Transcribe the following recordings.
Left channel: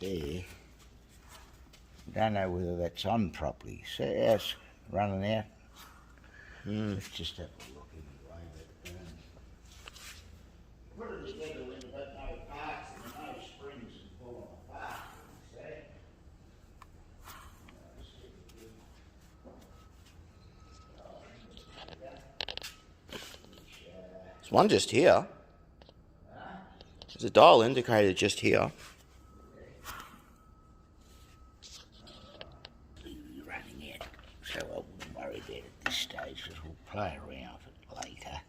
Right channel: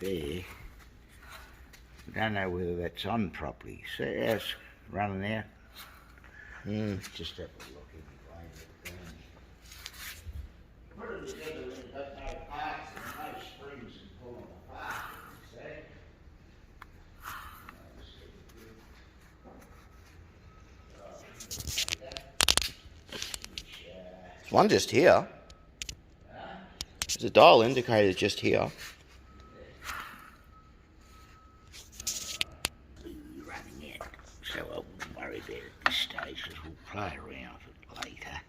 there. I don't know whether that's on properly. See how it's running out? Let's just have a look anyway. Put it together when you've got no parts and no springs and pulling apart, see? There's one just here. There's a dial indicator just here. Running out, so I wouldn't worry about it at this stage because we'll play around with it later.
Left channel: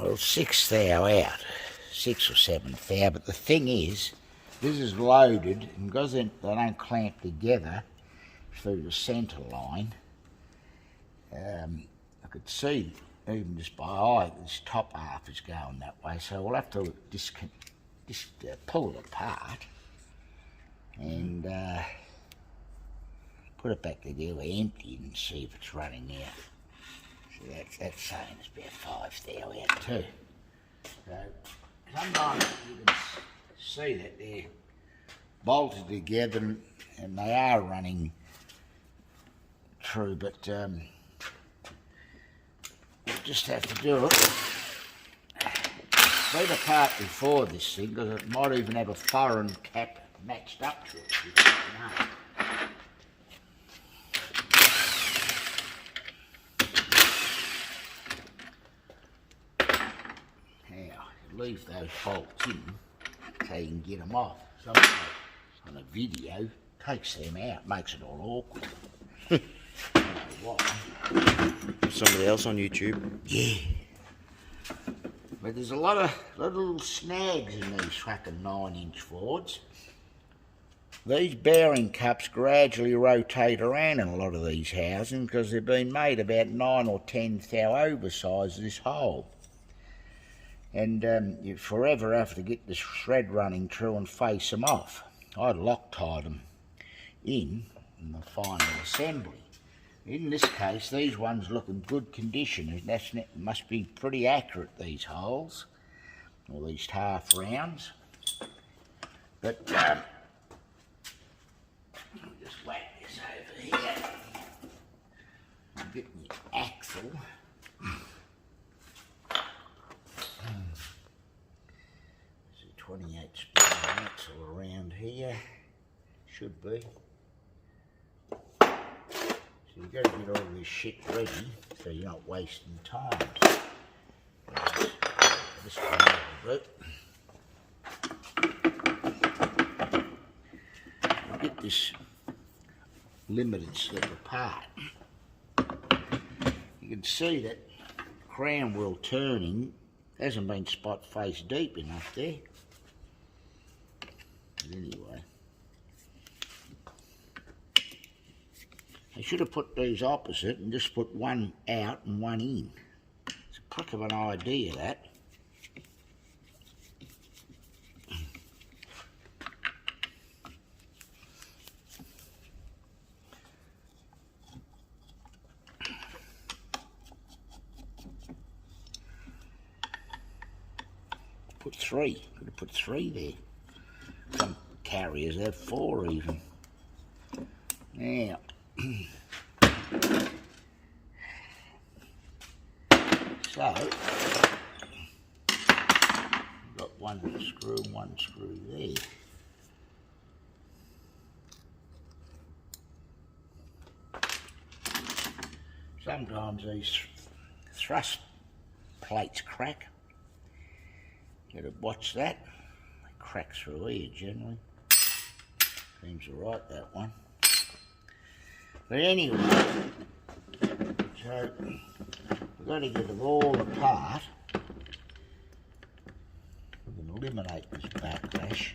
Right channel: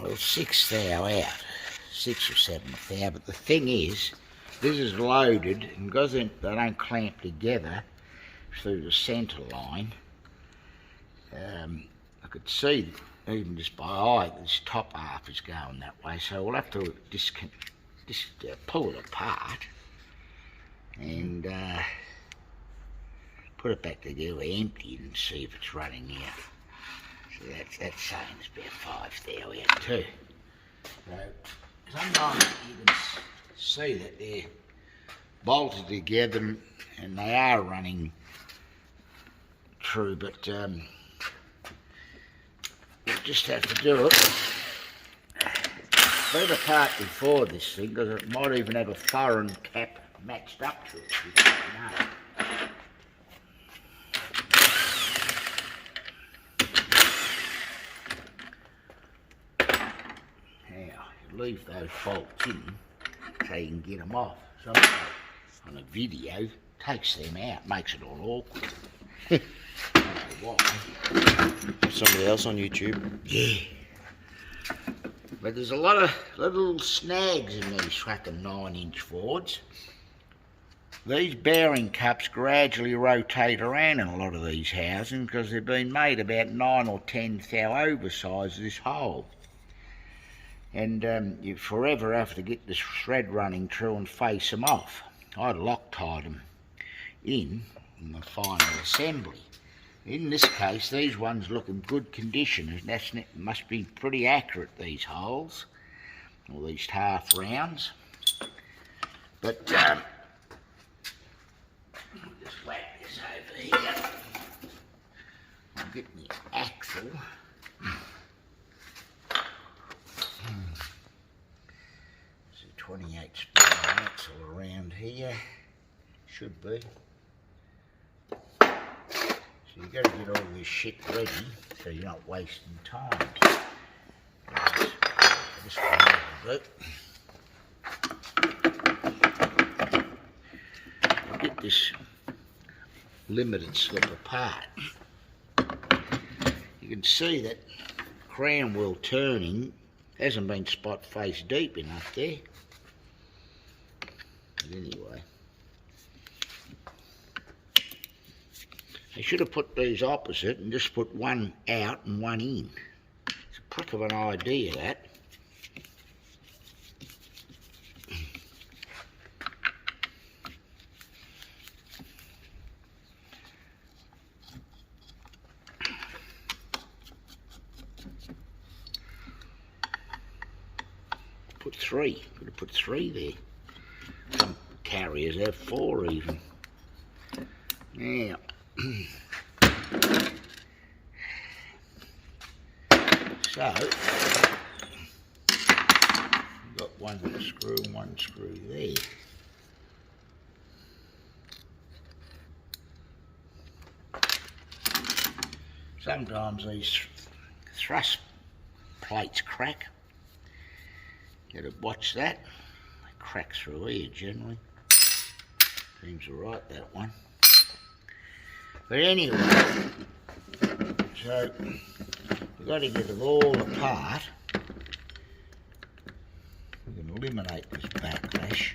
Well, 6 thou out, 6 or 7 thou, but the thing is, this is loaded, and because they don't clamp together through the centre line, I could see, even just by eye, this top half is going that way, so we'll have to pull it apart and put it back together empty and see if it's running out. So that's saying it's about 5 thou out too. So sometimes you can see that they're bolted together and they are running true, but you just have to do it. Leave apart before this thing because it might even have a foreign cap matched up to it. You don't know. Leave those bolts in so you can get them off. Somebody on a video takes them out, makes it all awkward. I don't know why. Somebody else on YouTube. Yeah. But there's a lot of little snags in these fucking 9-inch Fords. These bearing cups gradually rotate around in a lot of these housings because they've been made about 9 or 10 thou oversized this hole. And you forever have to get the thread running through and face them off. I'd Loctite them in the final assembly. In this case, these ones look in good condition, and that must be pretty accurate, these holes, or these half rounds. But I'll just whack this over here. I'll get my axle. 28 spring axle around here, should be. So you've got to get all this shit ready so you're not wasting time. This one a little bit. I'll get this limited slip apart. You can see that crown wheel turning hasn't been spot face deep enough there. But anyway, they should have put these opposite and just put one out and one in. It's a prick of an idea, that. Put 3. Could have put 3 there. Some carriers have 4 even. Now, so we've got one screw and one screw there. Sometimes these thrust plates crack. You gotta watch that. They crack through here generally. Seems alright, that one. But anyway, so we've got to get them all apart. We can eliminate this backlash.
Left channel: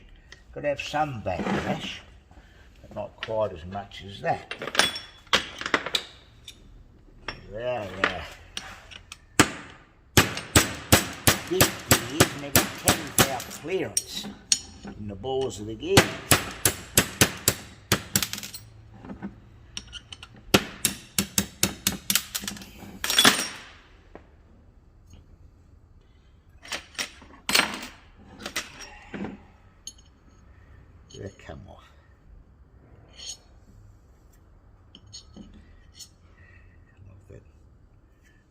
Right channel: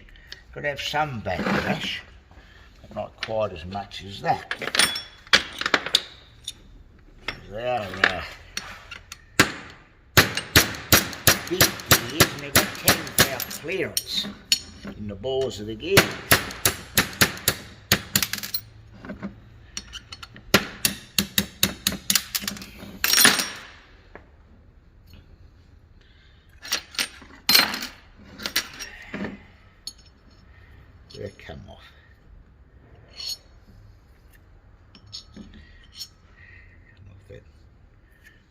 Could have some backlash, but not quite as much as that. They are big gears and they've got 10 thou clearance. in the bores of the gear. Did it come off?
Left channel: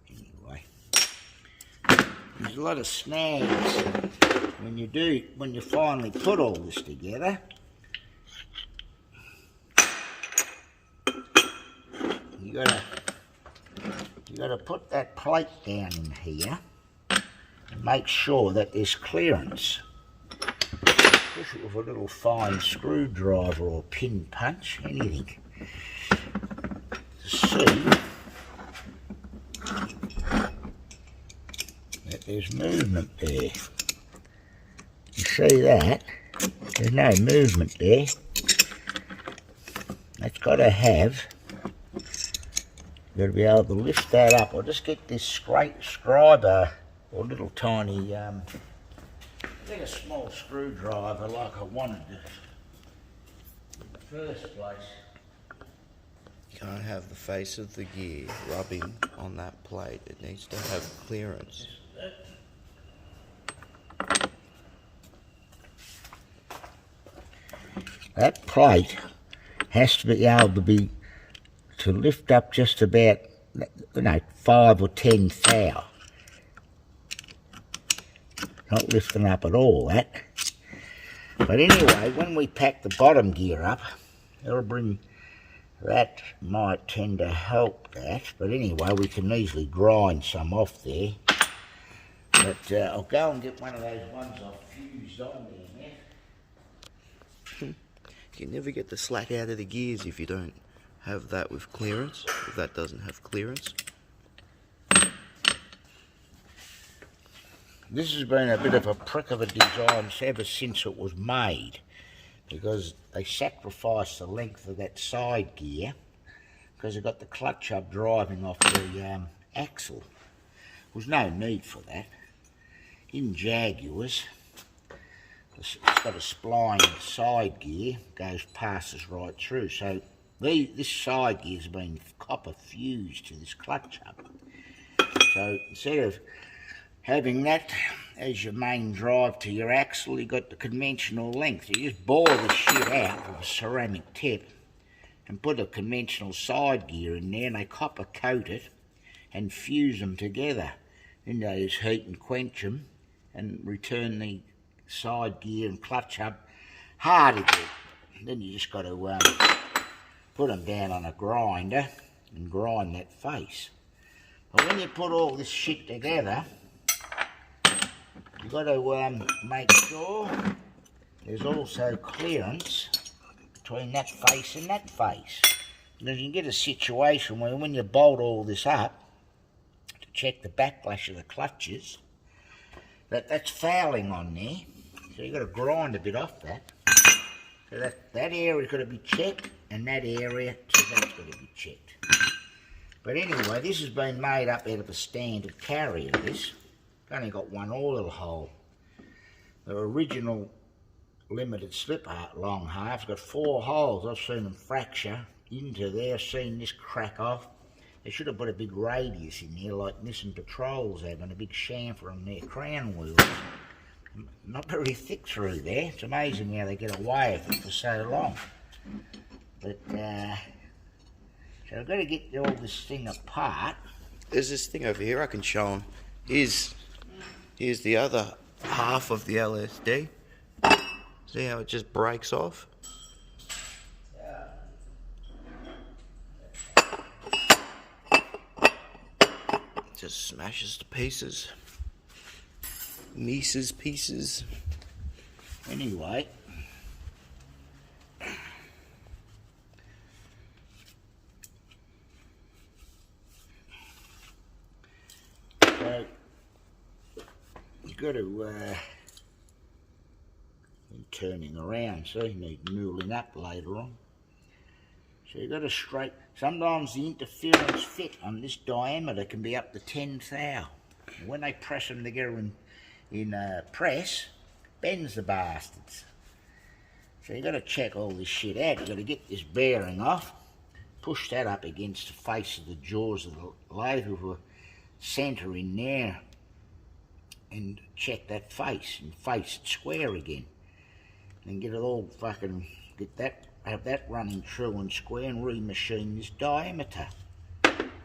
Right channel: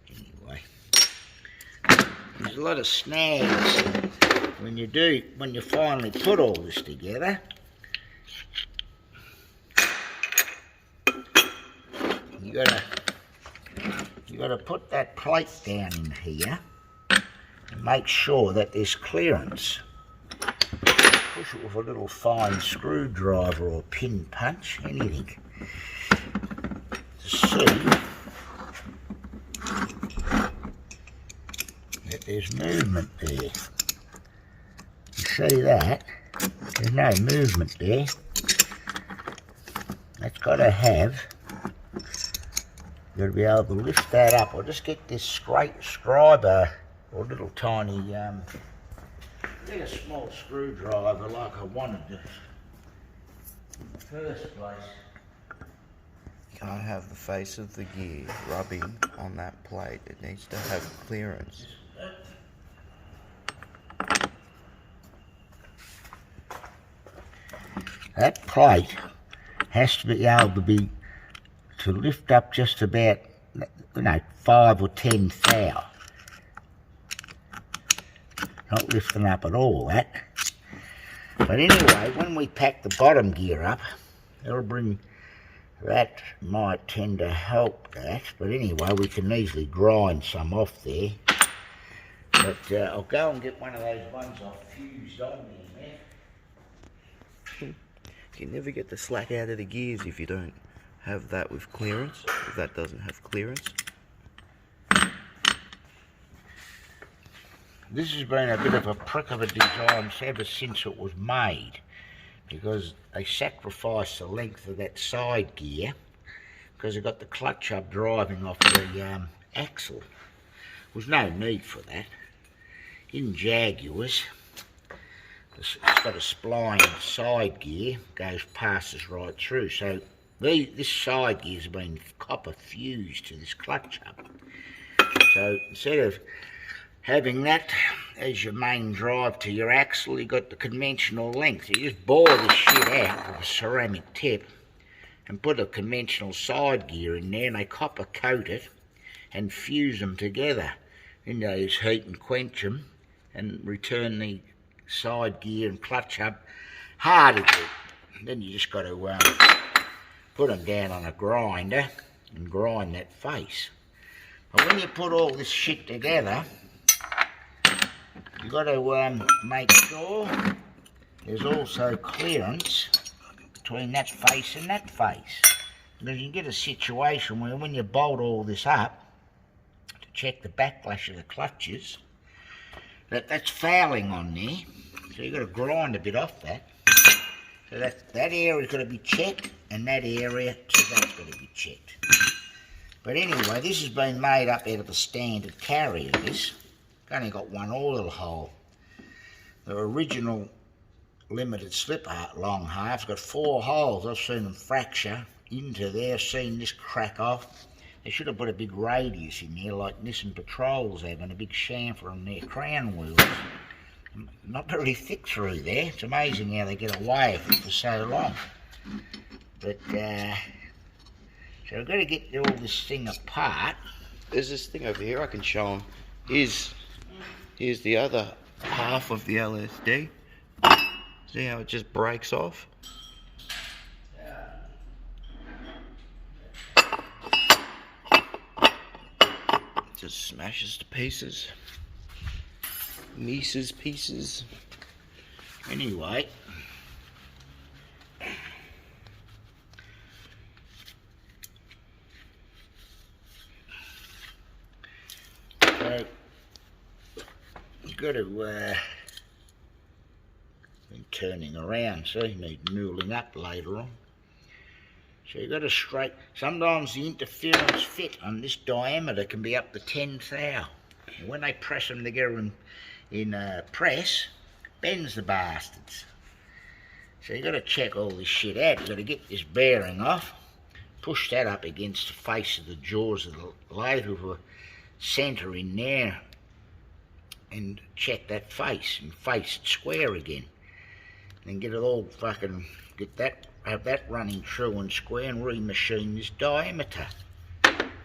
Anyway, there's a lot of snags when you finally put all this together. You gotta put that plate down in here and make sure that there's clearance. Push it with a little fine screwdriver or pin punch, anything, to see that there's movement there. You see that? There's no movement there. That's got to have. You've got to be able to lift that up. I'll just get this scriber or little tiny, get a small screwdriver like I wanted to in the first place. You can't have the face of the gear rubbing on that plate. It needs to have clearance. That plate has to be able to lift up just about, 5 or 10 thou. Not lifting up at all, that. But anyway, when we pack the bottom gear up, that might tend to help that. But anyway, we can easily grind some off there. But I'll go and get one of those ones I've fused on there, man. You can never get the slack out of the gears if you don't have that with clearance, if that doesn't have clearance. This has been a bit of a prick of a design ever since it was made, because they sacrificed the length of that side gear because they got the clutch up driving off the axle. There was no need for that. In Jaguars, it's got a spline side gear, passes right through. So this side gear's been copper fused to this clutch up. So instead of having that as your main drive to your axle, you got the conventional length. You just bore this shit out with a ceramic tip and put a conventional side gear in there, and they copper coat it and fuse them together. Then they just heat and quench them and return the side gear and clutch up hard again. Then you just got to put them down on a grinder and grind that face. But when you put all this shit together, you've got to make sure there's also clearance between that face and that face. Because you can get a situation where when you bolt all this up to check the backlash of the clutches, that's fouling on there. So you've got to grind a bit off that. So that area's got to be checked, and that area, so that's got to be checked. But anyway, this has been made up out of a standard carrier, this. It's only got one oil hole. The original limited slip long half's got 4 holes. I've seen them fracture into there, seen this crack off. They should have put a big radius in there like Nissan Patrols have, and a big chamfer on their crown wheels. Not very thick through there. It's amazing how they get away with it for so long. But, so I've got to get all this thing apart. There's this thing over here I can show them. Here's the other half of the LSD. See how it just breaks off? Just smashes to pieces. Mises pieces. Anyway, so you've got to turning around, so you need newling up later on. So you've got to sometimes the interference fit on this diameter can be up to 10 thou. When they press them together in press, bends the bastards. So you got to check all this shit out. You got to get this bearing off, push that up against the face of the jaws of the lathe with a centre in there, and check that face and face it square again. And get it all fucking, have that running true and square, and remachine this diameter.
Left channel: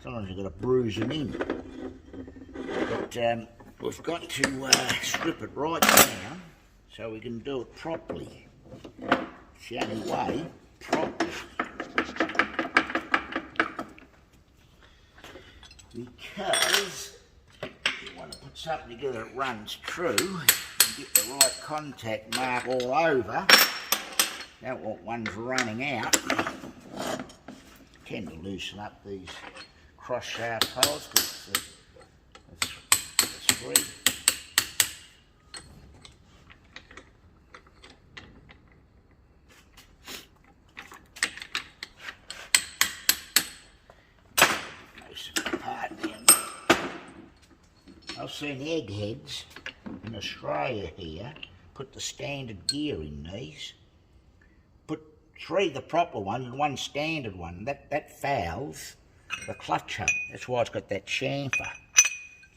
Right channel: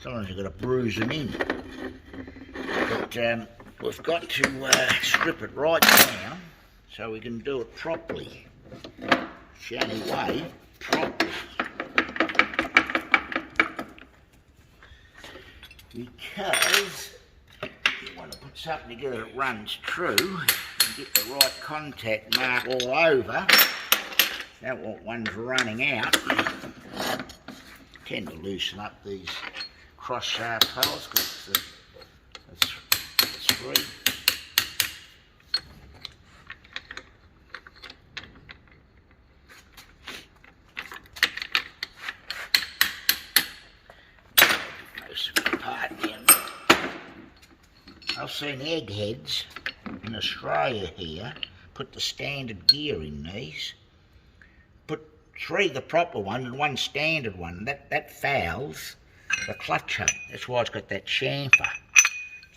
Sometimes you've got to bruise them in. But we've got to strip it right down so we can do it properly. It's the only way, properly. Because you want to put something together that runs true and get the right contact mark all over. Don't want ones running out. Tend to loosen up these cross shaft holes because it's free. I've seen eggheads in Australia here put the standard gear in these. Put 3 the proper one and 1 standard one. That fouls the clutch hub. That's why it's got that chamfer.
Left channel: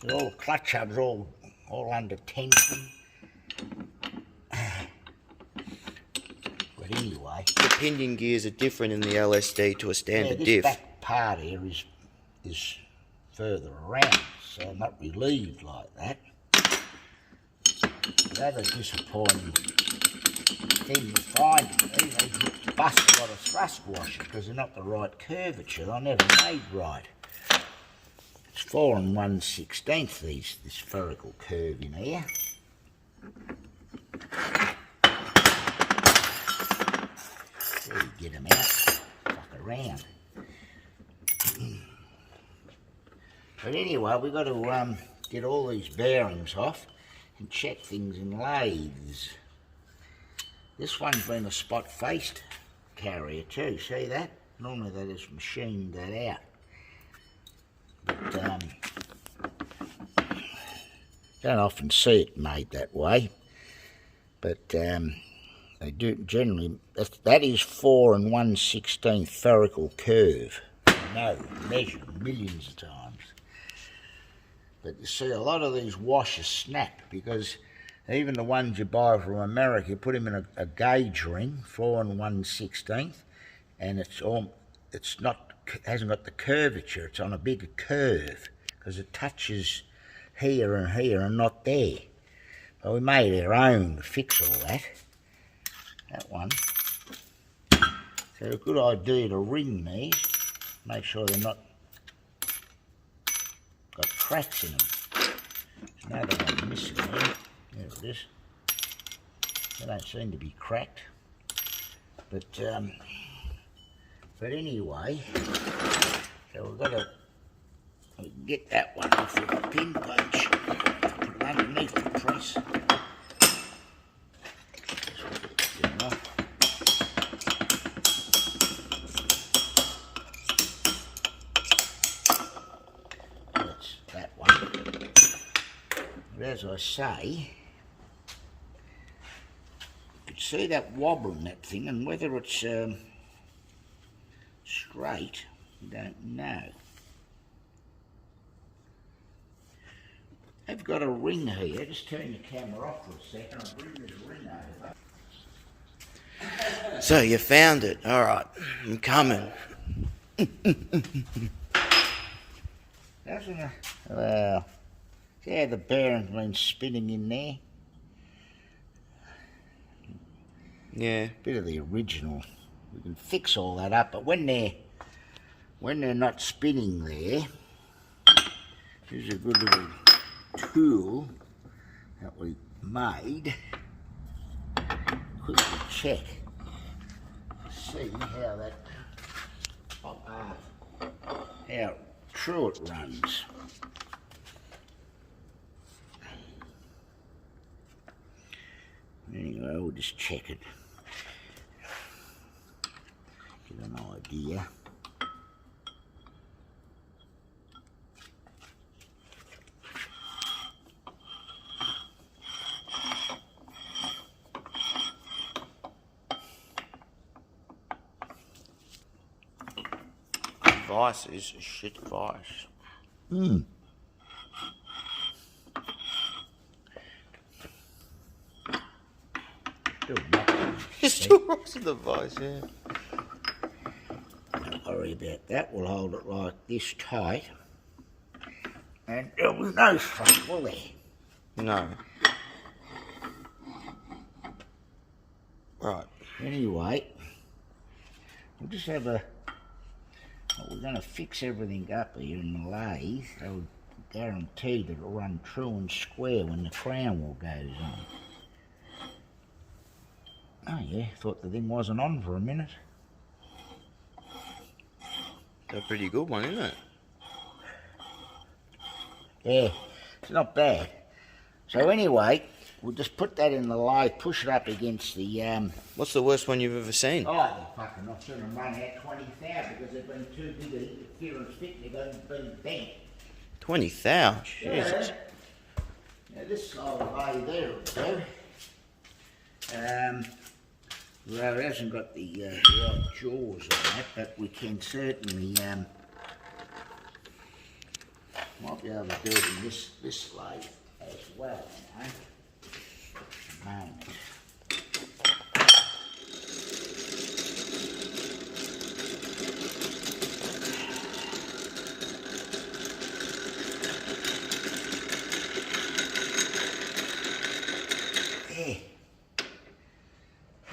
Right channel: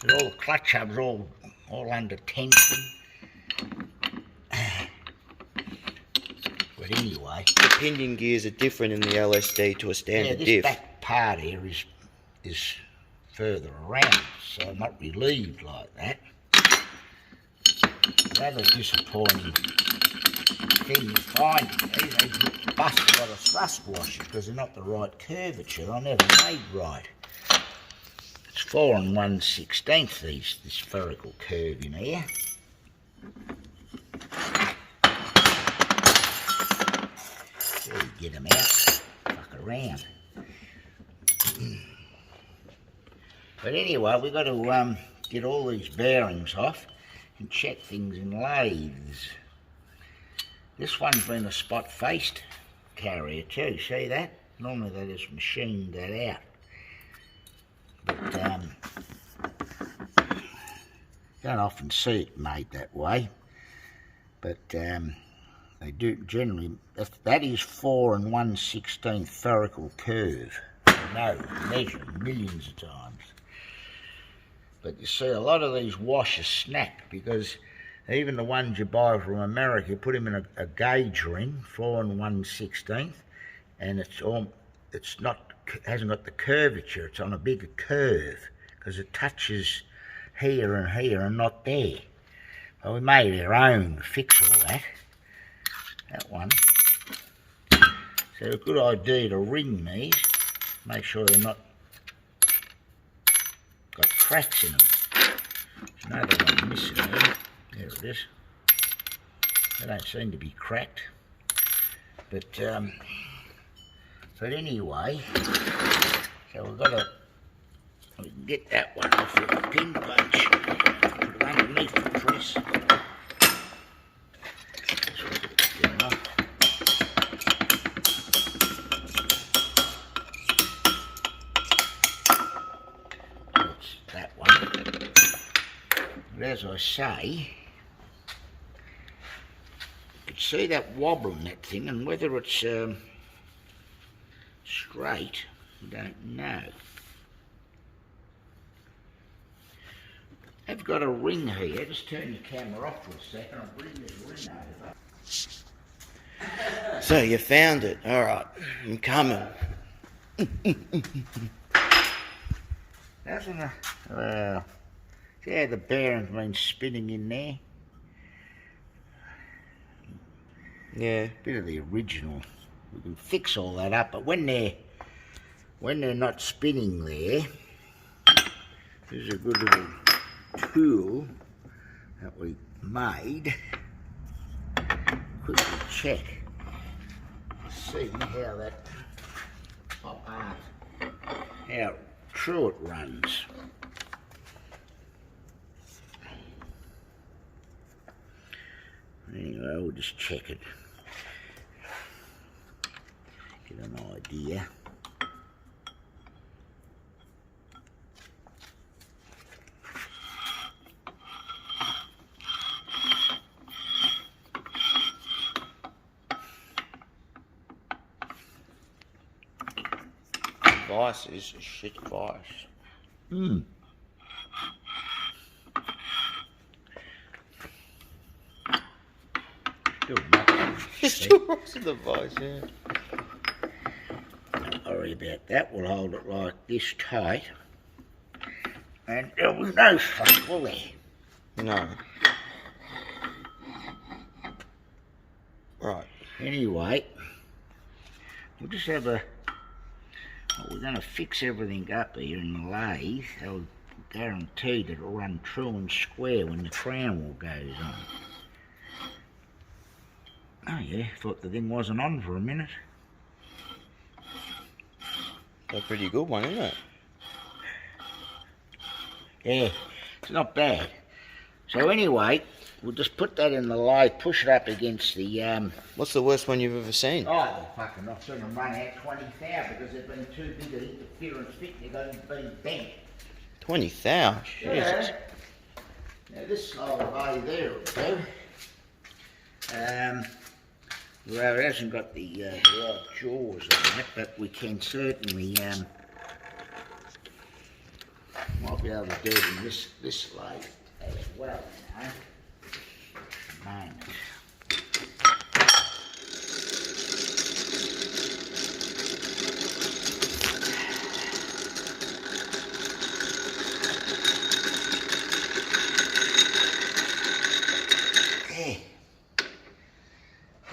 So all the clutch hubs all under tension. But anyway, The pinion gears are different in the LSD to a standard this diff. back part here is further around, so I'm not relieved like that. The other disappointing thing you find is they bust a lot of thrust washers because they're not the right curvature. They're never made right. It's 4 1/16 this spherical curve in here. There you get them out, fuck around. But anyway, we've got to get all these bearings off and check things in lathes. This one's been a spot-faced carrier too, see that? Normally they just machined that out. But don't often see it made that way. But they do generally, that is 4 1/16 spherical curve. I know, measured millions of times. But you see, a lot of these washers snap because even the ones you buy from America, you put them in a gauge ring, 4 1/16, and hasn't got the curvature. It's on a bigger curve because it touches here and not there. Well, we made our own to fix all that. That one. So a good idea to ring these, make sure they're not got cracks in them. There's another one missing there. There it is. They don't seem to be cracked. But anyway, so we've got to we can get that one off with a pin punch. Put it underneath the press. Get it off. That one. But as I say, you can see that wobble in that thing, and whether it's straight, I don't know. I've got a ring here. Just turn your camera off for a second. I'll bring this ring over. So you found it. All right, I'm coming. Doesn't it? Well, see how the bearing's been spinning in there? Yeah. Bit of the original. We can fix all that up, but when they're not spinning there, this is a good little tool that we made. Quickly check, see how that how true it runs. Anyway, we'll just check it. Get an idea. vice is a shit vice. Mm. Still rocking. It's still rocks in the vice, yeah. Don't worry about that. We'll hold it like this tight. And there'll be no fuck, will there? No. Right. Anyway, we'll just have a... Well, we're going to fix everything up here in the lathe. I'll guarantee that it'll run true and square when the crown wheel goes on. Oh yeah, thought the thing wasn't on for a minute. A pretty good one, isn't it? Yeah, it's not bad. So anyway, we'll just put that in the lathe, push it up against the... What's the worst one you've ever seen? Oh, they're fucking not going to run out 20,000 because they've been too big an interference fit, they've been bent. 20,000? Jesus. Yeah. Now this side of the lathe there will do. Well, it hasn't got the right jaws on it, but we can certainly might be able to do it in this lathe as well, you know. At the moment.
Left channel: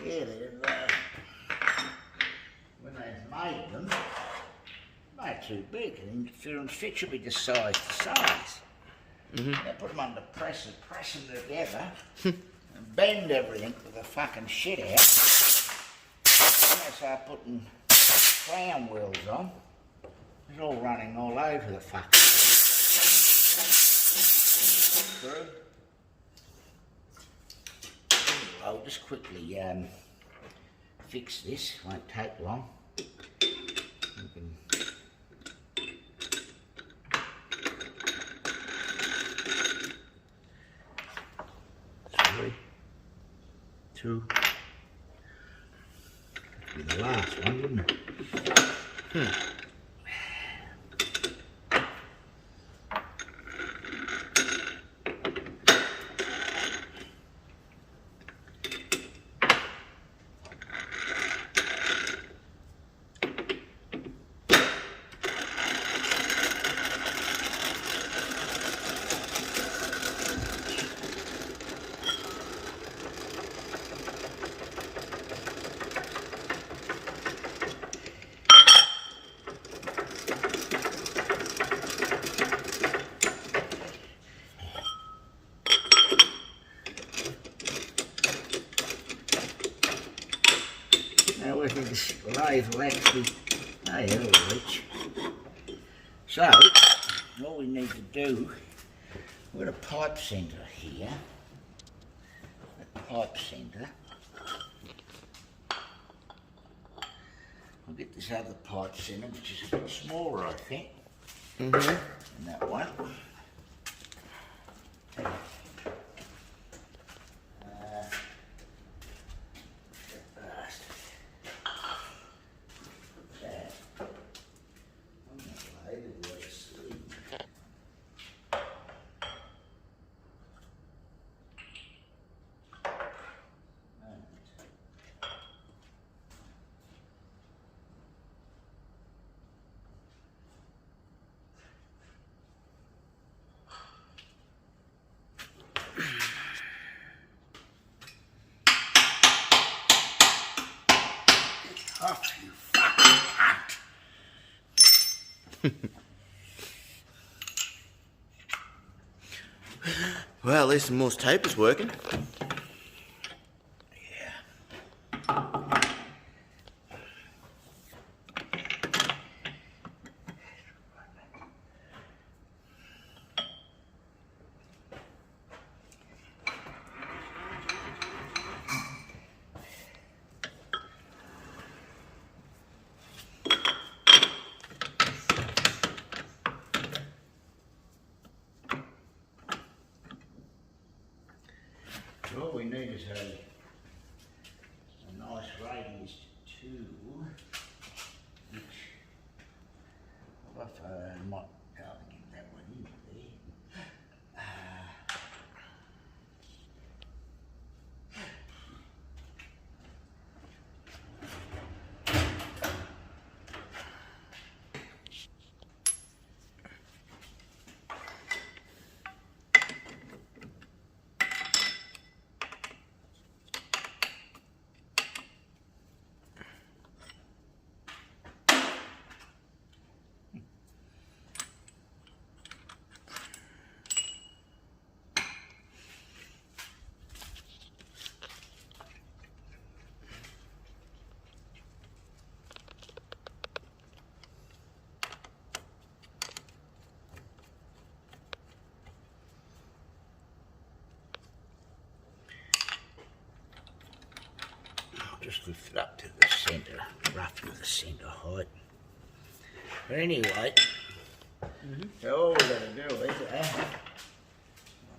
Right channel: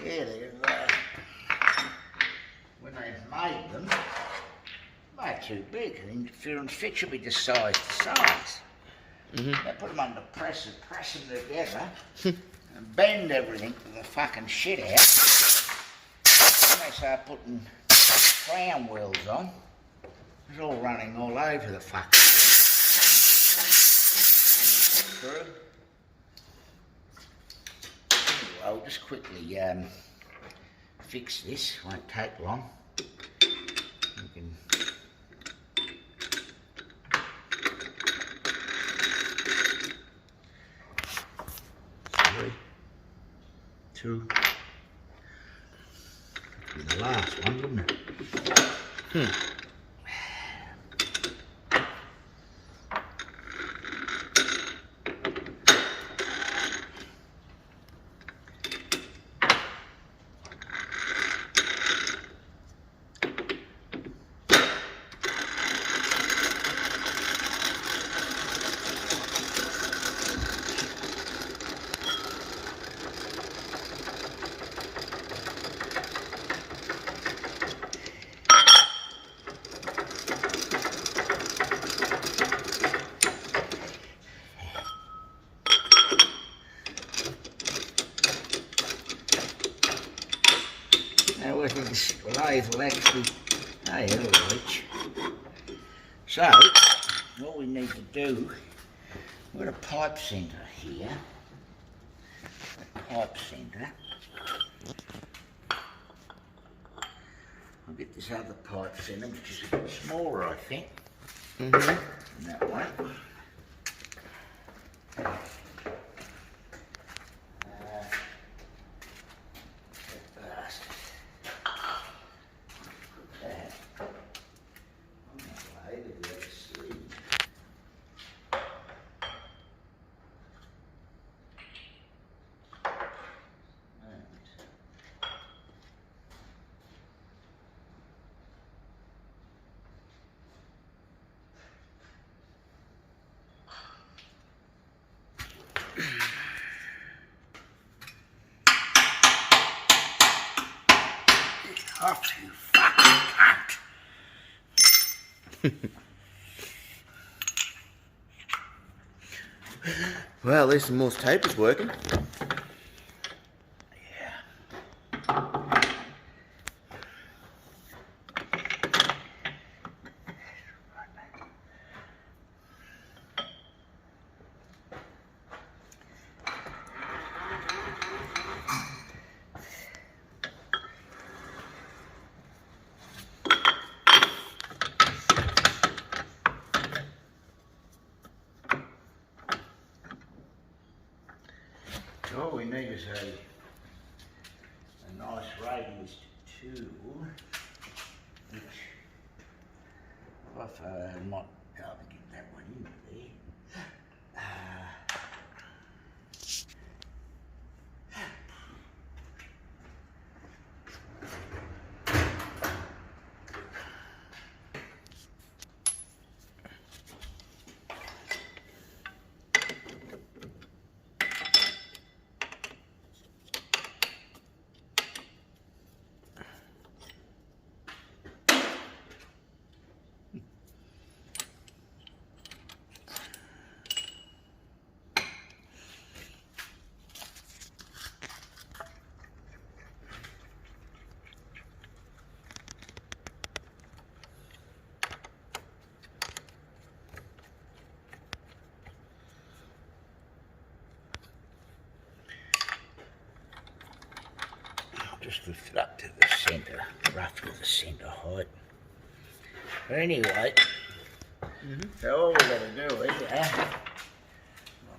Yeah, when they made them, they're too big. The interference fit should be just size to size. They put them under pressure, press them together, and bend everything to the fucking shit out. Then they start putting crown wheels on. It's all running all over the fucking thing. Through. I'll just quickly fix this, won't take long. You can... 3, 2. That'll be the last one, wouldn't it? Now I think this lathe will actually, it'll reach. So, all we need to do, we've got a pipe centre here. A pipe centre. I'll get this other pipe centre, which is a bit smaller, I think. Than that one. Off, you fucking cunt. Well, at least the Morse tape is working. All we need is a nice radius tool, which off. I might be able to get that one in there. Just lift it up to the centre, roughly the centre height. But anyway, so all we're going to do is, 1,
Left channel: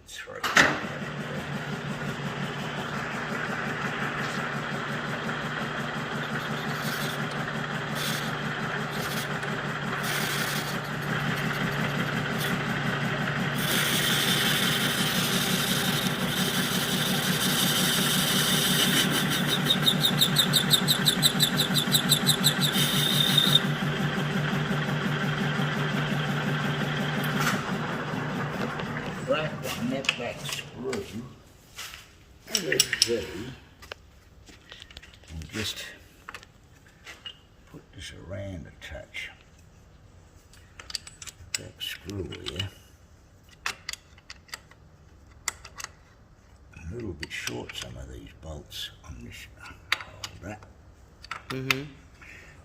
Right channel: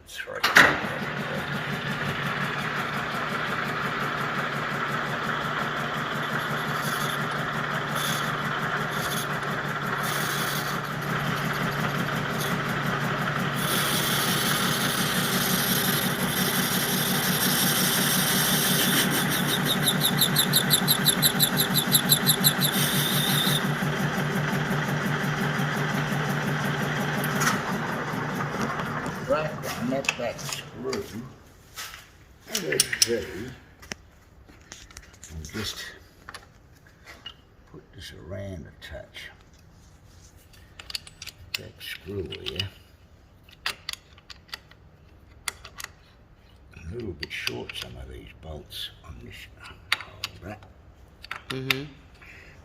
3. Net that screw LSD and just put this around a touch. That screw here a little bit short, some of these bolts on this holder.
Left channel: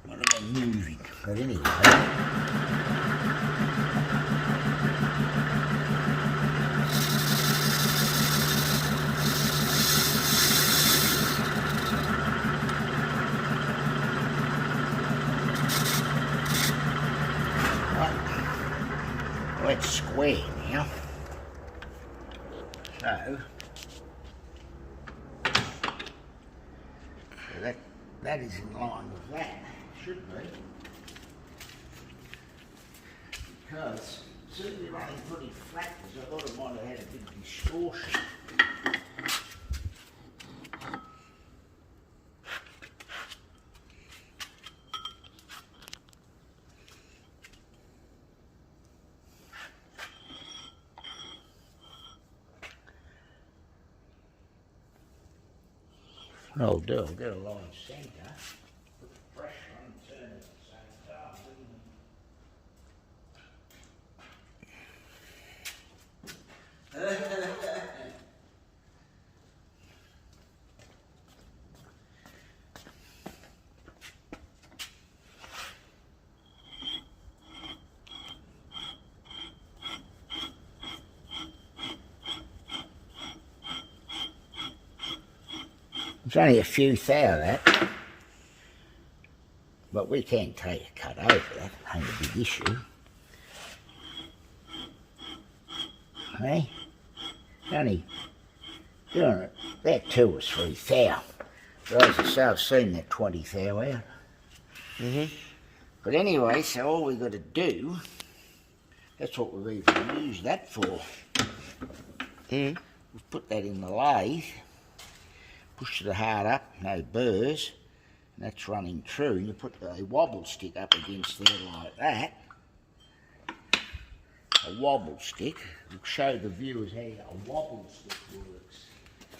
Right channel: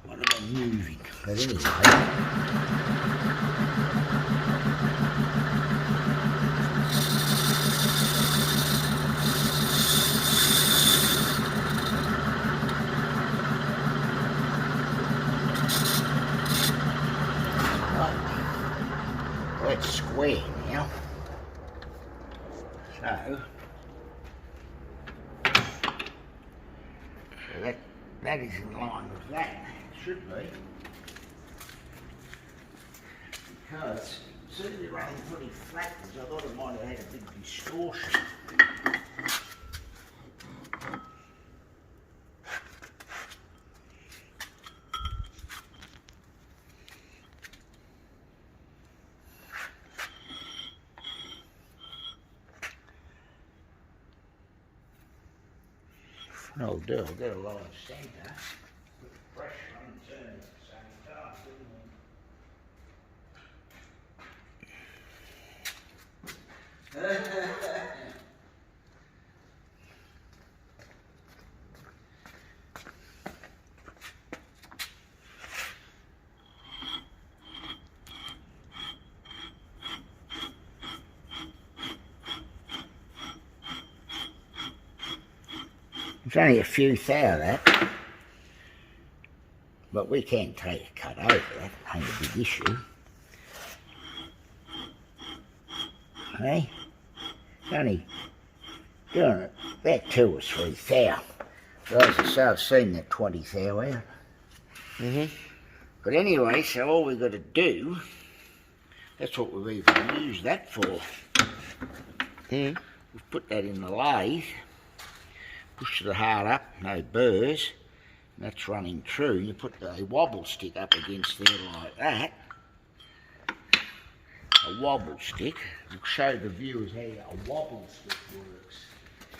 One of them moving, but anyway. That's square now. So that is in line with that. It should be. Because see, they're running pretty flat, because I thought it might have had a big distortion. I'll do, I'll get a line centre, put the pressure on and turn it at the same time, There's only a few thou of that, but we can take a cut over that, ain't a big issue. Hey, it's only doing it about 2 or 3 thou. But as I say, I've seen that 20 thou out. But anyway, so all we've got to do, that's what we've even used that for. We've put that in the lathe. Push the hard up, no burrs, and that's running true. You put a wobble stick up against there like that. A wobble stick. We'll show the viewers how a wobble stick works.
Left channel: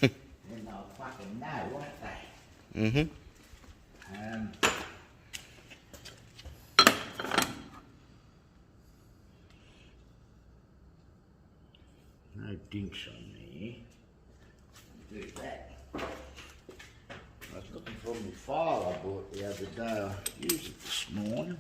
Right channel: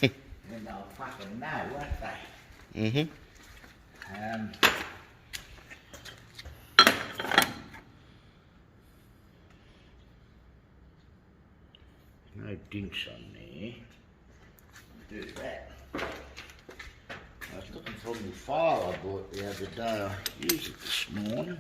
Then they'll fucking know, won't they? No dinks on there. Do that. I was looking for my file I bought the other day. I used it this morning.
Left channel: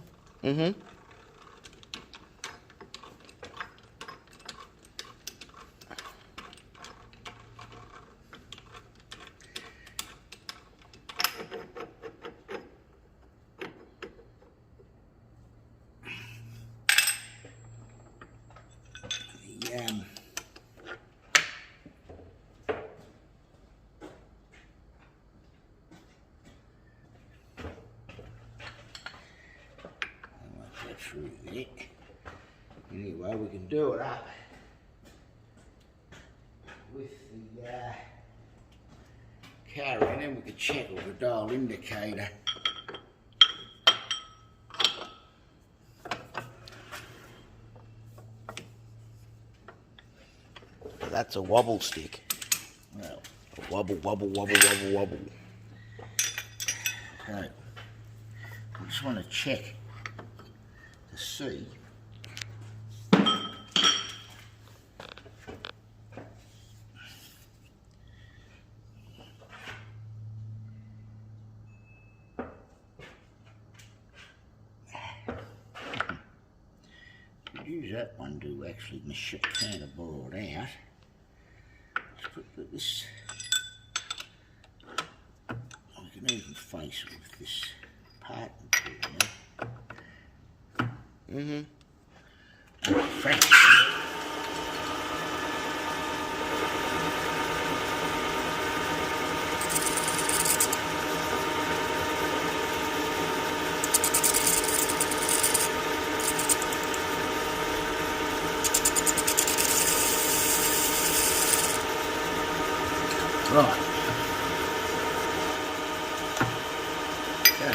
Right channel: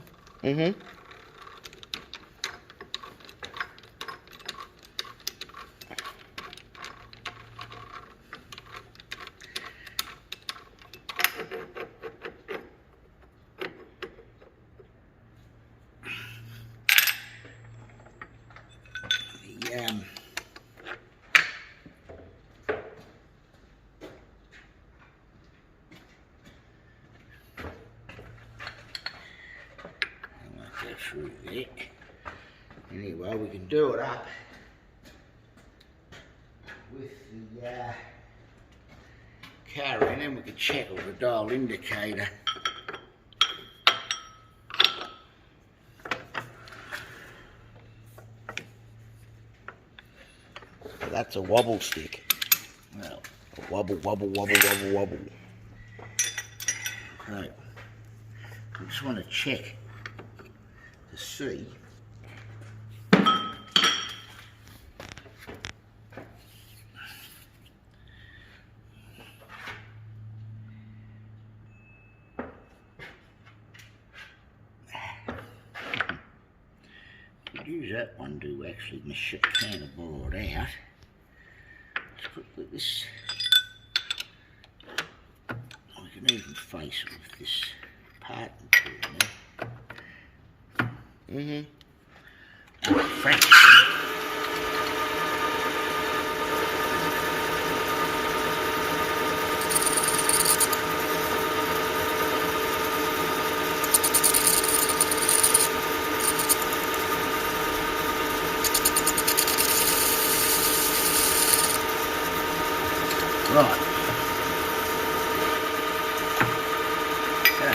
through there. Anyway, we can do it up with the car in, and we can check with the dial indicator. So that's a wobble stick. Well, A wobble, wobble, wobble, wobble, wobble. so we just want to check to see. Use that one to actually kind of bore it out. Let's put this. We can even face it with this part in there. Fraction. Right. So,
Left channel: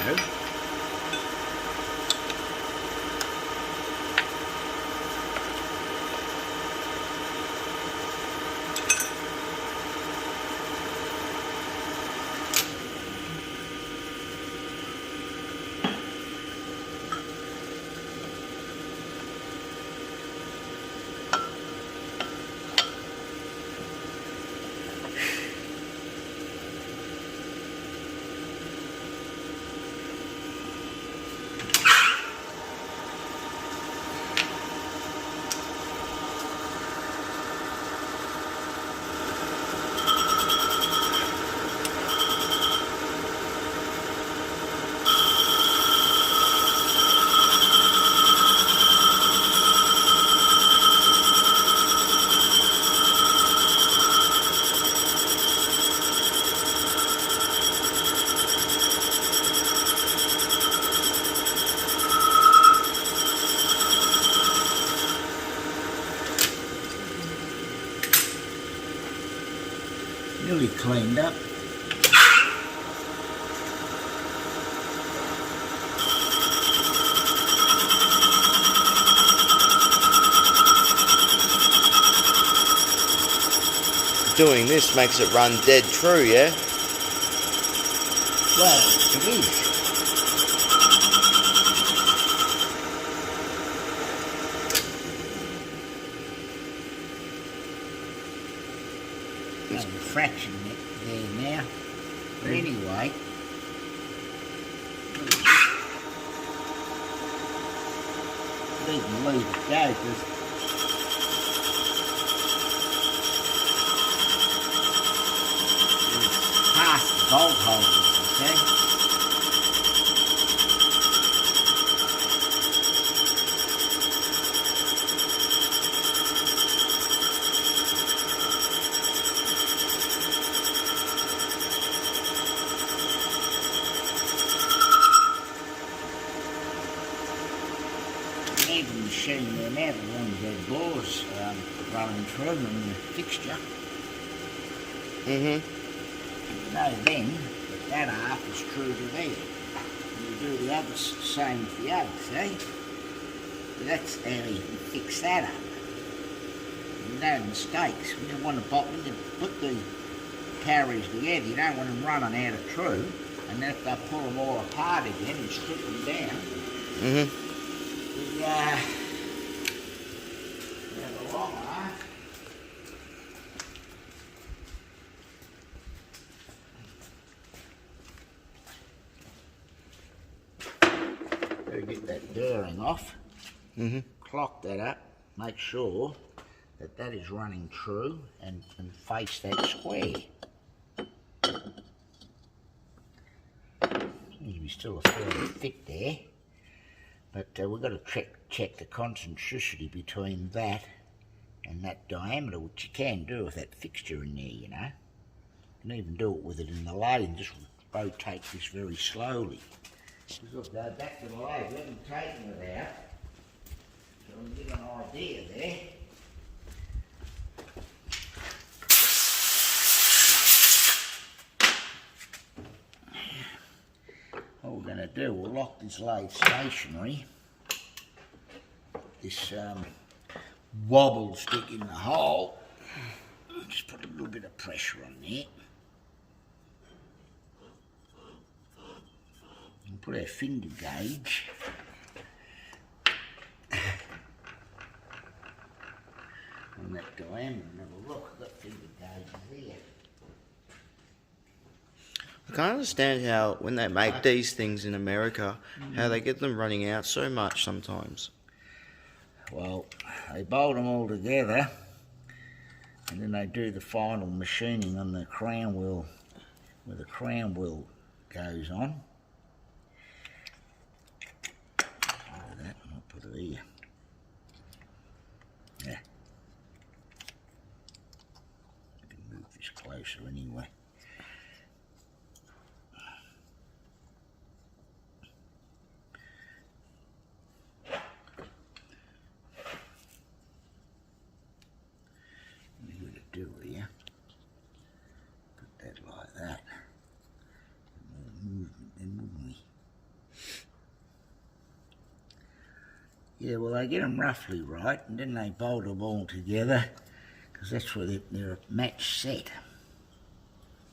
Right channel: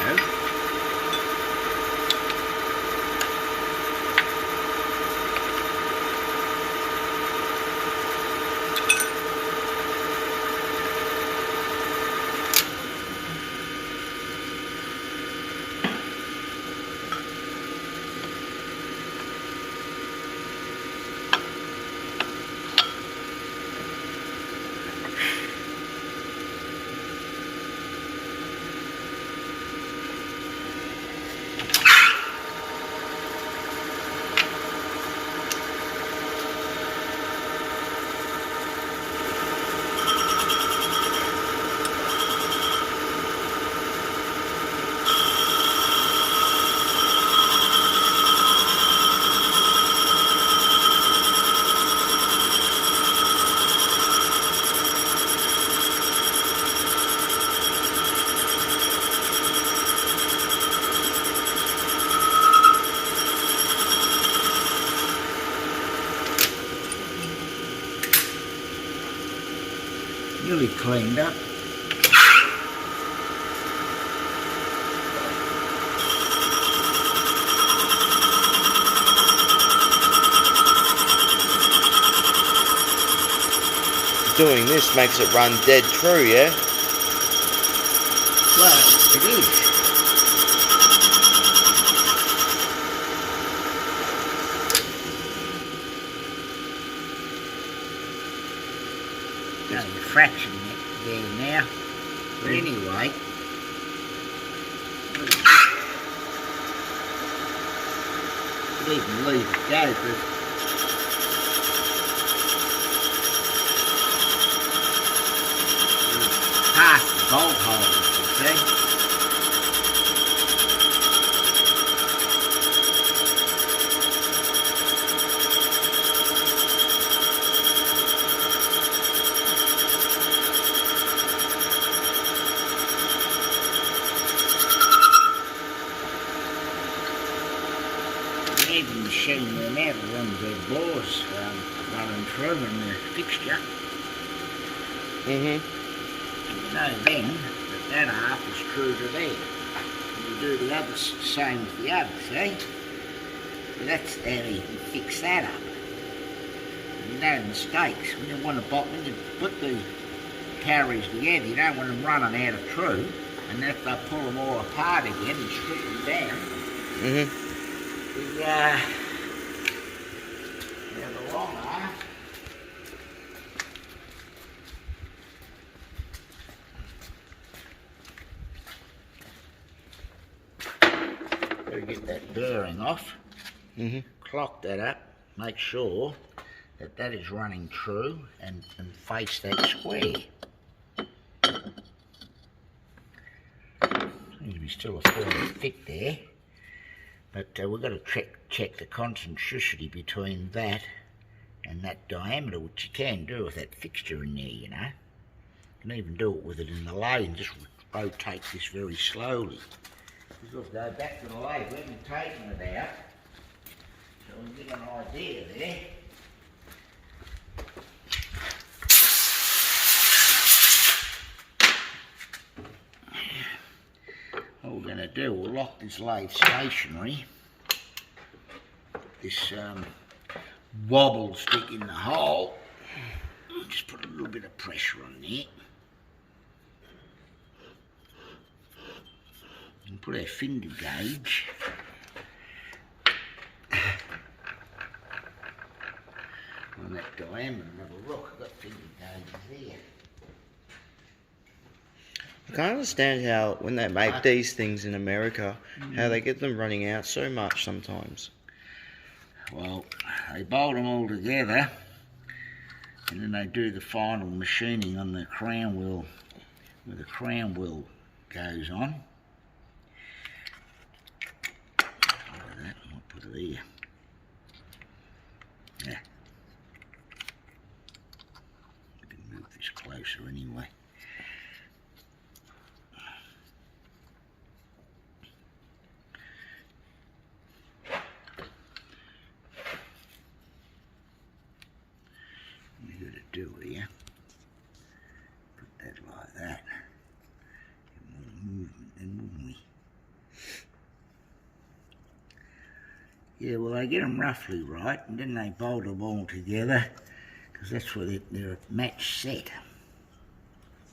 nearly cleaned up. Doing this makes it run dead true, yeah? Well, it is. There's a fraction there now. But anyway, could even leave it go, but past the bolt holes, you see. Even machine there now to run the bores running through in the fixture. You know then that half is true to there. And you do the other same with the other, see? So that's how you can fix that up. And no mistakes. When you put the carriers together, you don't want them running out of true. And if they pull them all apart again and strip them down, the long half. Gotta get that bearing off. Clock that up. Make sure that that is running true and face that square. Seems to be still a fairly thick there. But we've got to check the concentricity between that and that diameter, which you can do with that fixture in there, you know. You can even do it with it in the lathe and just rotate this very slowly. We've got to go back to the lathe. We haven't taken it out. we get an idea there. What we're going to do, we'll lock this lathe stationary. This wobble stick in the hole. Just put a little bit of pressure on there. And put our finger gauge on that diameter and have a look. I've got finger gauges there. I can't understand how, when they make these things in America, how they get them running out so much sometimes. Well, they bolt them all together and then they do the final machining on the crown wheel, where the crown wheel goes on. Like that, I'll put it here. Yeah. I can move this closer anyway. Do here, put that like that, get more movement then, wouldn't we? Yeah, well they get them roughly right and then they bolt them all together because that's where they're a match set.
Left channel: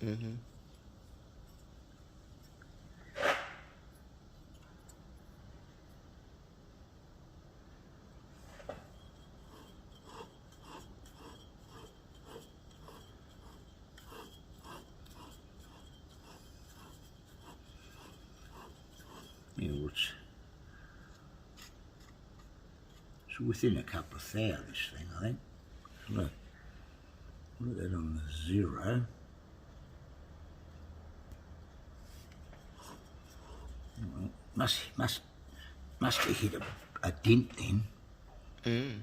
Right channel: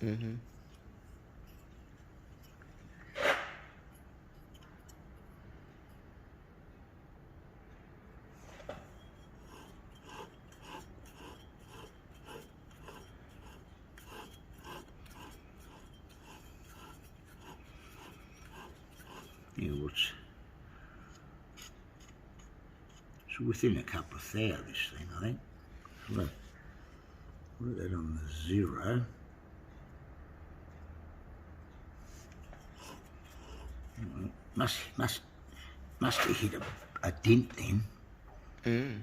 Mm-hmm. Yeah, well, it's within a couple of thou, this thing, I think. Look, put that on the 0. Must have hit a dent then. Mm.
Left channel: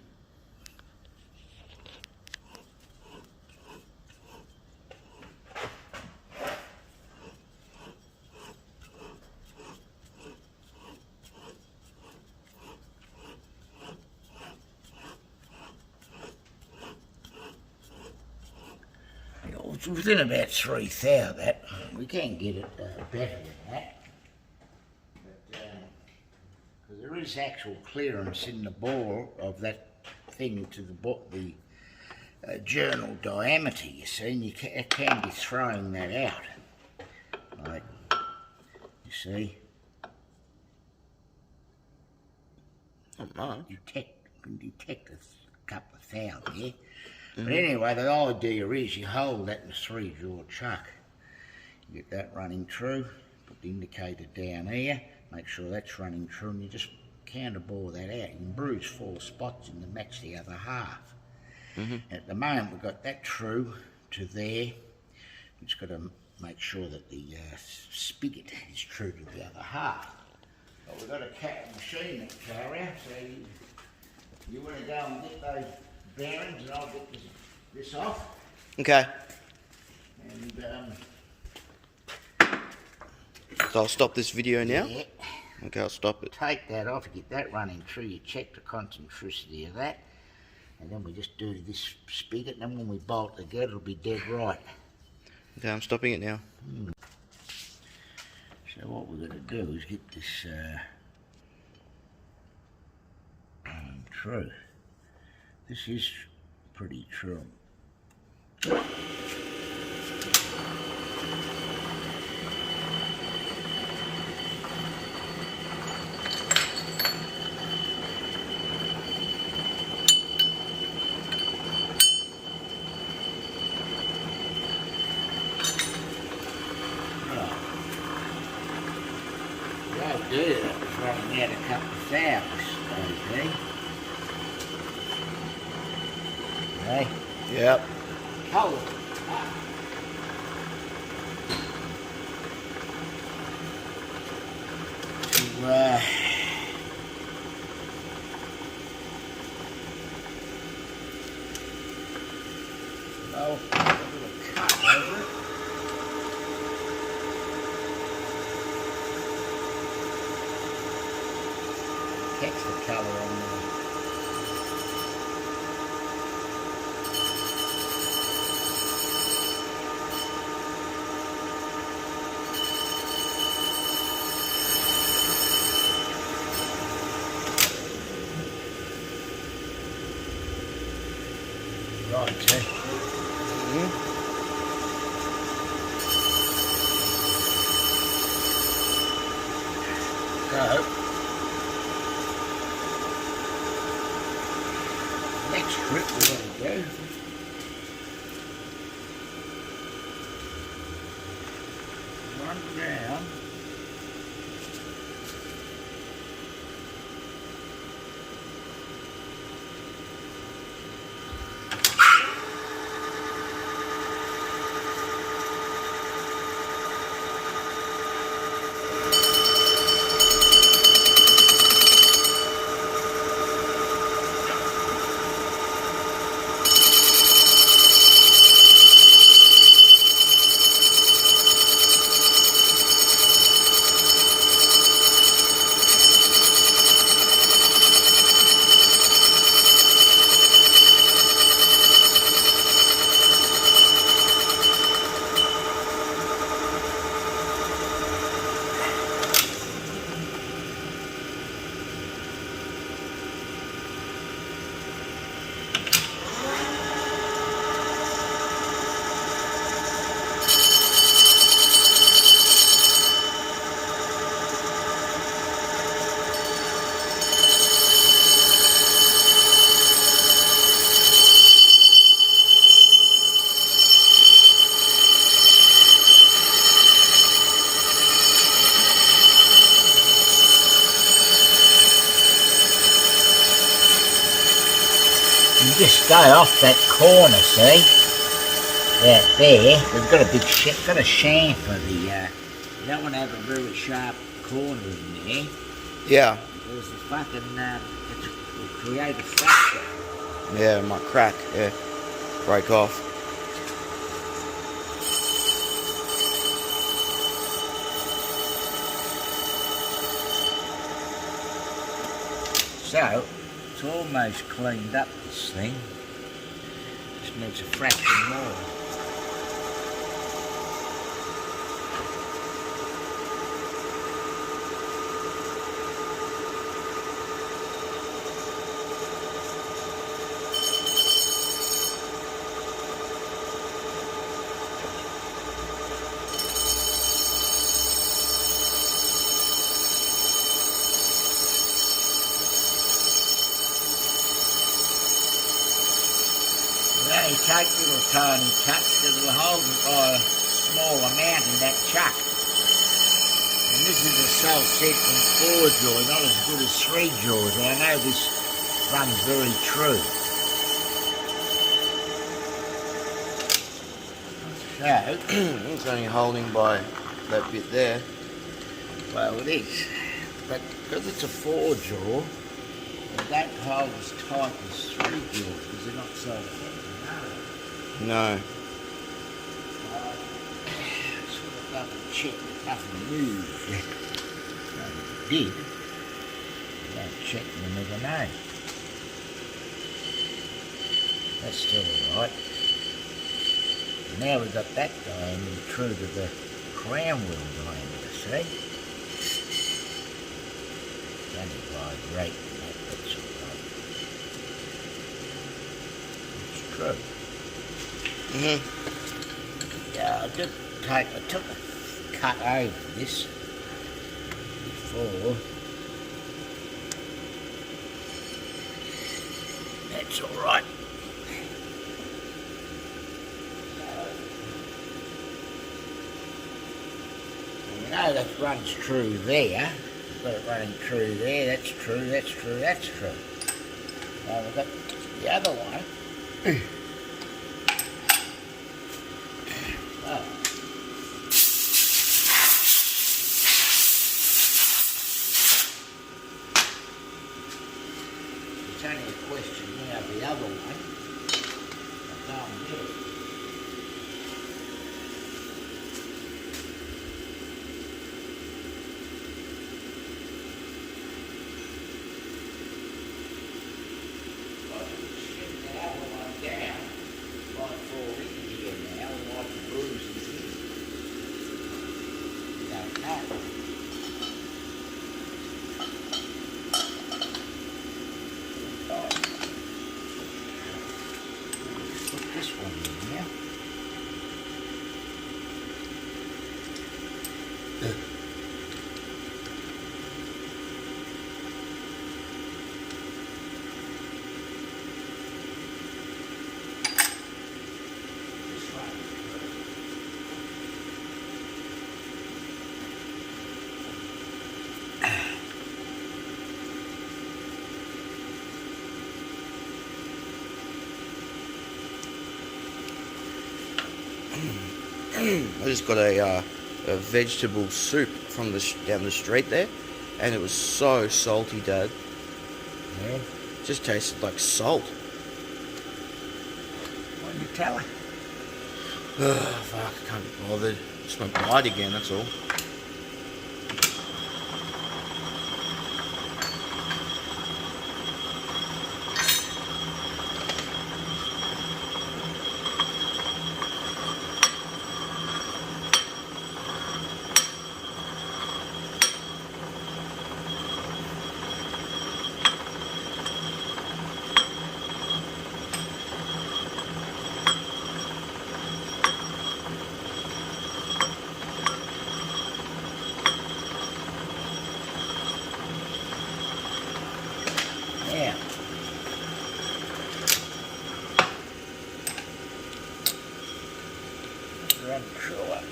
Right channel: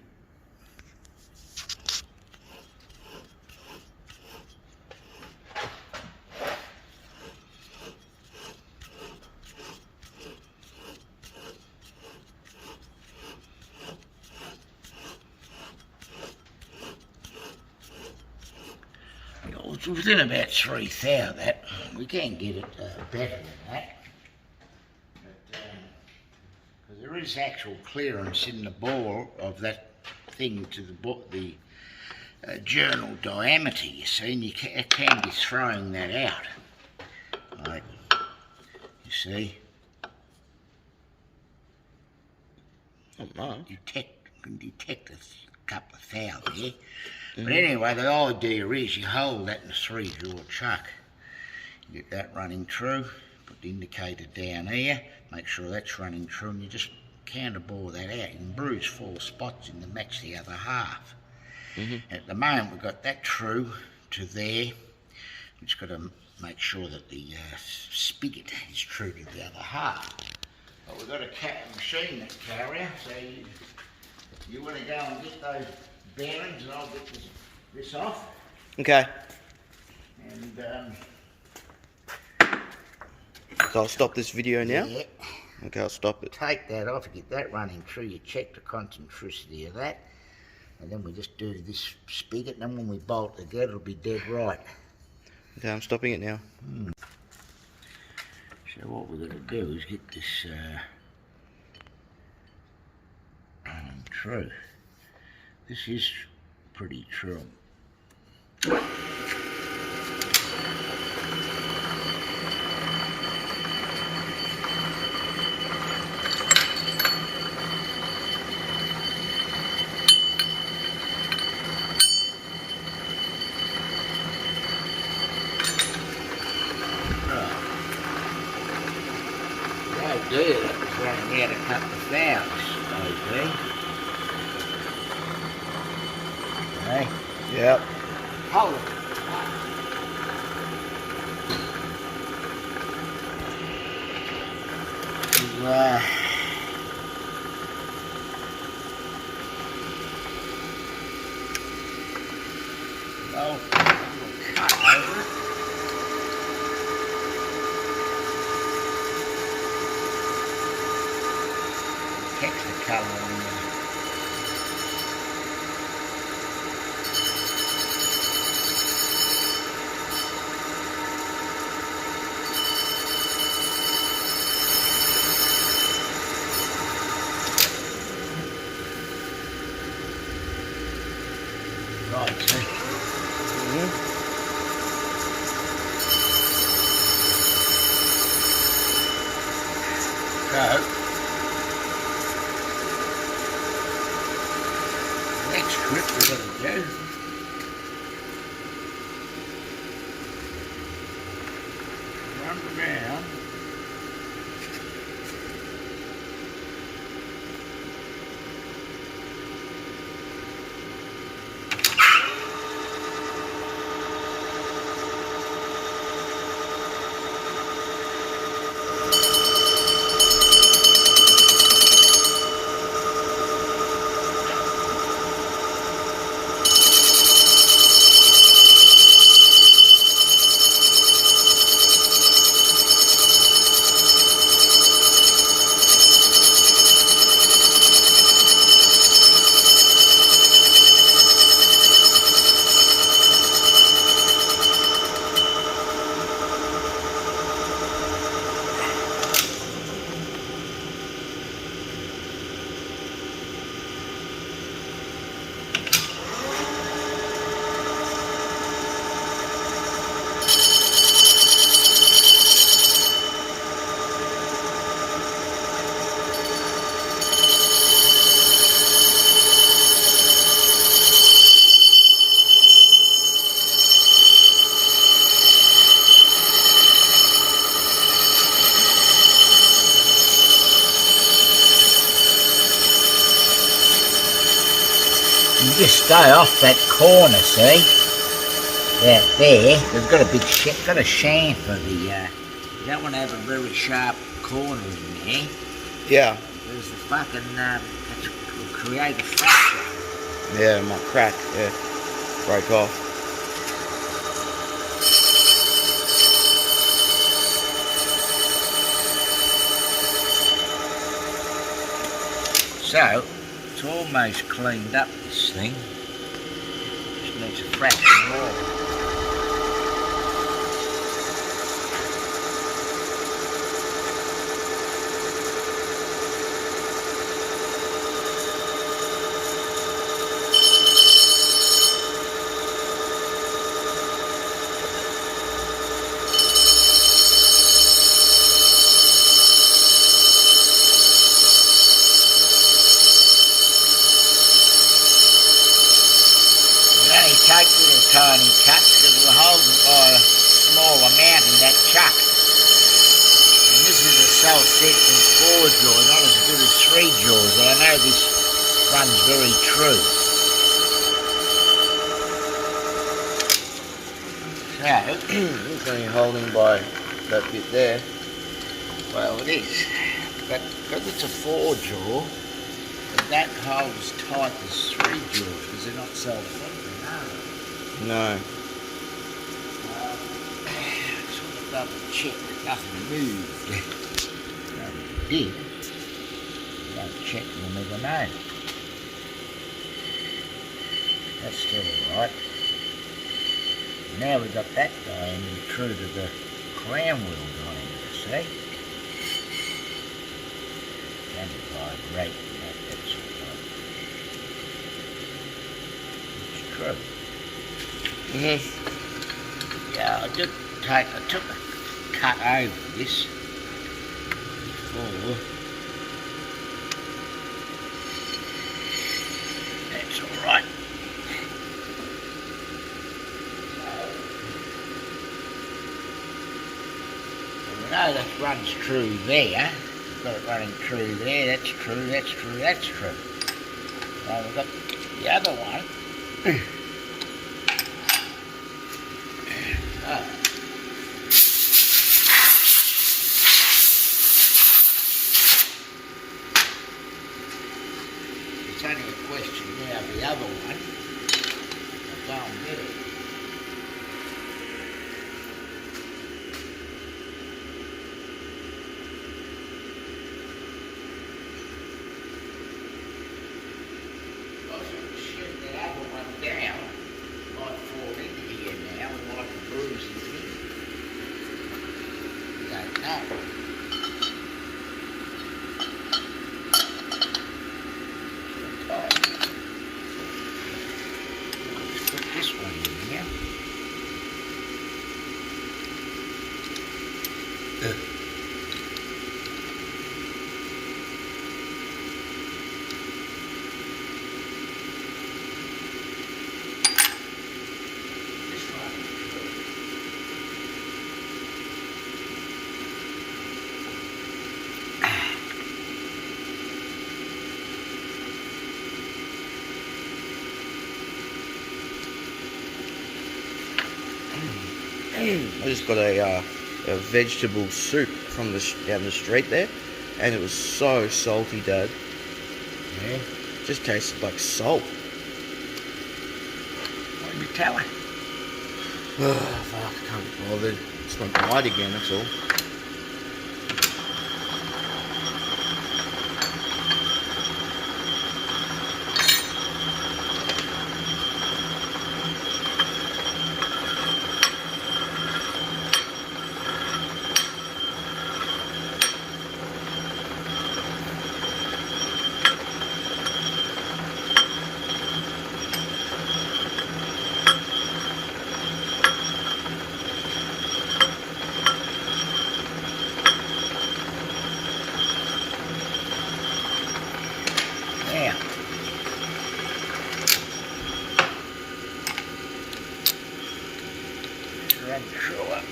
It's within about 3 thou that. We can get it better than that. But there is actual clearance in the bore of that thing to the journal diameter, you see, and you can be throwing that out. Like, you see. Not much. You can detect a couple of thou there. But anyway, the idea is you hold that in a 3-jaw chuck. You get that running true, put the indicator down here, make sure that's running true, and you just counter bore that out. You can bruise 4 spots in to match the other half. At the moment we've got that true to there. We've just got to make sure that the spigot is true to the other half. But we've got a machine that carrier, so you want to go and get those bearings and I'll get this off. Okay. And so I'll stop this video now? yeah, Okay, I'll stop it. take that off, get that running true, you check the concentricity of that, and then we just do this spigot, and then when we bolt together it'll be dead right. Okay, I'm stopping it now. So what we're going to do is get this running true. This is pretty true. The idea that was running out a couple of thous, okay? Hey, Yep. hold it. Well, a little cut over it. Texture colour on there. side, see? So, next trip we're going to do run around you just stay off that corner, see? Out there, they've got a big got a chamfer. You don't want to have a very sharp corner in there. Yeah. There's the fucking it will create a fracture. Yeah, it might crack. Yeah, break off. So it's almost cleaned up, this thing. Just needs a fraction more. Only take little tiny cuts because we're holding by a small amount in that chuck. And this is a self-settling 4-jaw, not as good as 3-jaws. I know this runs very true. So, It's only holding by that bit there. well it is. But because it's a 4-jaw, it don't hold as tight as 3-jaws because they're not self-settling. No. Sort of double check that nothing moved. No, it did. You don't check, you never know. That's still alright. Now we've got that going true to the crown wheel diameter, see? Only vibrate that's all right. It's true. Yeah, I took a cut over this before. That's all right. We know that runs true there. We've got it running true there. That's true. That's true. That's true. Now we've got the other one. It's only a question now of the other one. I'll go and get it. I should shut the other one down. Might fall into here now and might bruise his head. Don't know. I just got a vegetable soup from down the street there, and it was so salty, Dad. Yeah. Just tasted like salt. What did you tell her? Fuck, I can't be bothered. Just won't bite again, that's all. Yeah. Run through it.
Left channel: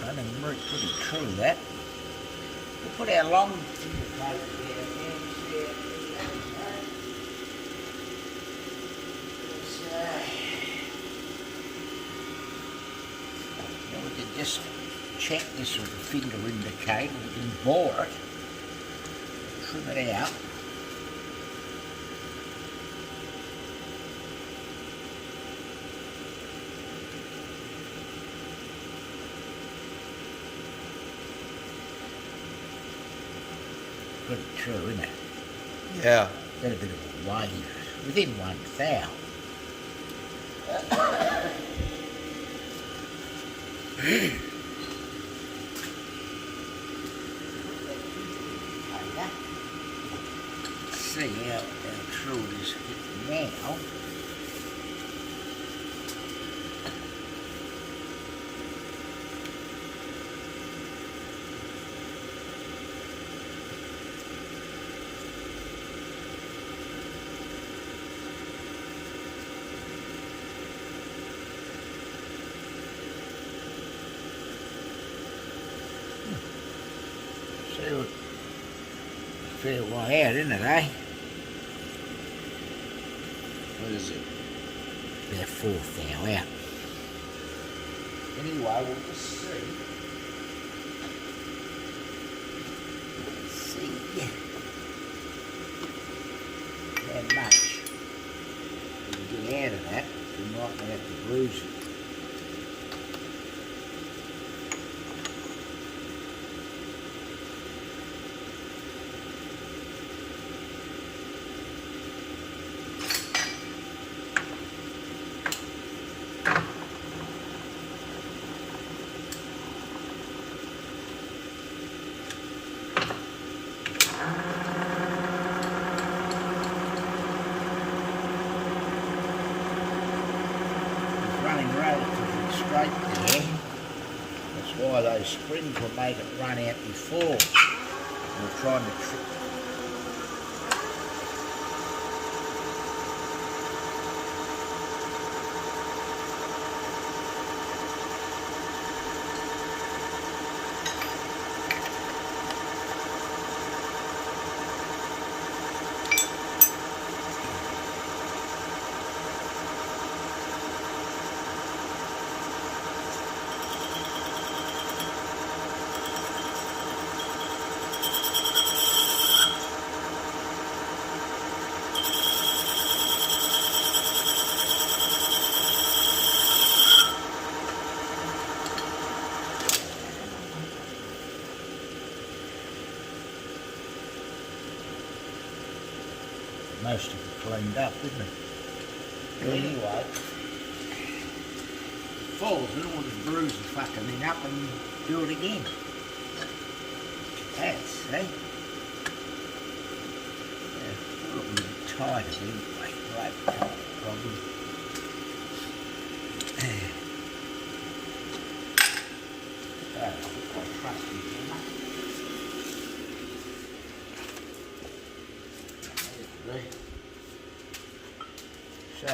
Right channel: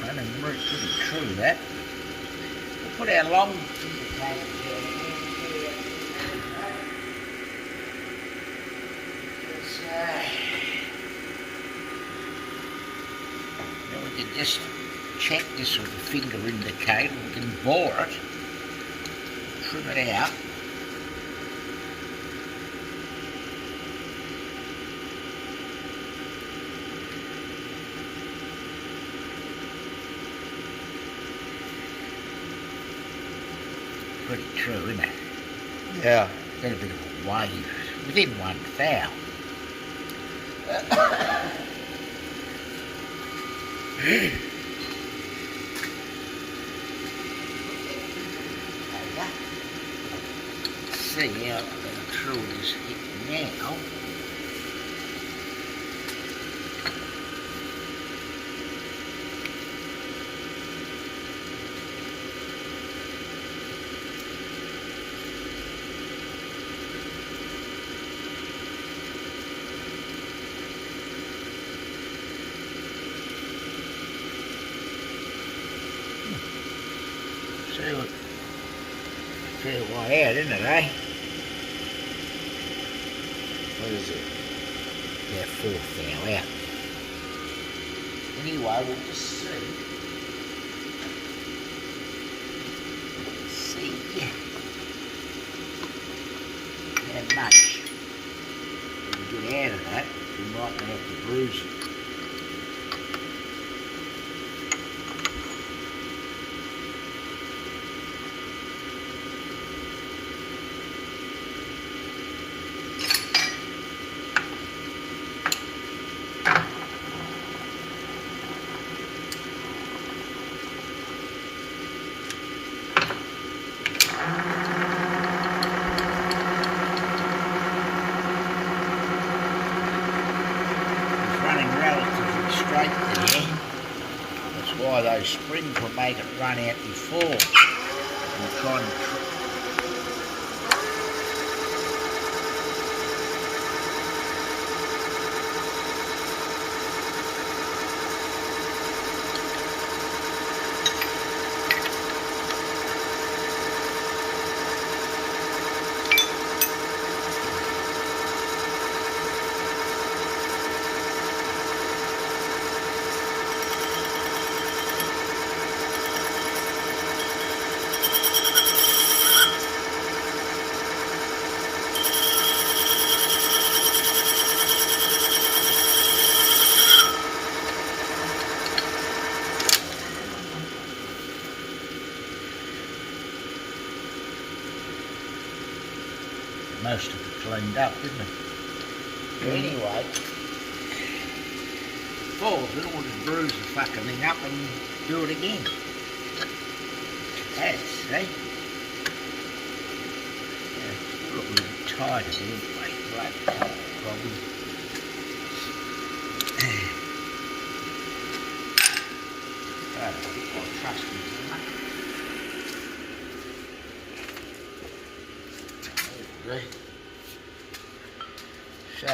Running right pretty true that. We'll put our long indicator there. Now we can just check this with the finger indicator. We can bore it, trim it out. Pretty true, isn't it? Yeah. Got a bit of a wave within one foul. See how true it is hit now. So, a fair way out, isn't it, eh? What is it? About 4 foul out. Anyway, we'll just see. How much we can get out of that. We might have to bruise it. Running relatively straight there. That's why those springs will make it run out before. We're trying to most of it cleaned up, didn't it? Anyway, falls in, we'll just bruise the fucking thing up and do it again. That's, see? Yeah, look a little tighter anyway, right, no problem. I'll trust me so much. There we go. So,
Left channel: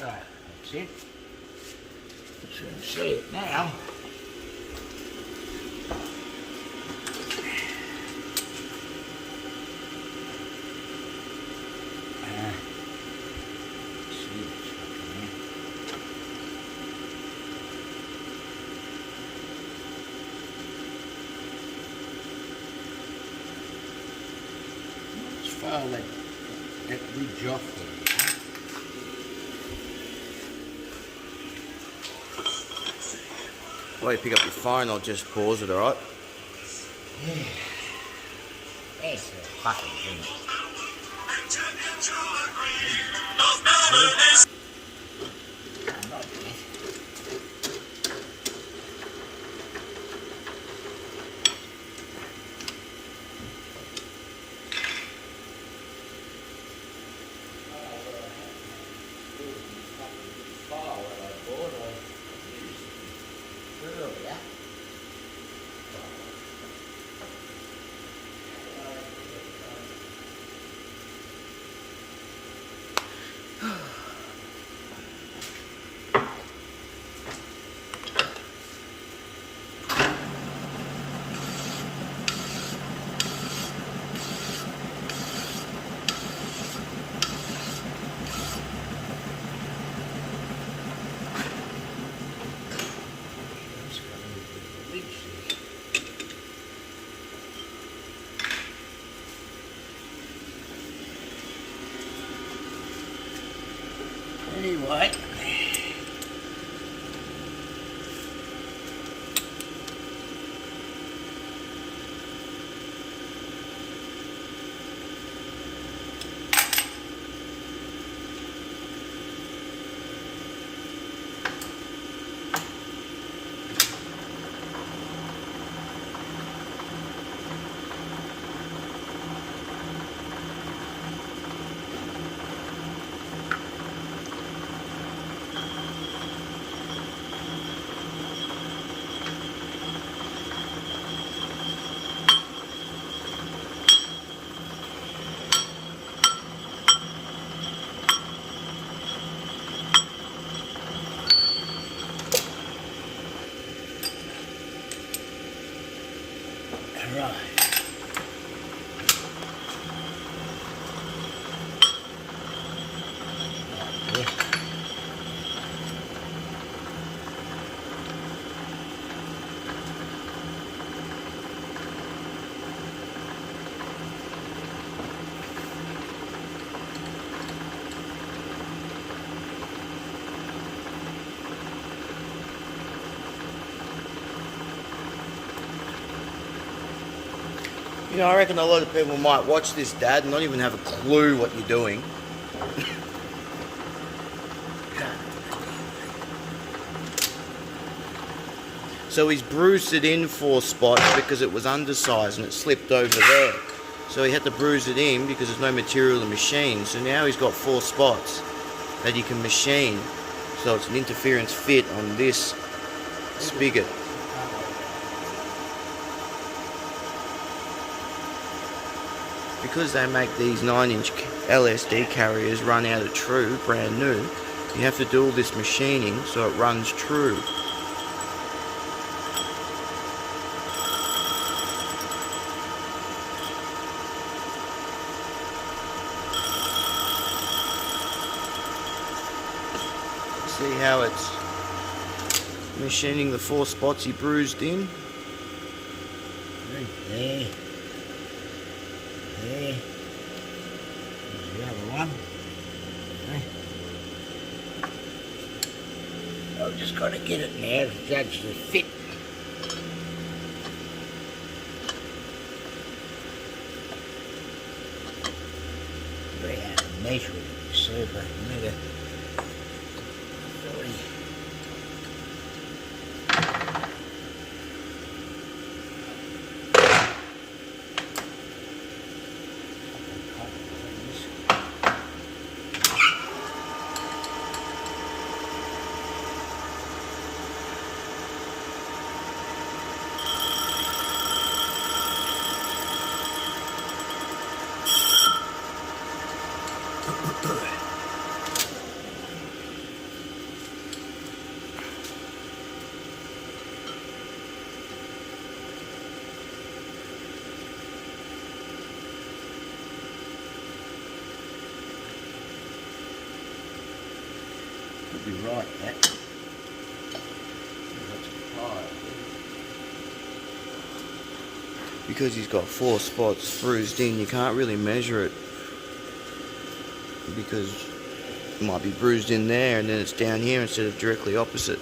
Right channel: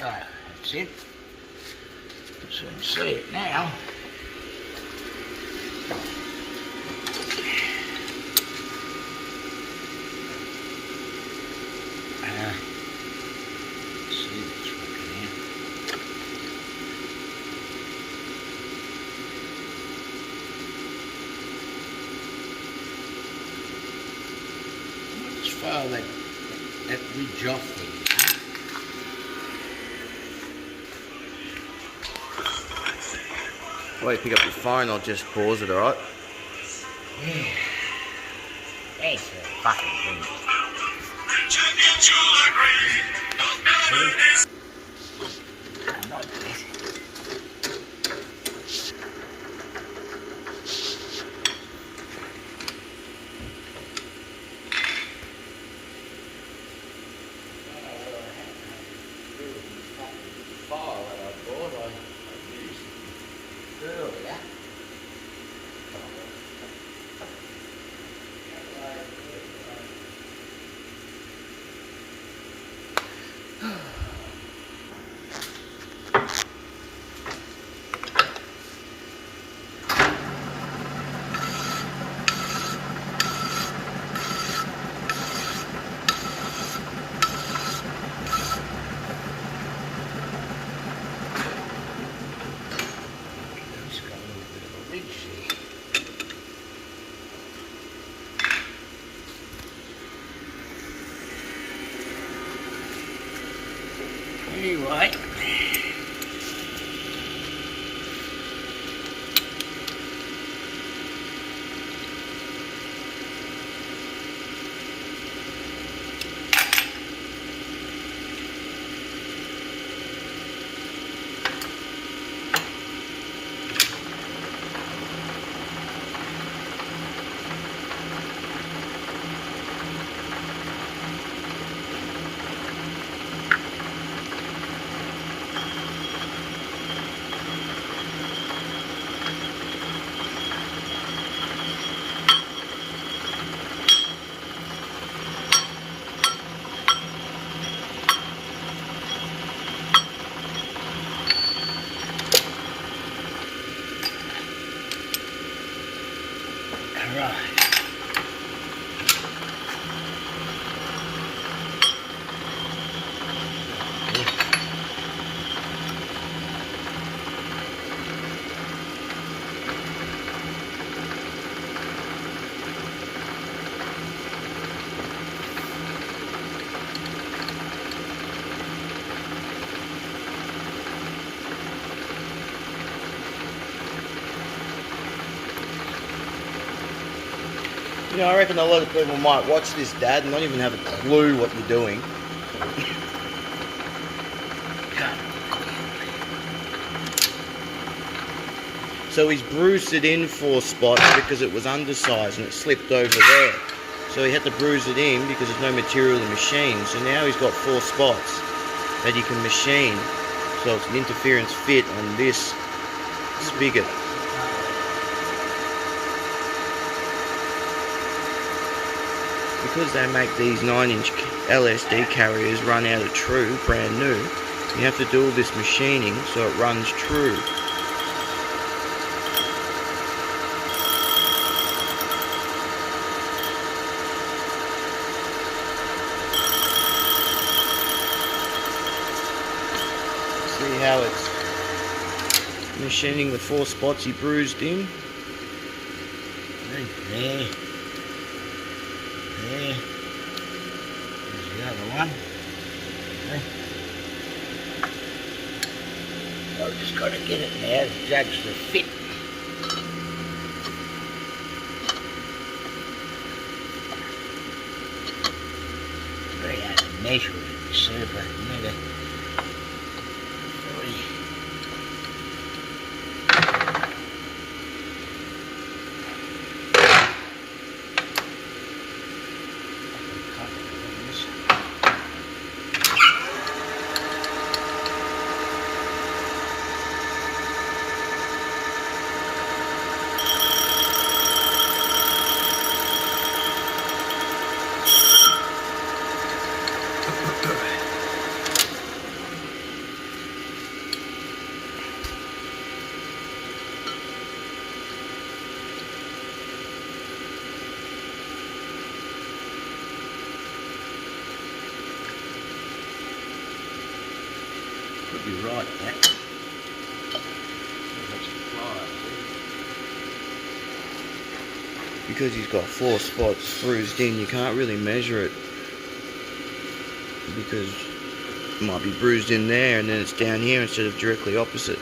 Oh, that's it. So you can see it now. See it's working out. Let's file that ridge off there. While you pick up your phone, I'll just pause it, alright? Yeah. That's the fucking thing. Not that. Fire that I bought, I used earlier. It's got a little bit of a ridge there. Anyway. Right. You know, I reckon a lot of people might watch this, Dad, and not even have a clue what you're doing. So he's bruised it in 4 spots because it was undersized and it slipped over there. So he had to bruise it in because there's no material to machine. So now he's got 4 spots that he can machine. So it's an interference fit on this spigot. Because they make these 9-inch LSD carriers run out of true, brand new, you have to do all this machining so it runs true. See how it's machining the 4 spots he bruised in? Right there. There. There's the other one. Okay. I've just got to get it now to judge the fit. Very hard to measure it, you see, but never. right, that. So that's the pliers, Because he's got 4 spots bruised in, you can't really measure it. Because it might be bruised in there and then it's down here instead of directly opposite.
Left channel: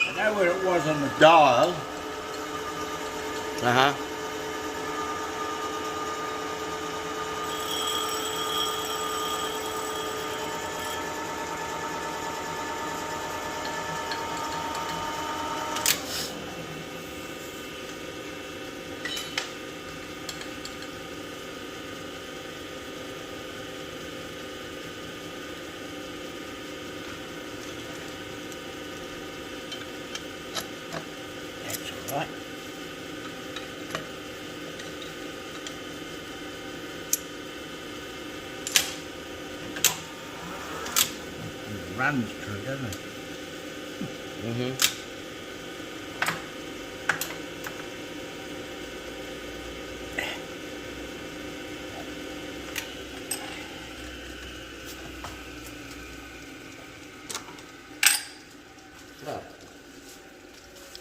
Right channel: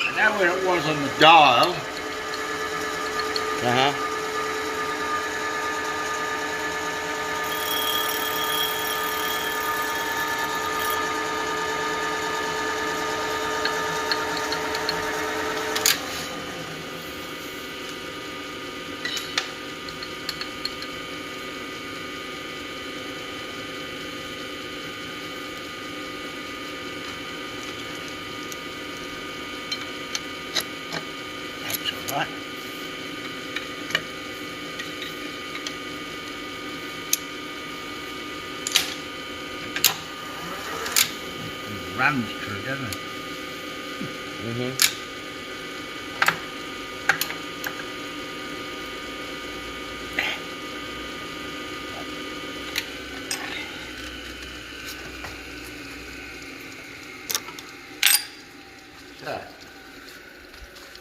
I know where it was on the dial. Uh-huh. That's all right. It runs through, doesn't it? Mm-hmm.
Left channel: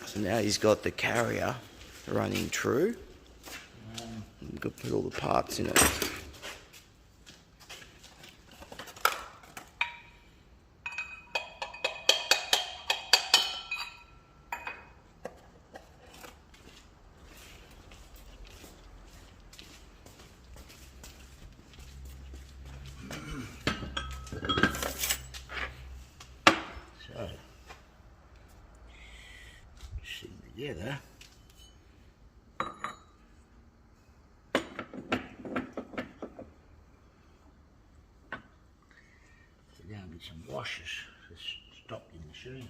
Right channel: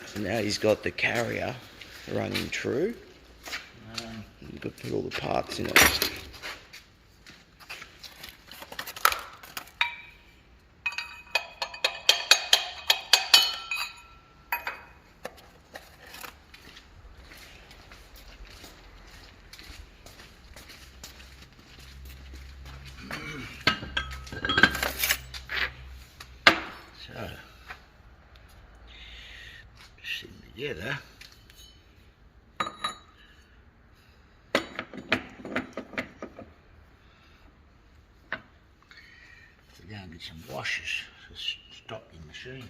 So now he's got the carrier running true. You've got to put all the parts in it. So, sitting together. We're going to get some washers to stop the machine.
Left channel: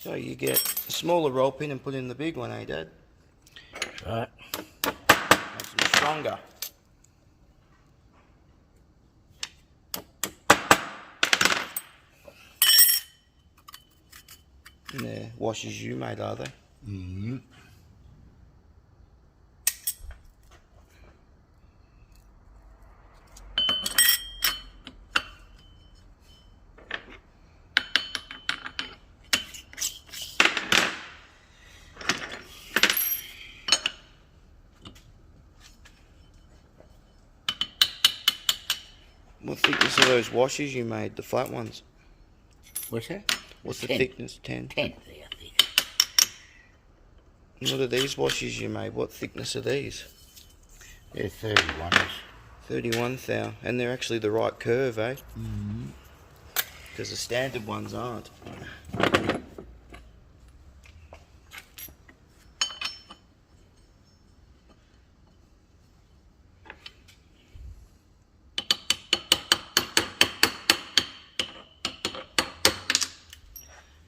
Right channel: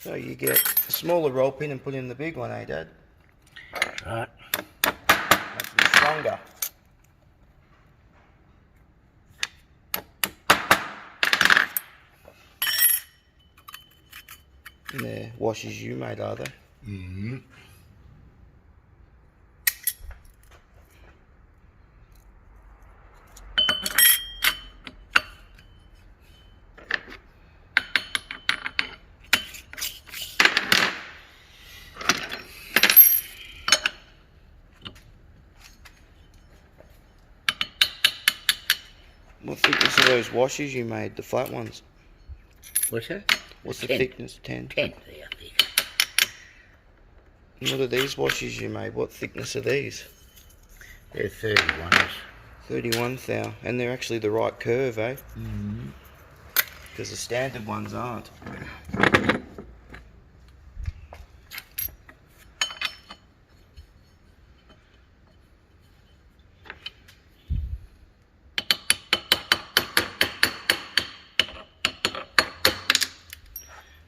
So you get a smaller roll pin and put in the big one, eh, Dad? Right. Makes them stronger. And they're washers you made, are they? Mm-hmm. What thickness are those washers you made, the flat ones? What's that? What's the 10. thickness? 10? 10 there, I think. And what are these washers you made? What thickness are these? They're 31s. 31 thou. And they're actually the right curve, eh? Mm-hmm. Because the standard ones aren't.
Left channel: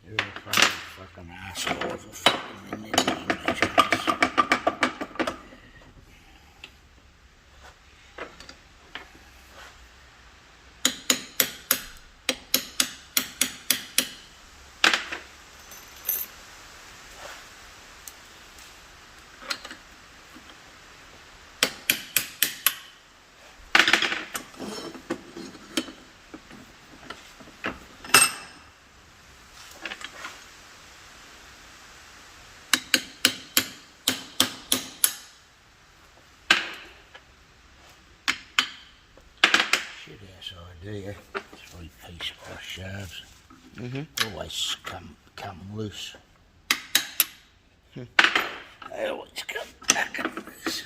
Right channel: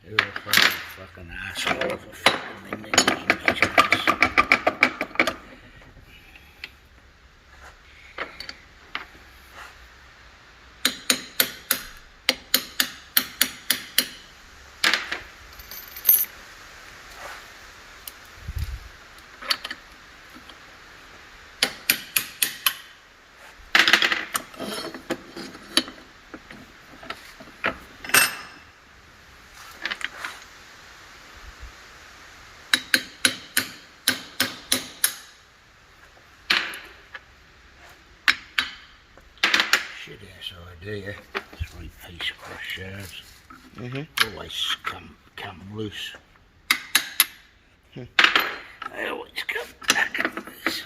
You're a fucking asshole for fucking me in these guys. Shit ass idea. 3-piece cross shafts. Always come loose. They always come back and loose.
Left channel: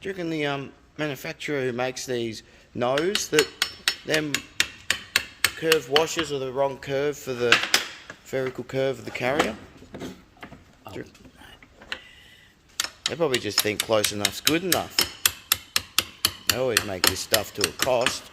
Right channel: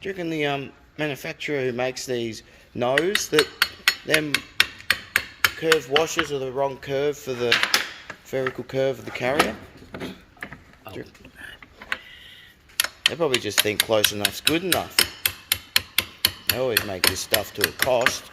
Do you reckon the manufacturer who makes these knows that them curved washers are the wrong curve for the spherical curve of the carrier? Oh. They probably just think close enough's good enough. They always make this stuff to a cost.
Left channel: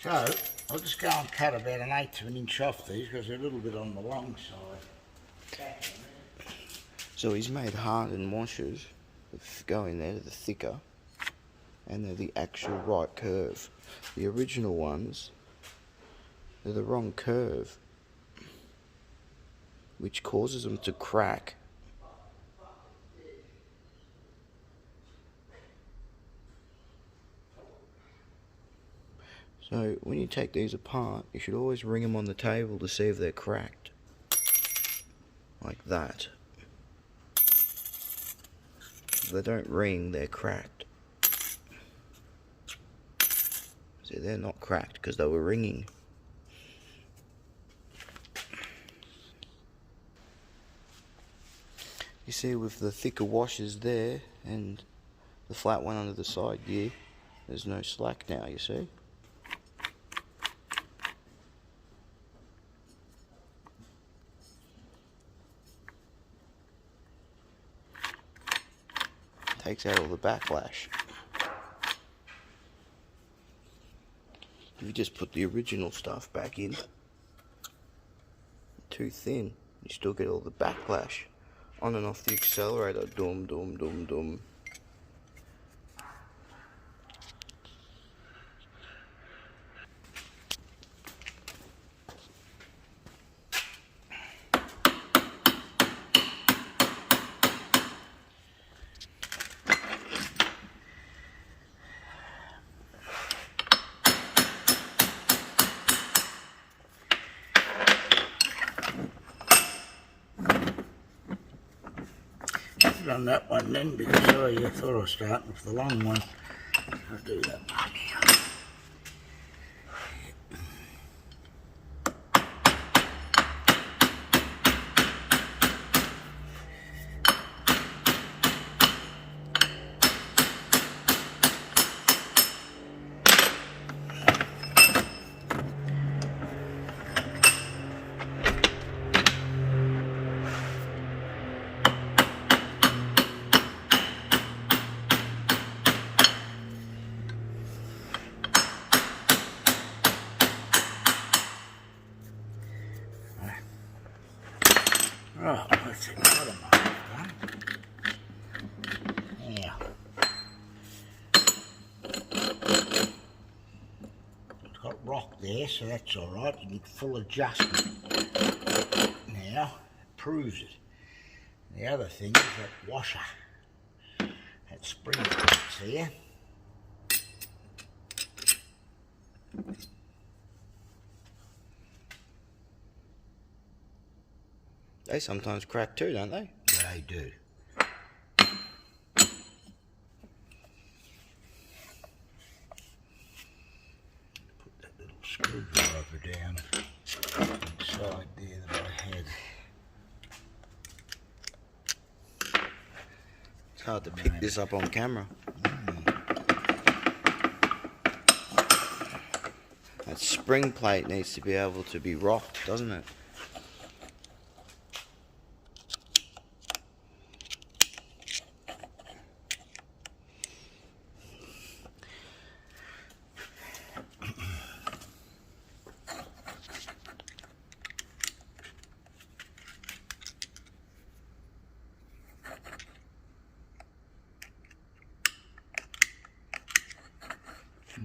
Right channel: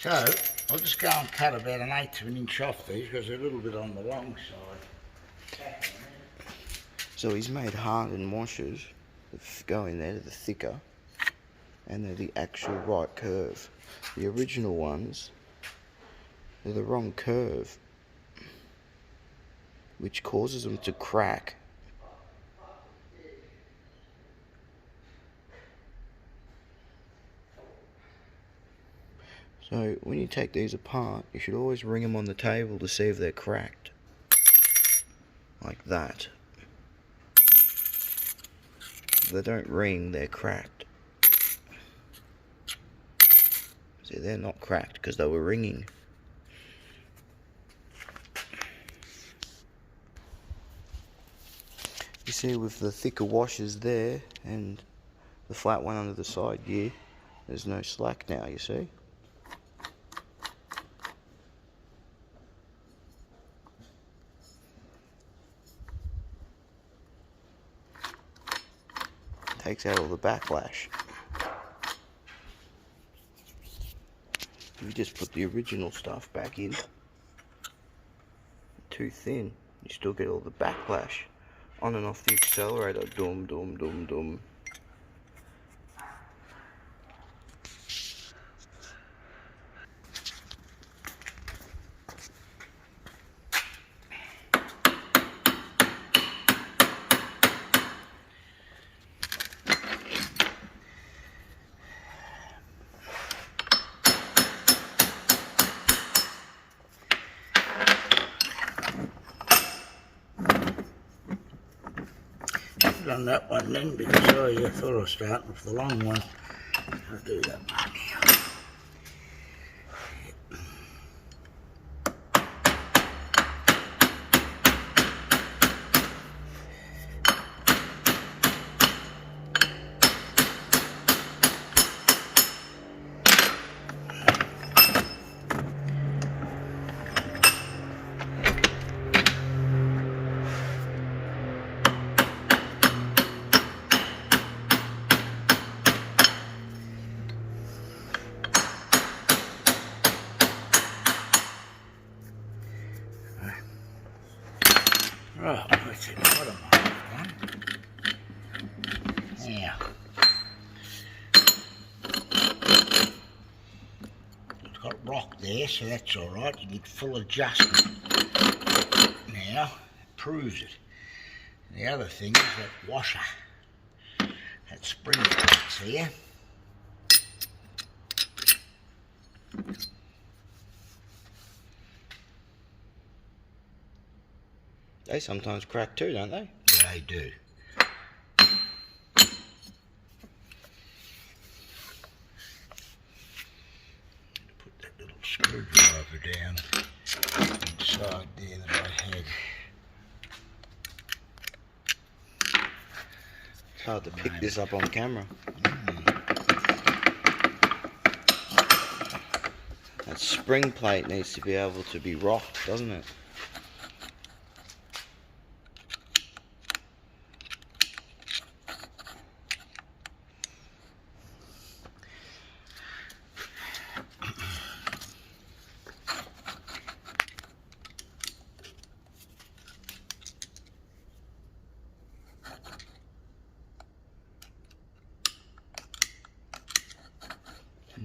So, I'll just go and cut about 1/8 of an inch off these because they're a little bit on the long side. So he's made hardened washers that go in there to the thicker, and they're the actual right curve. The original ones, they're the wrong curve, which causes them to crack. So when you take these apart, you should always ring them on the table to see if they're cracked. Like that. If they don't ring, they're cracked. See, they're not cracked because they were ringing. You see with the thicker washers there and the flat one under the side gear, there's no slack now, you see? Takes out all the backlash. If you just put the original stuff back in, too thin, you still get all the backlash on and off the accelerator. Dum dum dum dum. On that one then, because I thought I was starting with the long one. I'll do that one now. Right, what's it? What am I done? Now, it's got rock there, so that's all right. You get full adjustment. Now, it proves it. The other thing is that washer, that spring plates here. They sometimes crack too, don't they? Yeah, they do. Put that little screwdriver down inside there that I had. It's hard to pick this up on camera. That spring plate needs to be able to be rocked, doesn't it?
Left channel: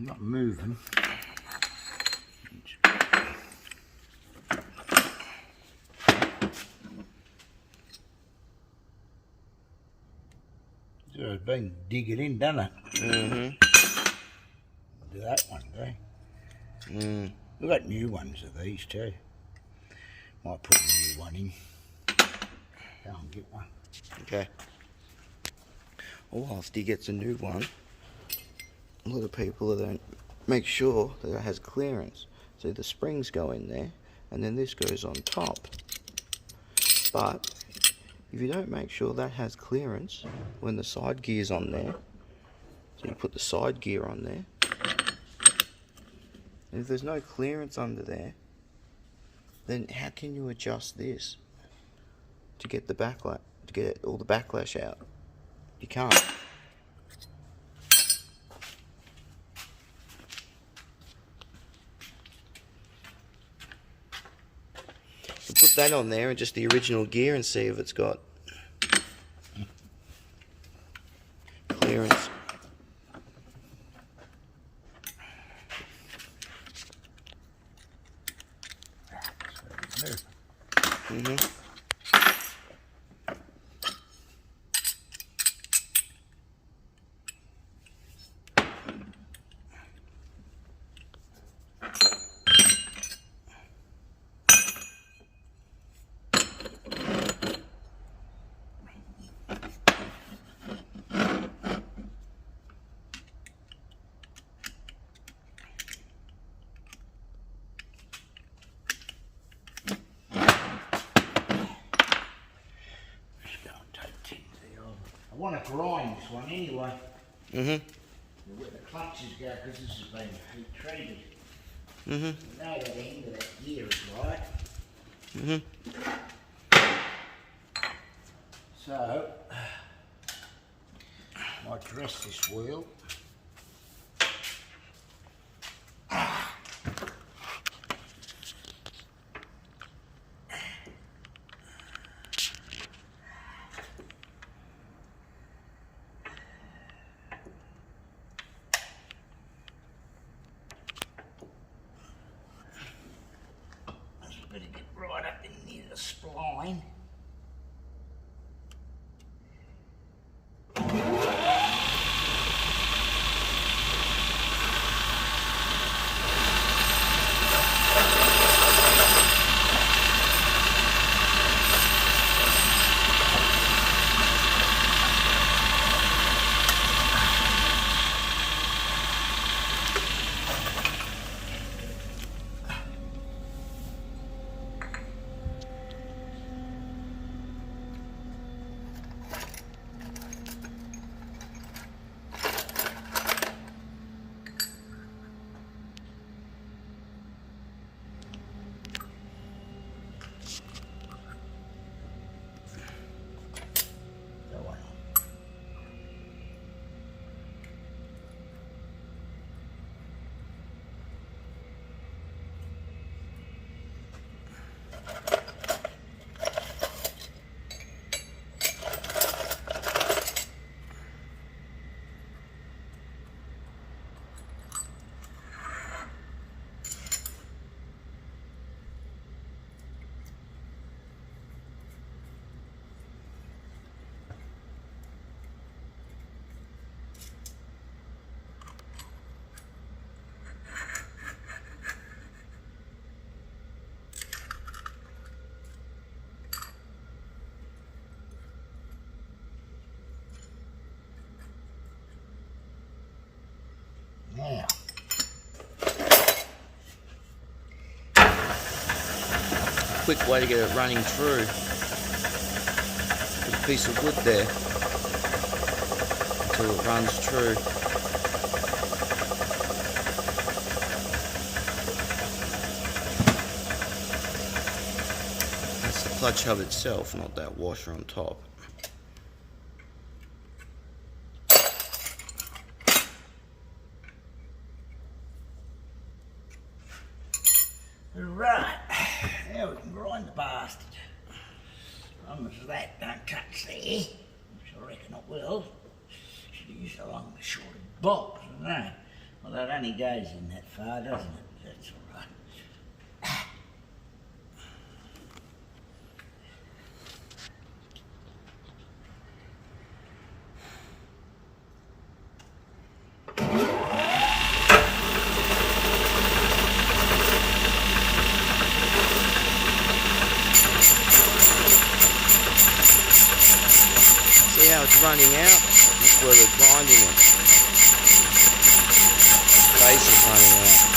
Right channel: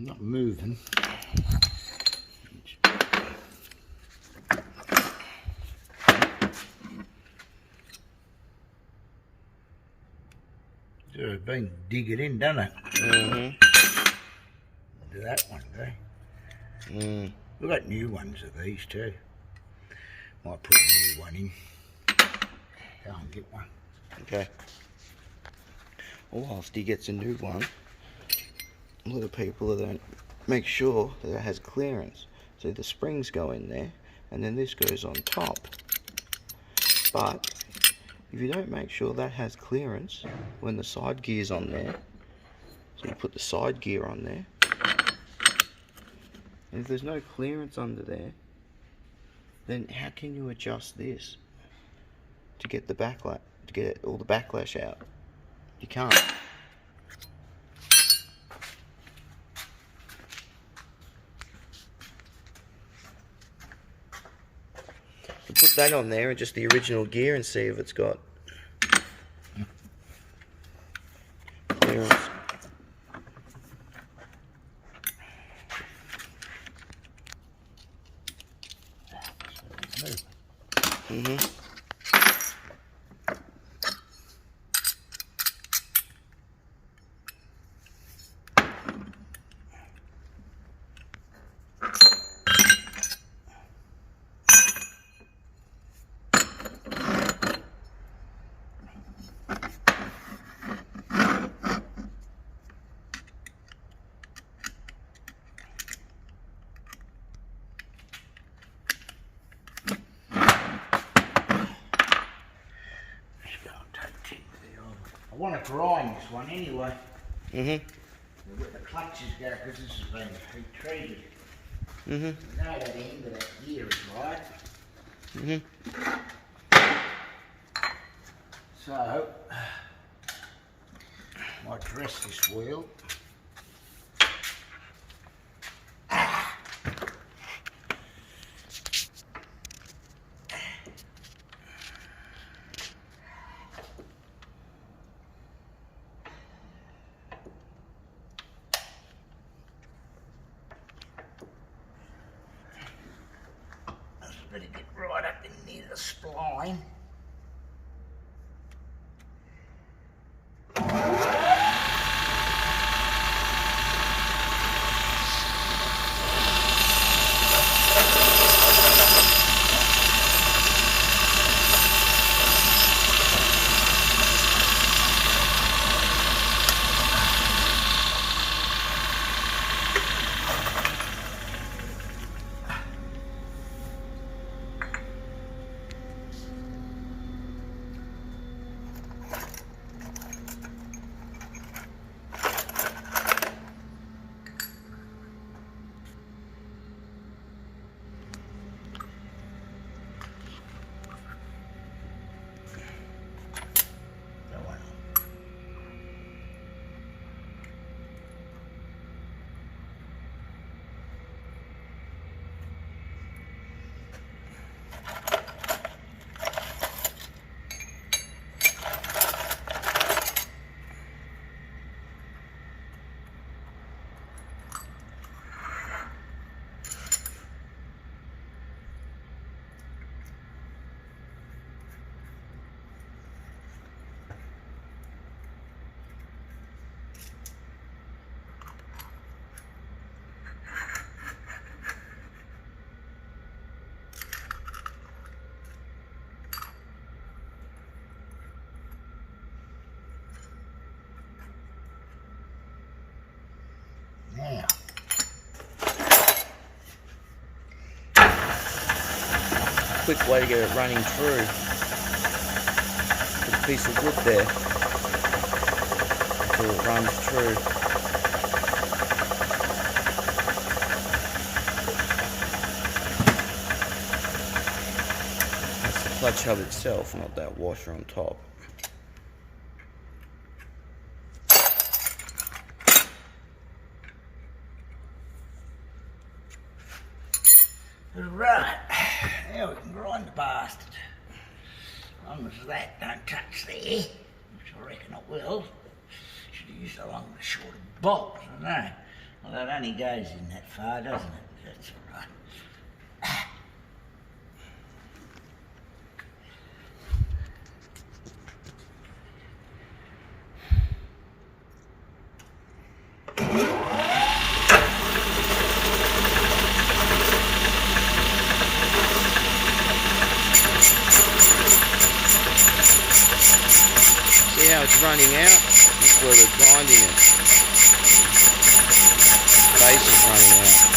not moving. So it's been digging in, doesn't it? Mm-hmm. Do that one, eh? We've got new ones of these too. Might put a new one in. Go and get one. Okay. Well, whilst he gets a new one, a lot of people don't make sure that it has clearance. So the springs go in there, and then this goes on top. But if you don't make sure that has clearance when the side gear's on there, so you put the side gear on there, and if there's no clearance under there, then how can you adjust this to get the backlash, to get all the backlash out? You can't. You put that on there and just the original gear and see if it's got clearance. Mm-hmm. I want to grind this one anyway. Mm-hmm. Where the clutches go, because this has been heat treated. Mm-hmm. You know that end of that gear is right. Mm-hmm. So, I dress this wheel. Better get right up in near the spline. Now, Quick way to get it running through. Put a piece of wood there until it runs through. That's the clutch hub itself, not that washer on top. right, now we can grind the bastard. As long as that don't touch there, which I reckon it will. Should have used a longer, shorter bolt, I don't know. Well, that only goes in that far, doesn't it? That's all right. See how it's running out? That's where we're grinding it. Base is running out.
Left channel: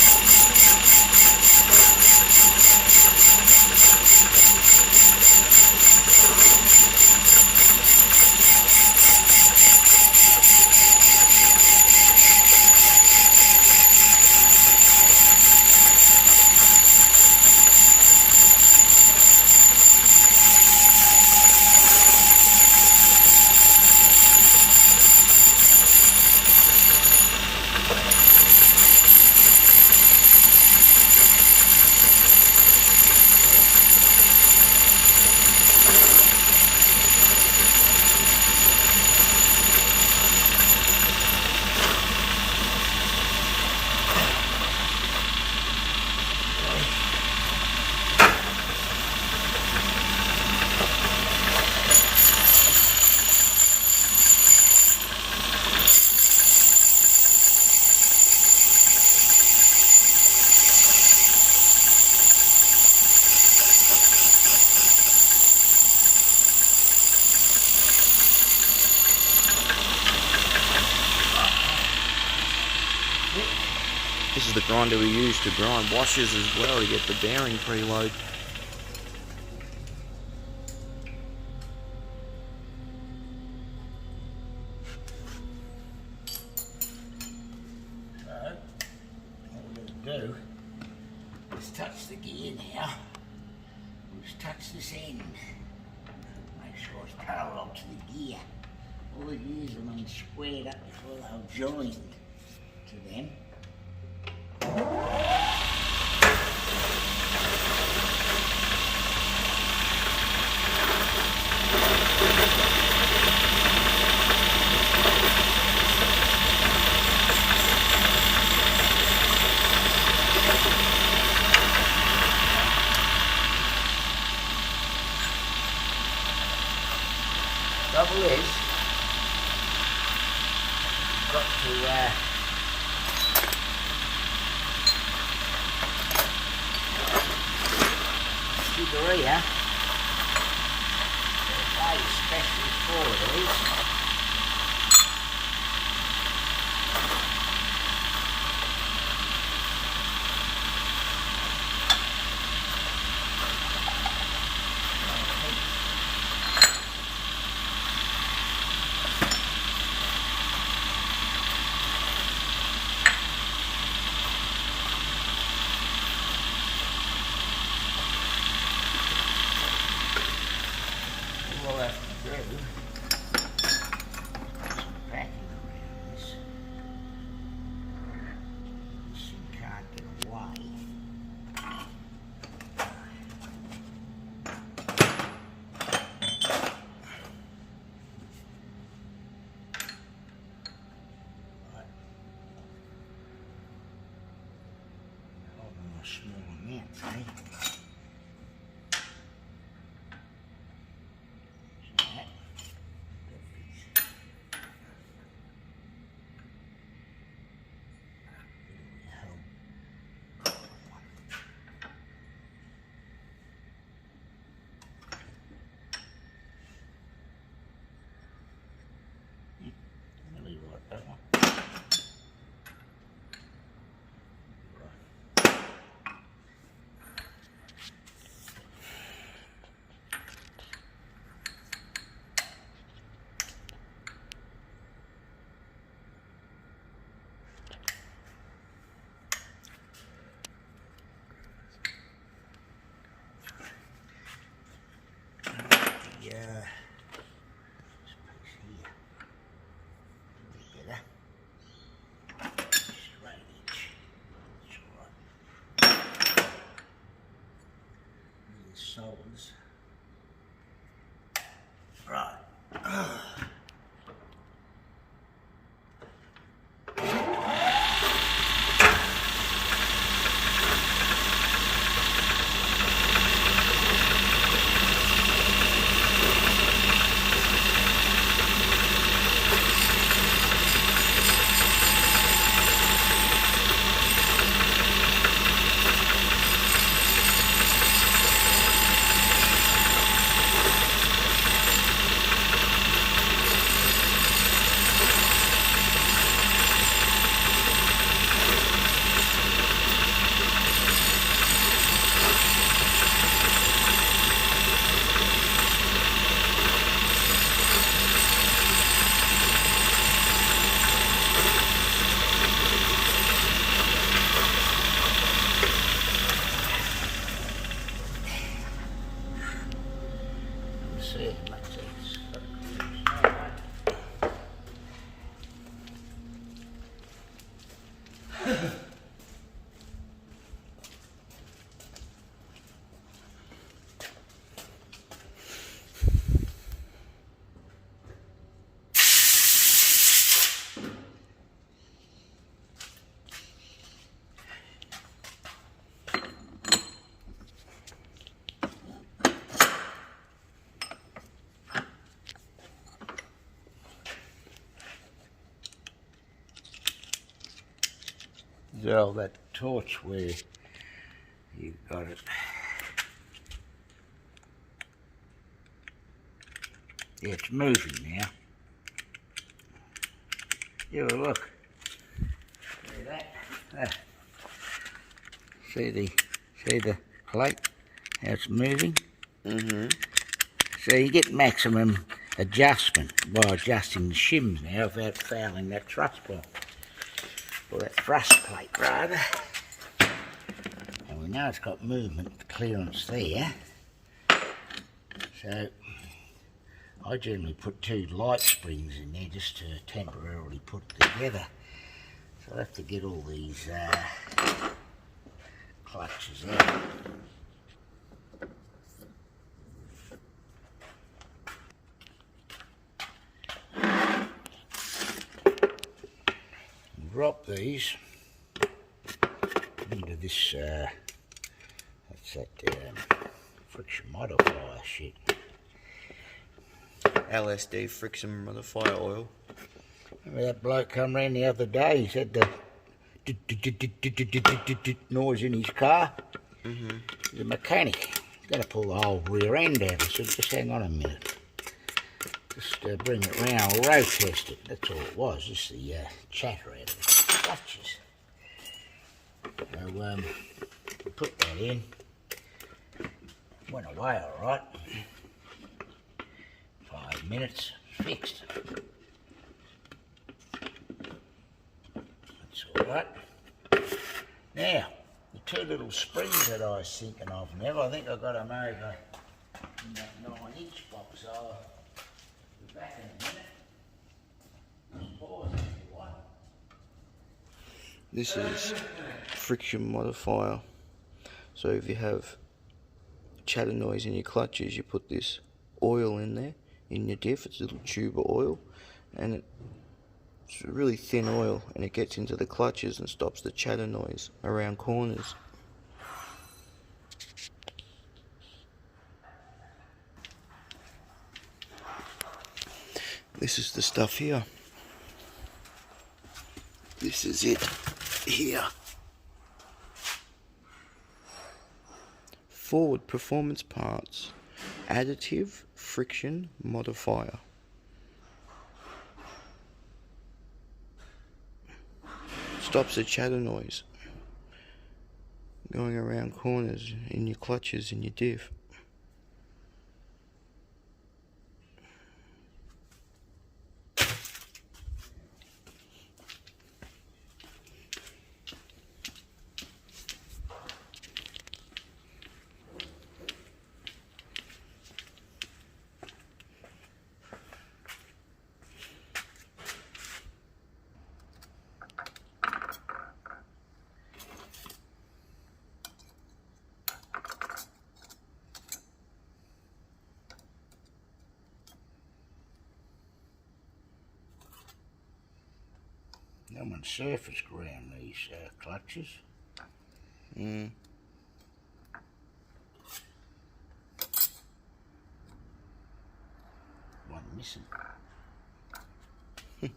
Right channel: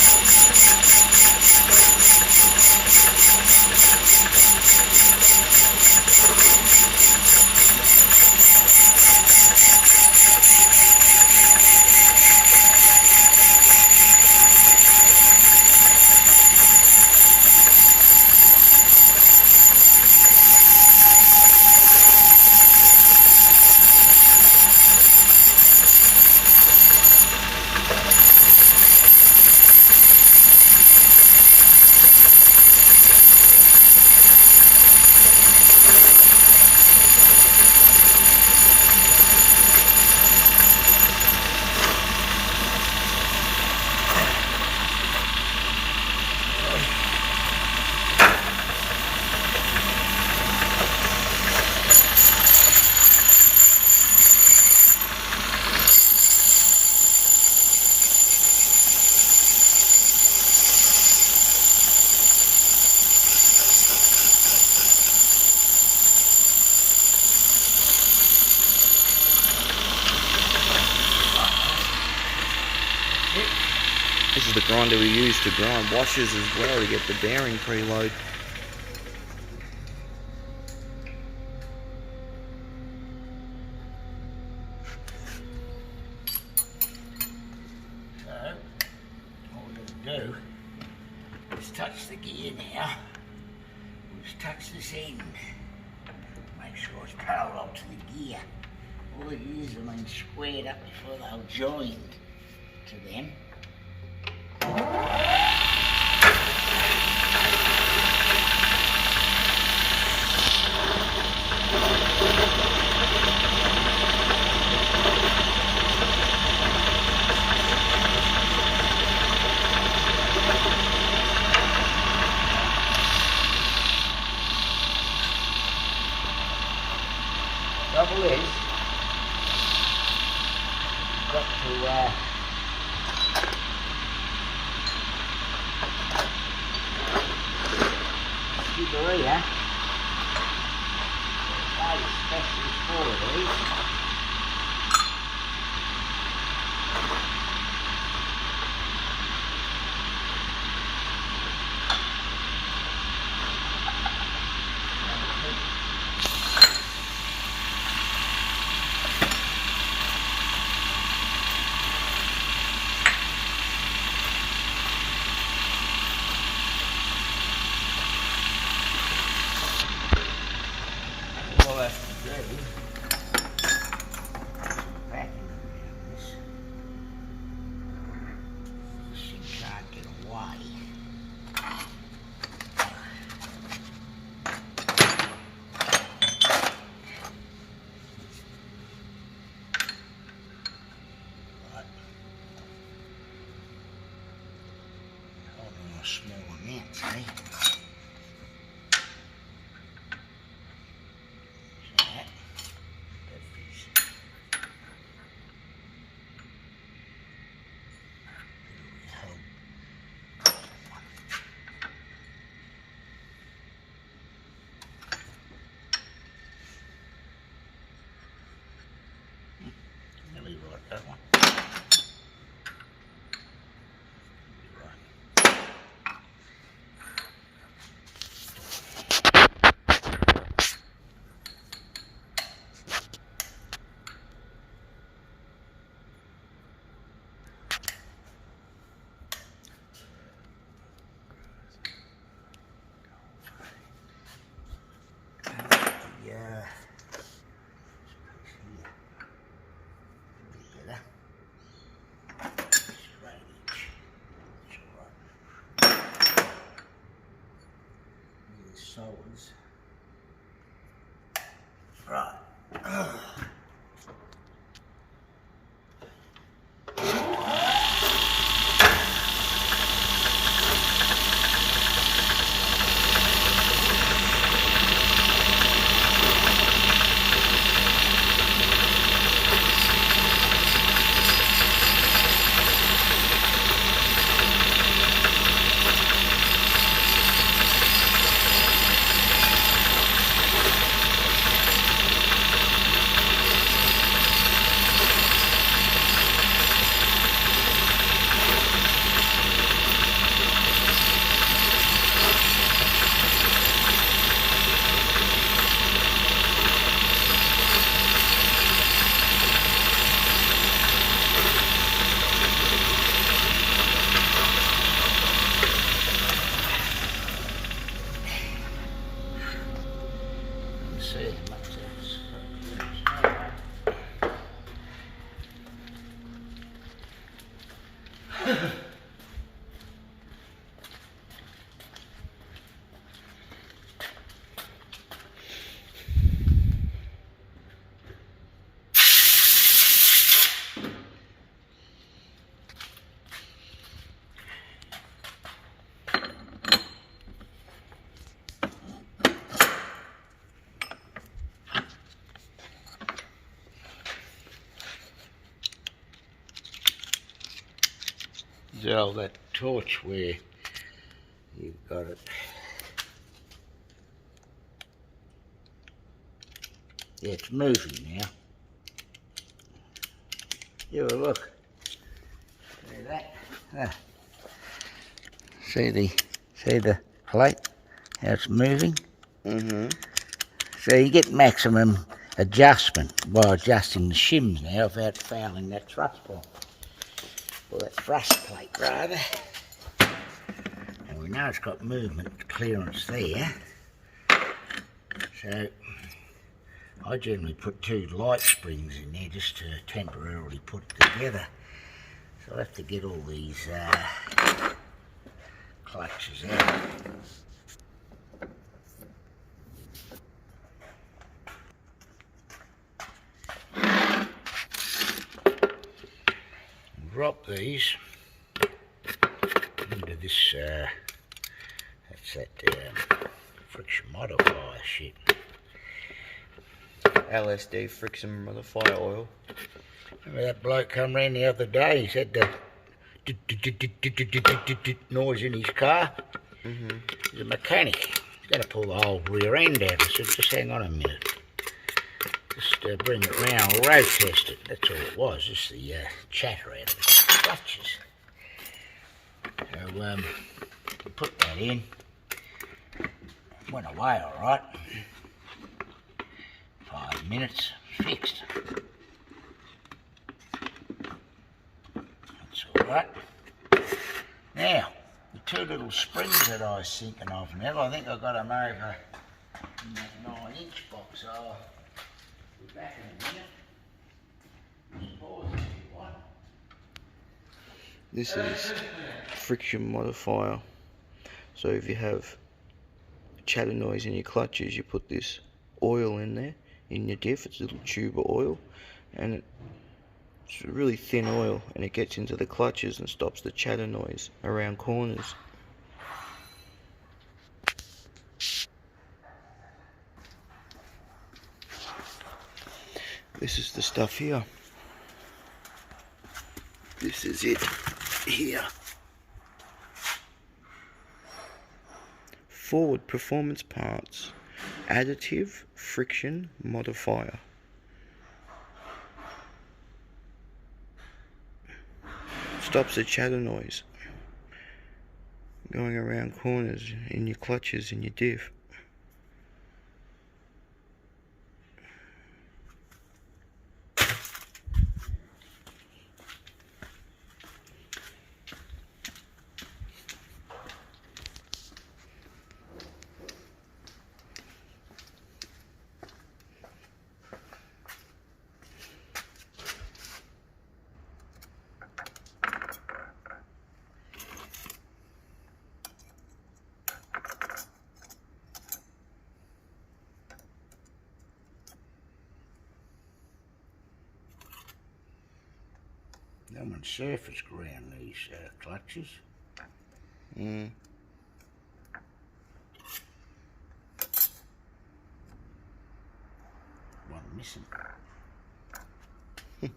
This is the grinder we use to grind washers as well to get the bearing preload. So, what we're going to do is touch the gear now. We'll just touch this end. Make sure it's parallel to the gear. All the gears remain squared up before they'll join to them. Trouble is, got to Scuderia, made especially for these. All I have to do is some packing around this. This thing can't get away. Right. Holding a small amount, see? Really right, that one. Yeah. Solids. Right. Zell, that torch where you got it. Yeah, it's moving now. Yeah, well, look. See that? See the plate? How it's moving? Mm-hmm. So you get maximum adjustment by adjusting the shims now without fouling that thrust point. Or that thrust plate rather. And we know it's got movement clearance there. So I generally put 2 light springs in there just to temporarily put it together. So I'll have to get all these clutches out. Drop these into this, that's that friction modifier shit. LSD friction modifier oil. Remember that bloke come round the other day, he said the noise in his car? Mm-hmm. He's a mechanic. He's going to pull the whole rear end out. I said, just hang on a minute. Just bring it round, we'll road test it. That's all it was, just the chatter out of the clutches. So, put that in. Went away alright. 5 minutes, fixed. That's alright. Now, the 2 little springs that I was thinking of now, I think I got them over in that 9-inch box. I'll be back in a minute. Just pause if you want. This is friction modifier. So if you have chatter noise in your clutches, you put this oil in there, in your diff. It's a little tube of oil, and it's a really thin oil, and it gets into the clutches and stops the chatter noise around corners. This is the stuff here. This is it here. Ford Performance Parts Additive Friction Modifier. Stops the chatter noise going around corners in your clutches and your diff. No one surface ground these clutches. Mm. One missing. I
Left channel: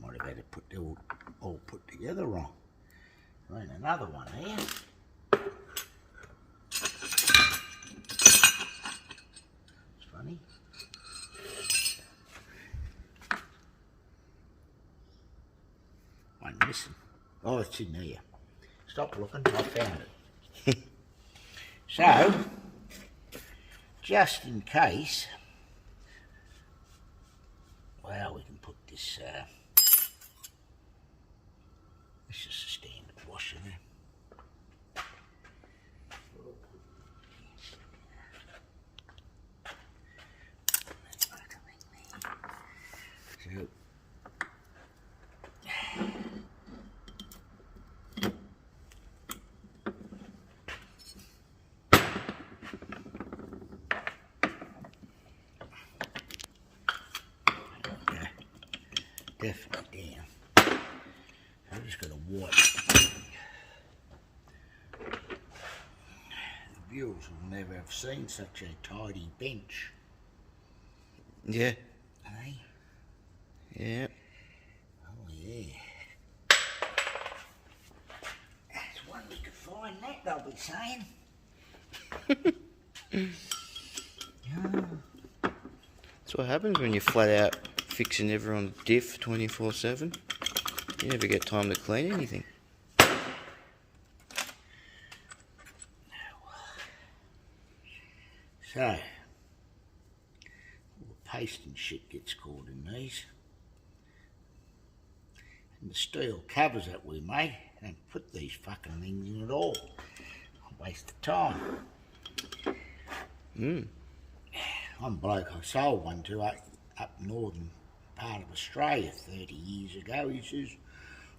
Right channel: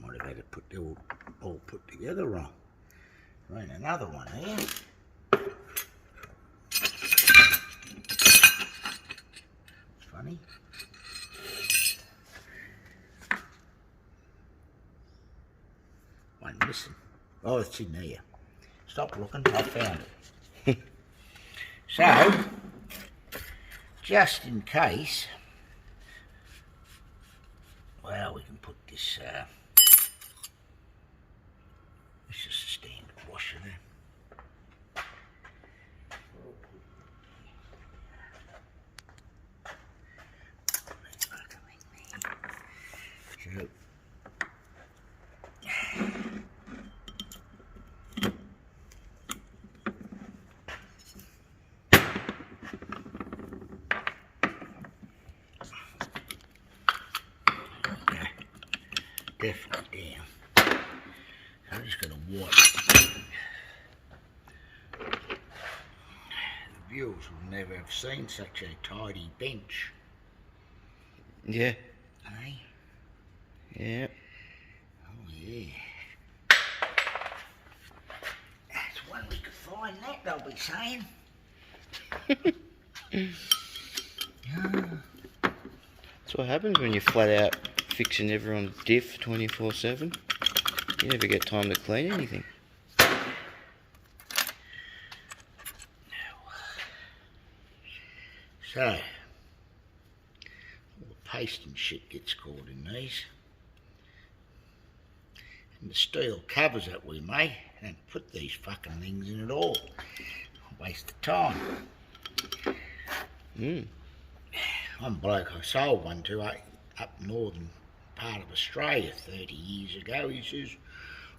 might have had it put all put together wrong. Right, another one there. It's funny. One missing. Oh, it's in there. Stop looking, I found it. So, just in case, well, we can put this, it's just a standard washer there. So, definitely down. I'm just going to wipe. The viewers will never have seen such a tidy bench. Yeah. Eh? Yeah. Oh yeah. mind that, they'll be saying. That's what happens when you're flat out fixing everyone's diff 24/7. You never get time to clean anything. So, all the paste and shit gets caught in these. And the steel covers that we made, don't put these fucking things in at all. Waste of time. I'm a bloke, I sold one to up northern part of Australia 30 years ago. He says,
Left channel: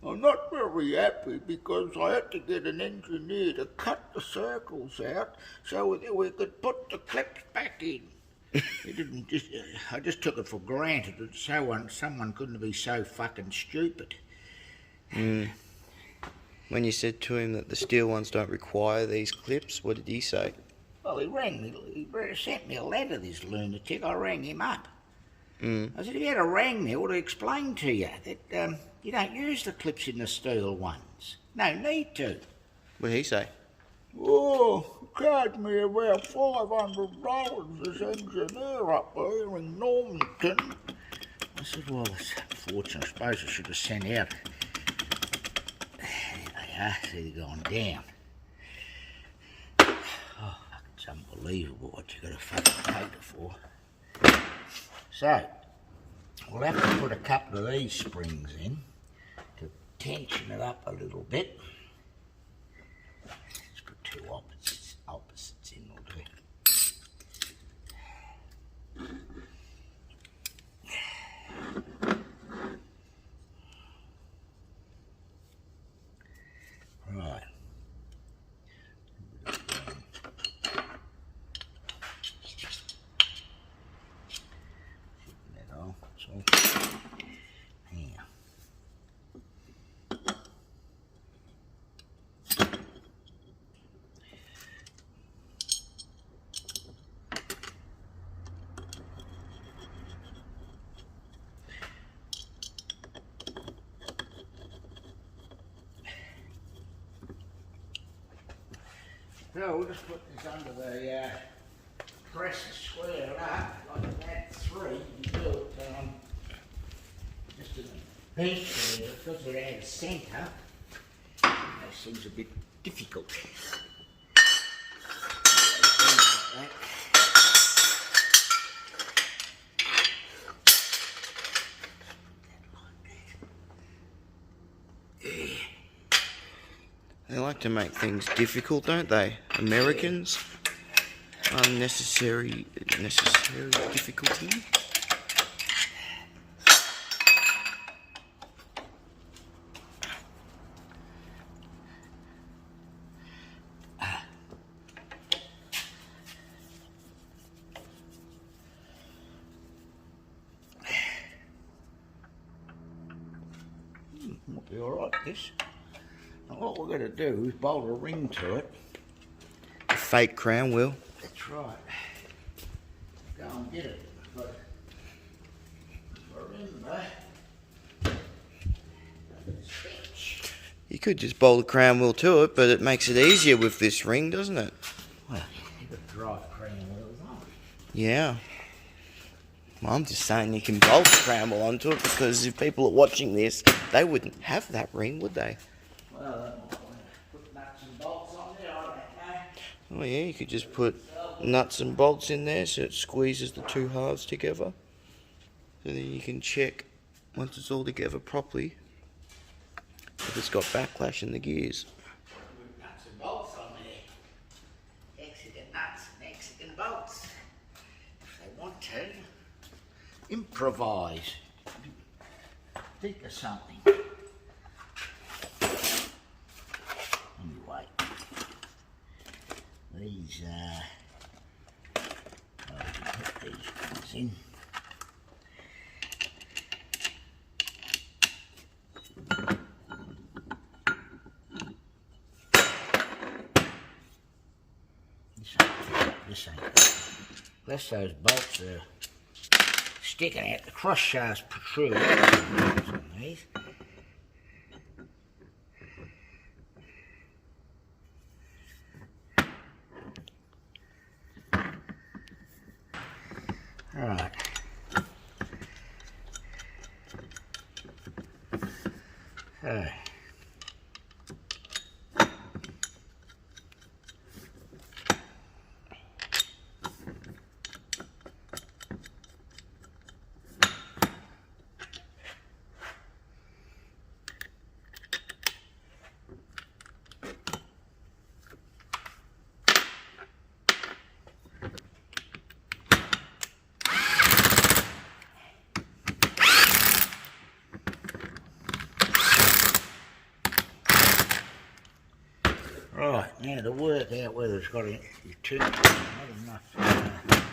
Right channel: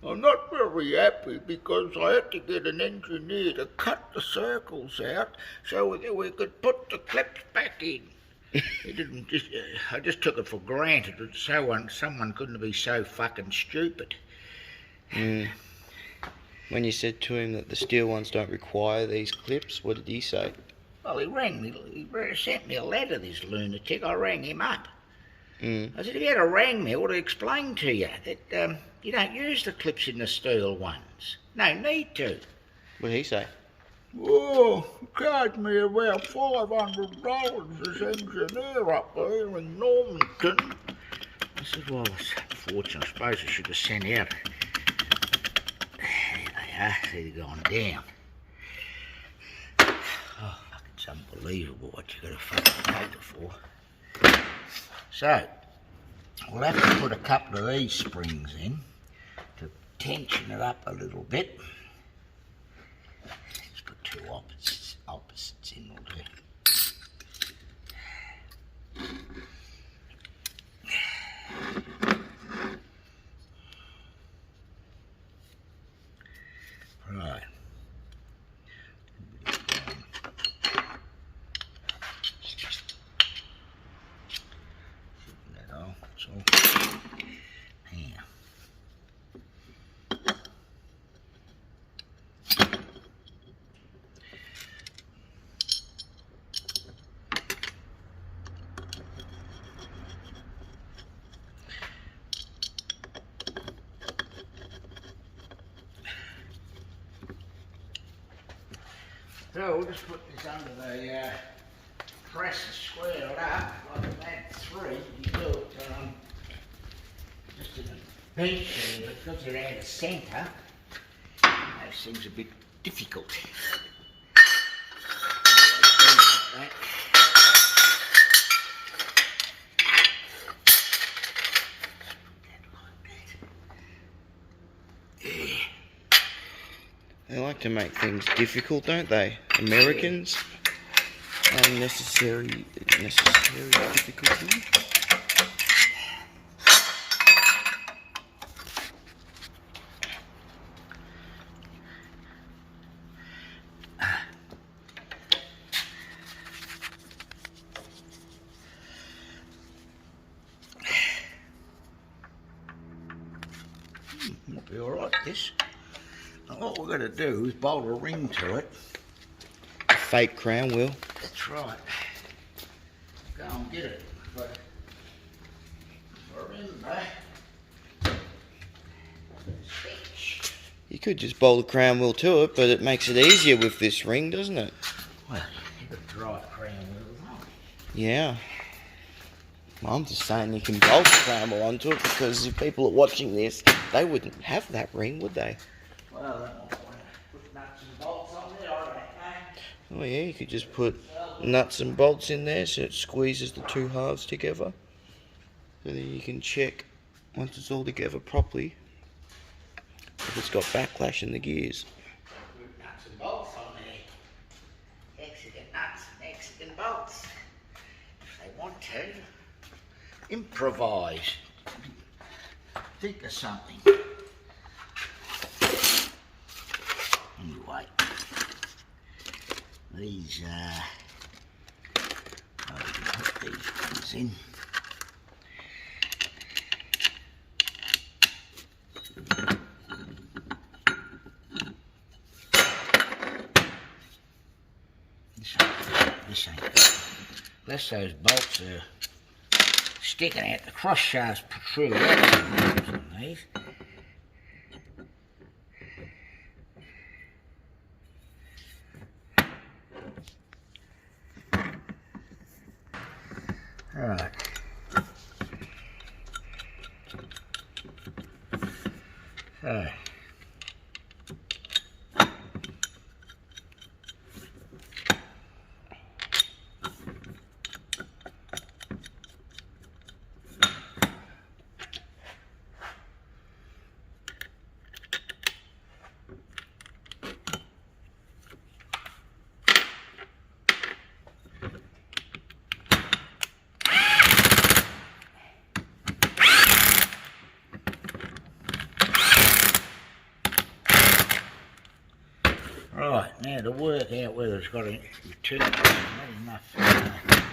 I'm not very happy because I had to get an engineer to cut the circles out so we could put the clips back in. I just took it for granted that someone couldn't be so fucking stupid. When you said to him that the steel ones don't require these clips, what did he say? Well, he sent me a letter, this lunatic. I rang him up. I said, if you had a rang me, I would have explained to you that you don't use the clips in the steel ones. No need to. What did he say? Oh, he charged me about $500 as engineer up there in Normanton. I said, well, it's unfortunate. I suppose I should have sent out. There they are. See, they're going down. Oh, it's unbelievable what you got to fucking pay it for. So, we'll have to put a couple of these springs in to tension it up a little bit. Let's put two opposites in will do. Right. So we'll just put this under the press and square it up, like I've had three. You do it just in a bench there, because they're out of centre. That seems a bit difficult. Like They like to make things difficult, don't they? Americans. Unnecessary difficulty. Might be alright, this. And what we're going to do is bolt a ring to it. A fake crown wheel. That's right. Go and get it. But remember, You could just bolt a crown wheel to it, but it makes it easier with this ring, doesn't it? well, you've got to drive crown wheels on. Yeah. Well, I'm just saying you can bolt a crown wheel onto it, because if people are watching this, they wouldn't have that ring, would they? Well, I might want to put nuts and bolts on there, I don't know. Oh yeah, you could just put nuts and bolts in there so it squeezes the two halves together. So then you can check, once it's all together properly, if it's got backlash in the gears. Put nuts and bolts on there. Mexican nuts and Mexican bolts. If they want to. Improvise. Think of something. Anyway, these I can put these ones in. This ain't good. Unless those bolts are sticking out, the cross shafts protrude out on these. Right. So. Right, now to work out whether it's got too much, not enough,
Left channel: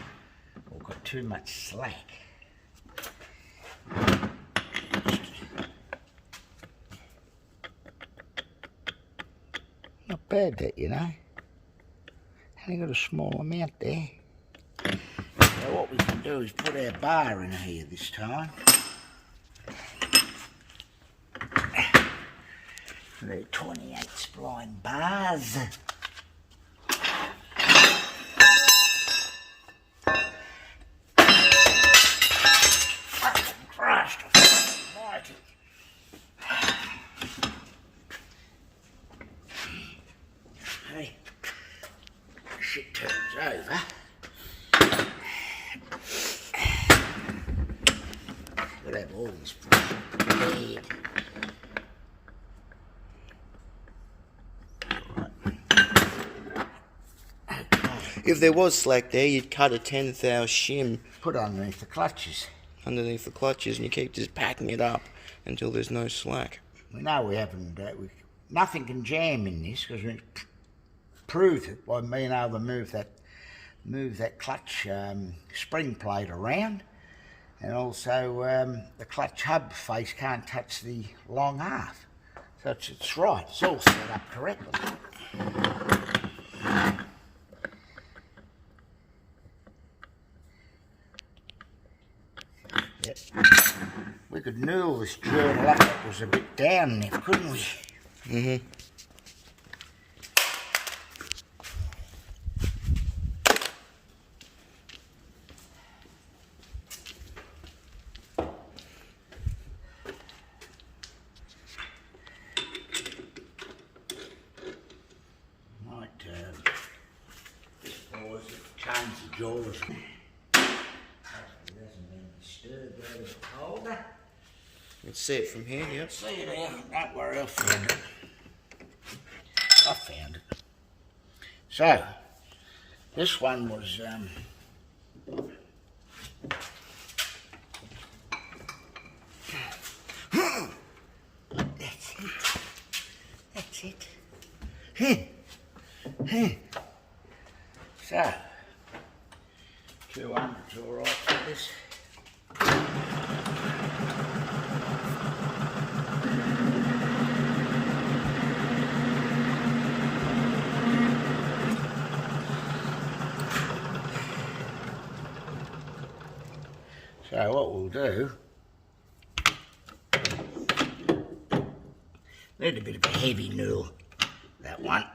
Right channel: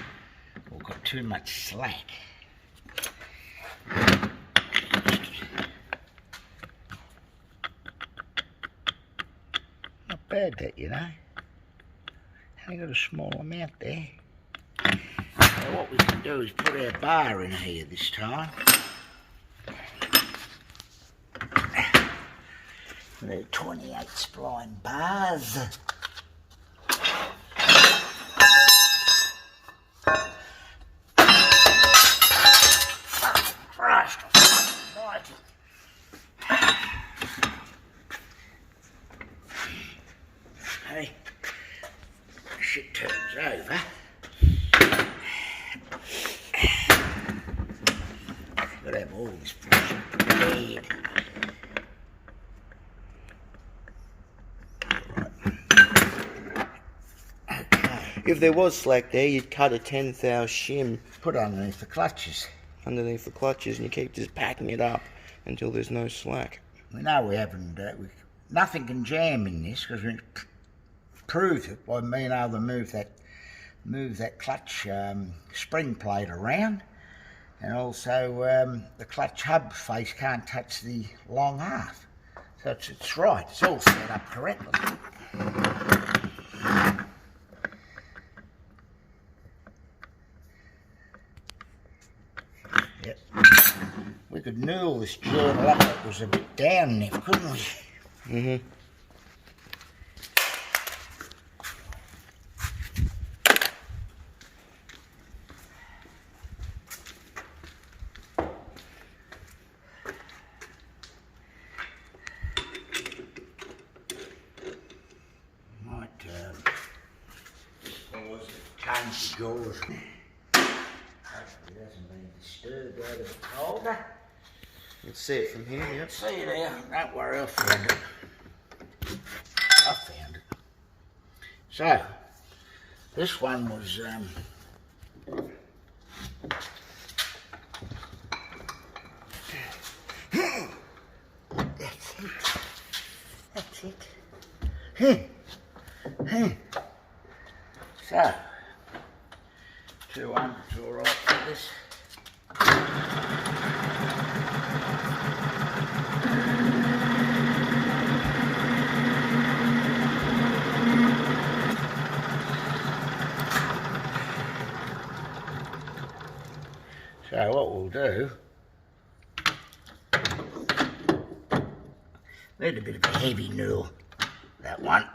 or got too much slack. Not bad that, you know. Only got a small amount there. So what we can do is put our bar in here this time. They're 28 spline bars. Christ almighty. Hey, shit turns over. Gotta have all this pressure prepared. If there was slack there, you'd cut a 10th shim. Put underneath the clutches. Underneath the clutches, and you keep just packing it up until there's no slack. We know we haven't, nothing can jam in this because we proved it by being able to move that clutch spring plate around, and also the clutch hub face can't touch the long half. So it's right, it's all set up correctly. Yep. We could noodle this journal up, it was a bit down there, couldn't we? Mm-hmm. Might change the jaws. It hasn't been disturbed out of the holder. You can see it from here, yep. See it there, don't worry, I found it. I found it. So, this one was, that's it. So, 200's all right for this. So what we'll do, need a bit of a heavy noodle, that one.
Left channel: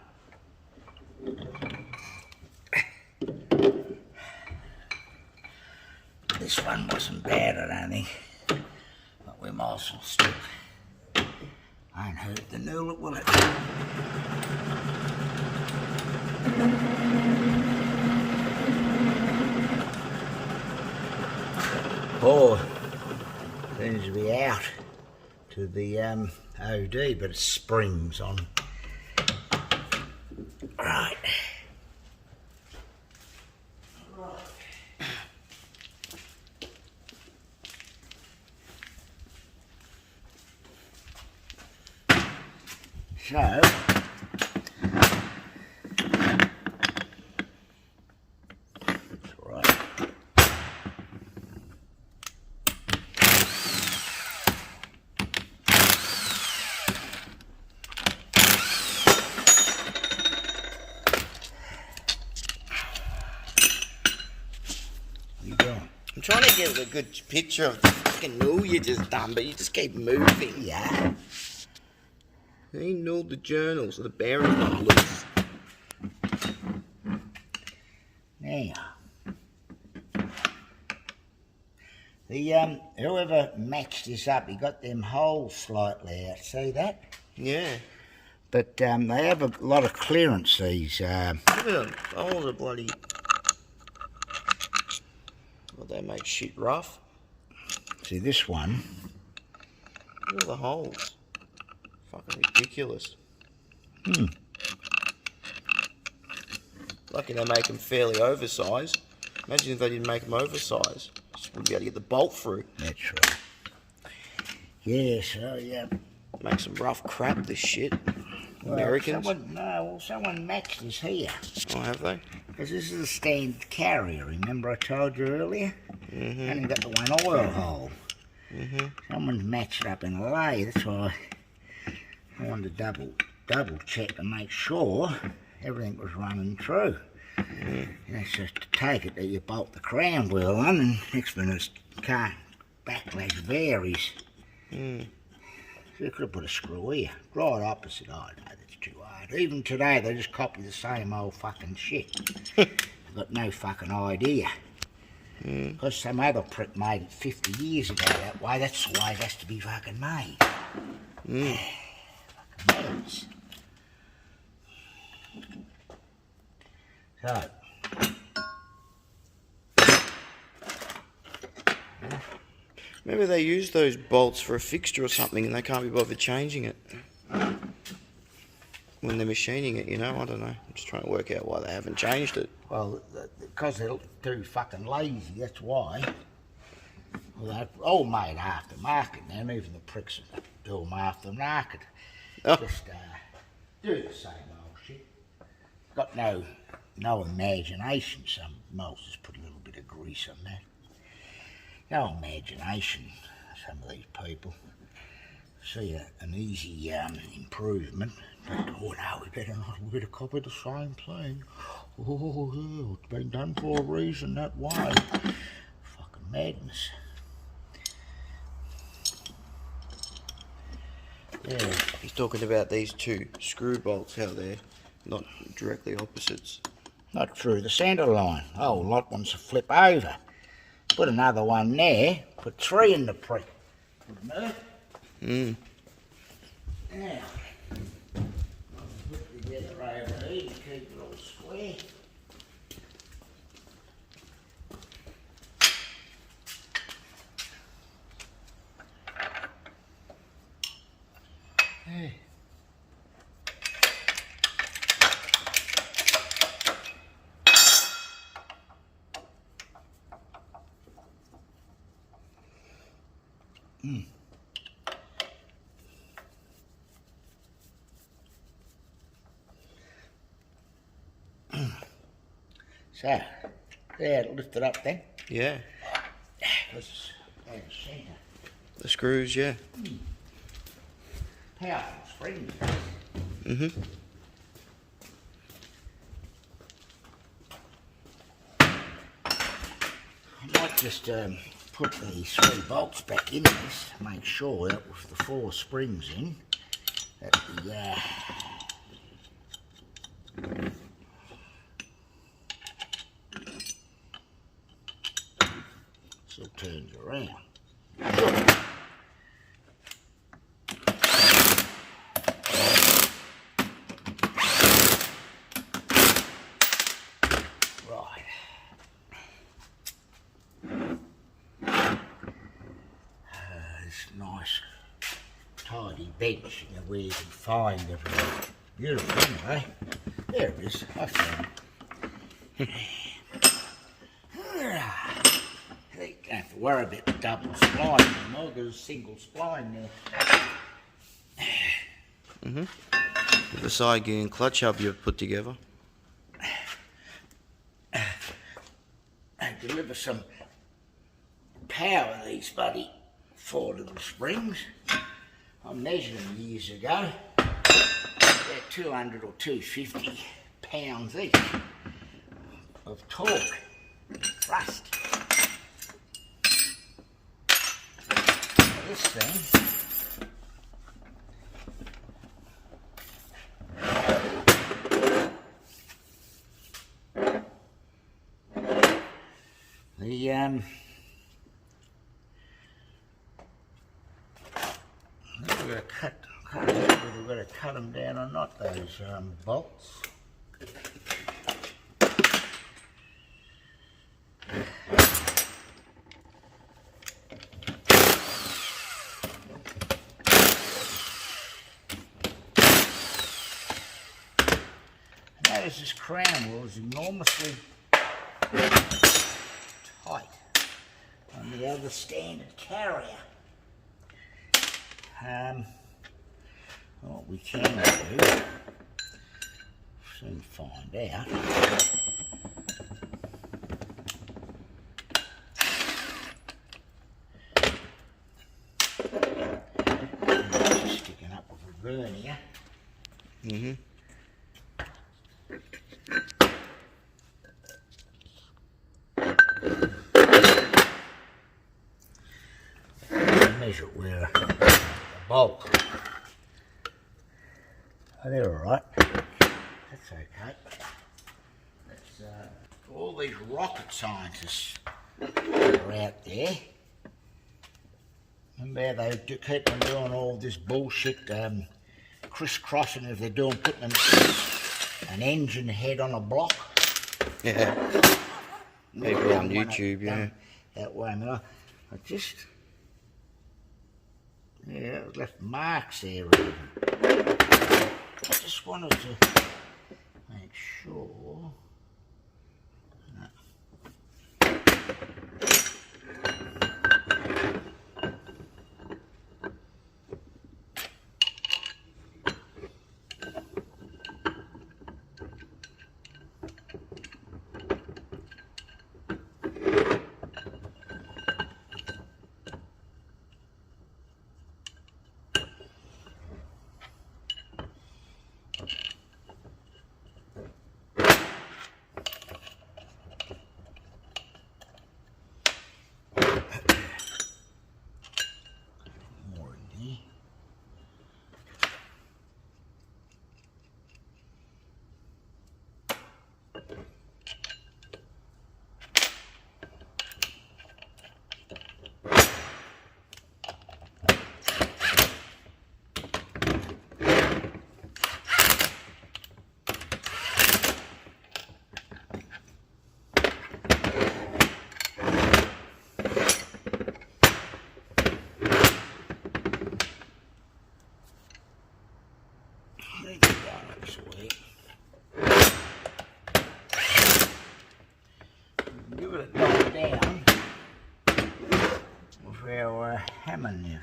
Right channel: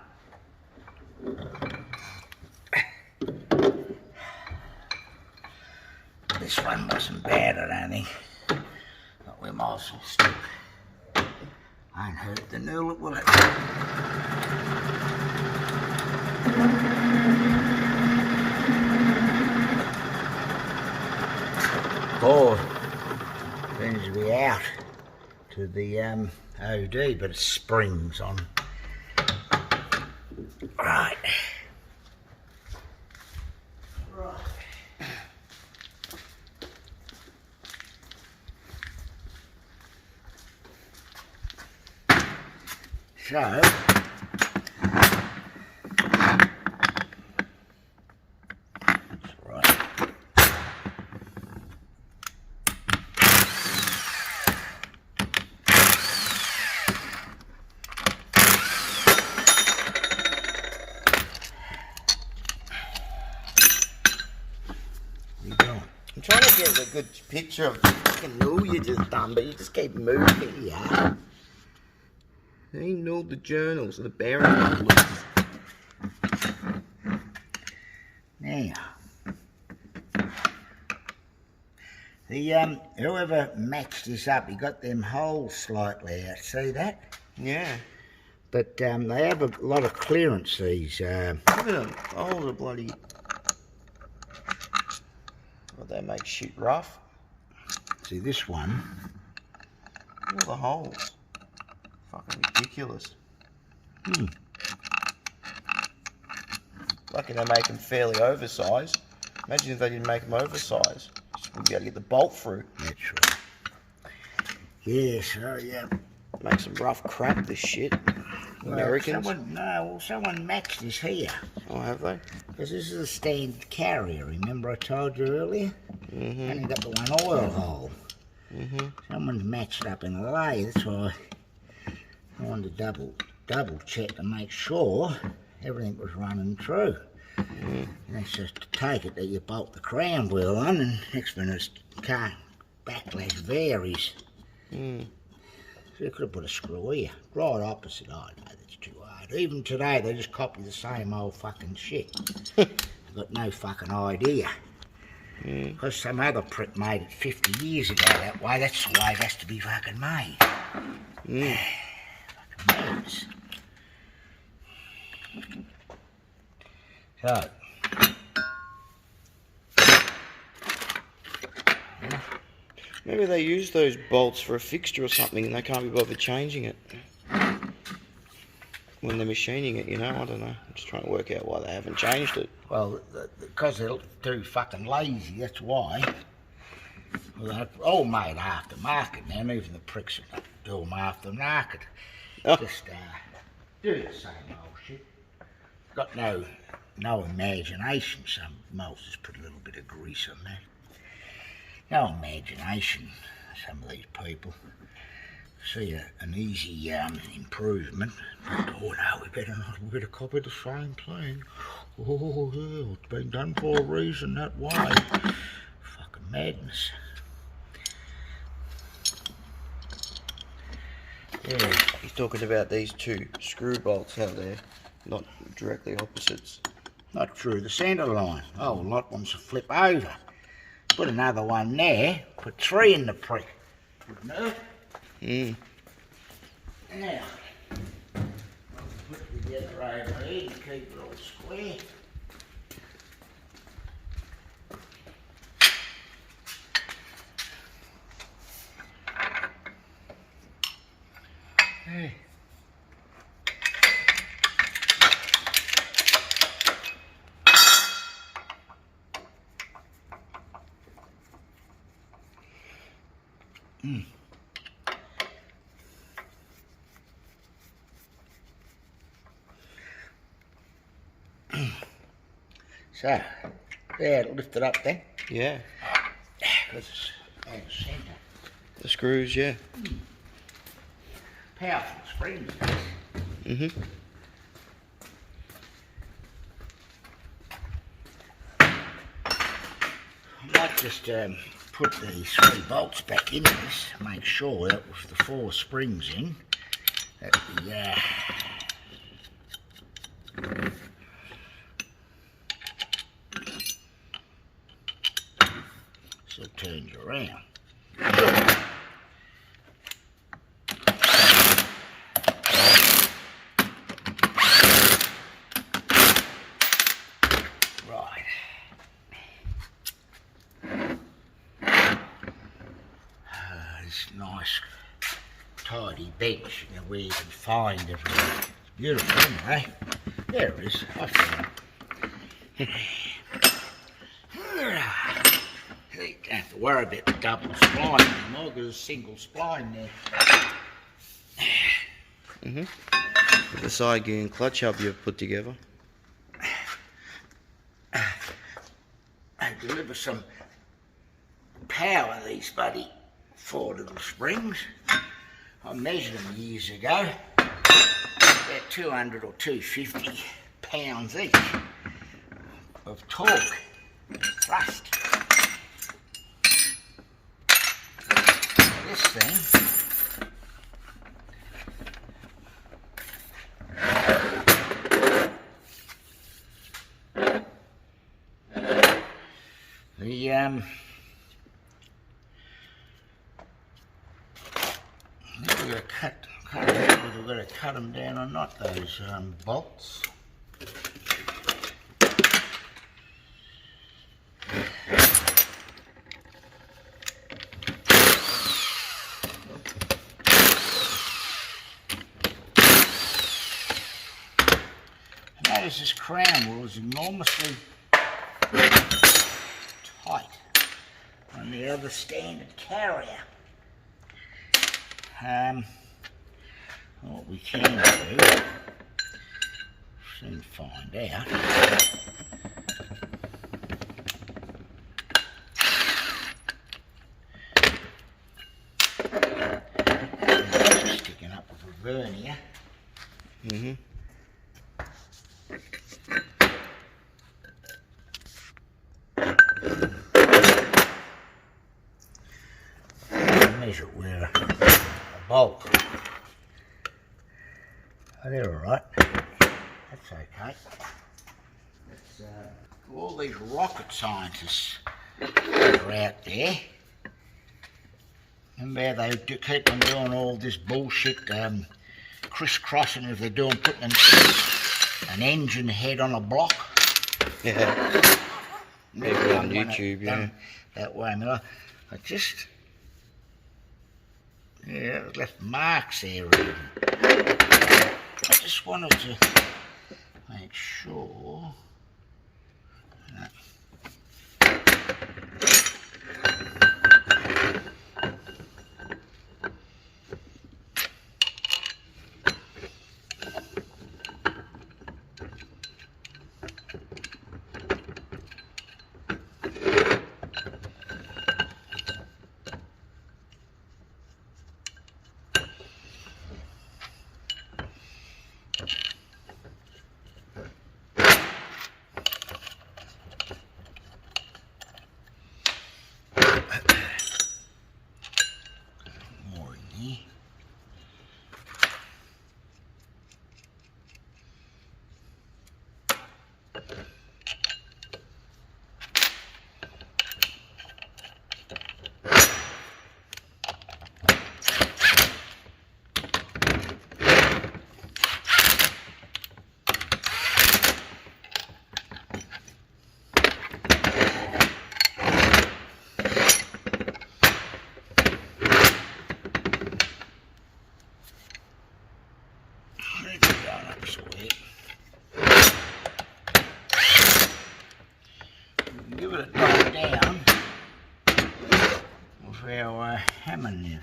This one wasn't bad, I don't think, but we might as well still, won't hurt the noodle, will it? Or seems to be out to the OD, but it springs on. Right. So, I'm trying to get a good picture of the fucking noodle you just done, but you just keep moving. yeah. He nilled the journal, so the bearing got loose. Now, The whoever matched this up, he got them holes slightly out. See that? Yeah. But they have a lot of clearance, these. Look at them. Oh, the bloody... Well, they make shit rough. See this one? Look at all the holes. Fucking ridiculous. Lucky they make them fairly oversized. Imagine if they didn't make them oversized. Just wouldn't be able to get the bolt through. That's right. Yeah, so yeah. Make some rough crap, this shit. Americans? Someone matched this here. Oh, have they? Because this is a standard carrier, remember I told you earlier? Only got the one oil hole. Someone's matched up in a lay, that's why I wanted to double check to make sure everything was running true. And that's just to take it that you bolt the crown wheel on, and next minute car backlash varies. So you could have put a screw here, right opposite. Oh no, that's too hard. Even today they just copy the same old fucking shit. They've got no fucking idea. Because some other prick made it 50 years ago that way, that's the way it has to be fucking made. Fucking mads. So, Maybe they use those bolts for a fixture or something and they can't be bothered changing it. When they're machining it, you know, I don't know. I'm just trying to work out why they haven't changed it. well, because they're too fucking lazy, that's why. Well, they're all made aftermarket now, and even the pricks that do them aftermarket. Oh. Just do the same old shit. Got no imagination. Some most just put a little bit of grease on that. No imagination, some of these people. See an easy improvement. But, oh no, we better copy the same thing. Oh yeah, it's been done for a reason that way. Fucking madness. Yeah. He's talking about these two screw bolts, how they're not directly opposites. Not through the centre line. Oh, lot wants to flip over. Put another one there. Put 3 in the prick. Good enough. Now, I'll put it together over here to keep it all square. Hey. So, there, lift it up then. Yeah. Because it's out of centre. The screws, yeah. Powerful springs. I might just put these 3 bolts back in this to make sure that with the 4 springs in, that the still turns around. Right. This nice tidy bench, you know, where you can find everything. It's beautiful, anyway. There it is. I found it. You don't have to worry about the double spline anymore, because there's a single spline there. The side gear and clutch hub you've put together. They deliver some power, these bloody 4 little springs. I measured them years ago. They're 200 or 250 pounds each of torque, thrust. This thing cut out whether we've got to cut them down or not, those bolts. Notice this crown wheel is enormously tight on the other standard carrier. What we can do, soon find out. It's sticking up with a vernier. Measure it with a bolt. Oh, they're alright. That's okay. That's, all these rocket scientists that are out there. Remember how they keep on doing all this bullshit, crisscrossing if they're doing putting an engine head on a block? Yeah. People on YouTube, yeah. That way, I mean, I just... Yeah, it left marks there even. I just wanted to make sure that give it a knock down with our hammer nib.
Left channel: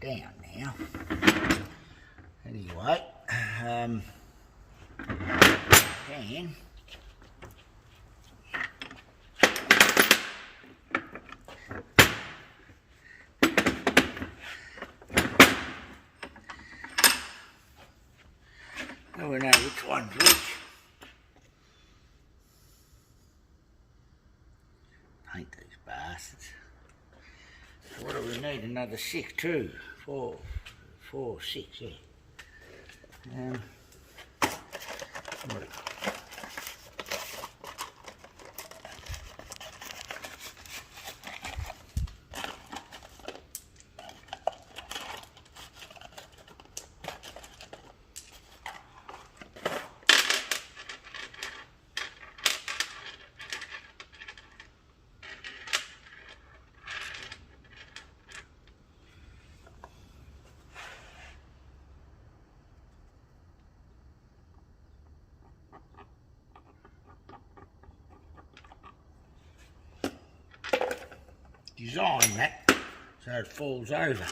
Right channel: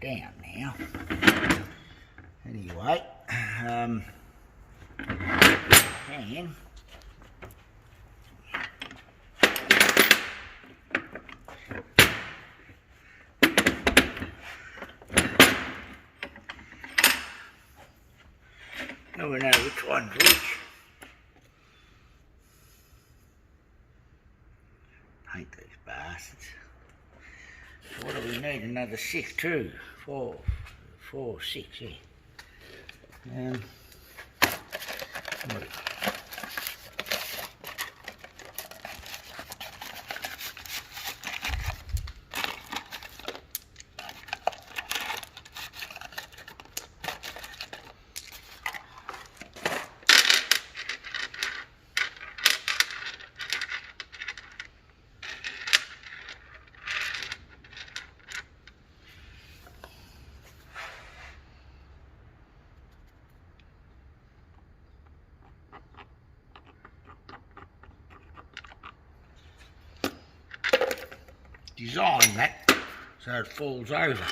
Down now. Anyway, then now we know which one's which. Paint these bastards. So what do we need? Another 6, 2, 4, 6, yeah. Design that so it falls over.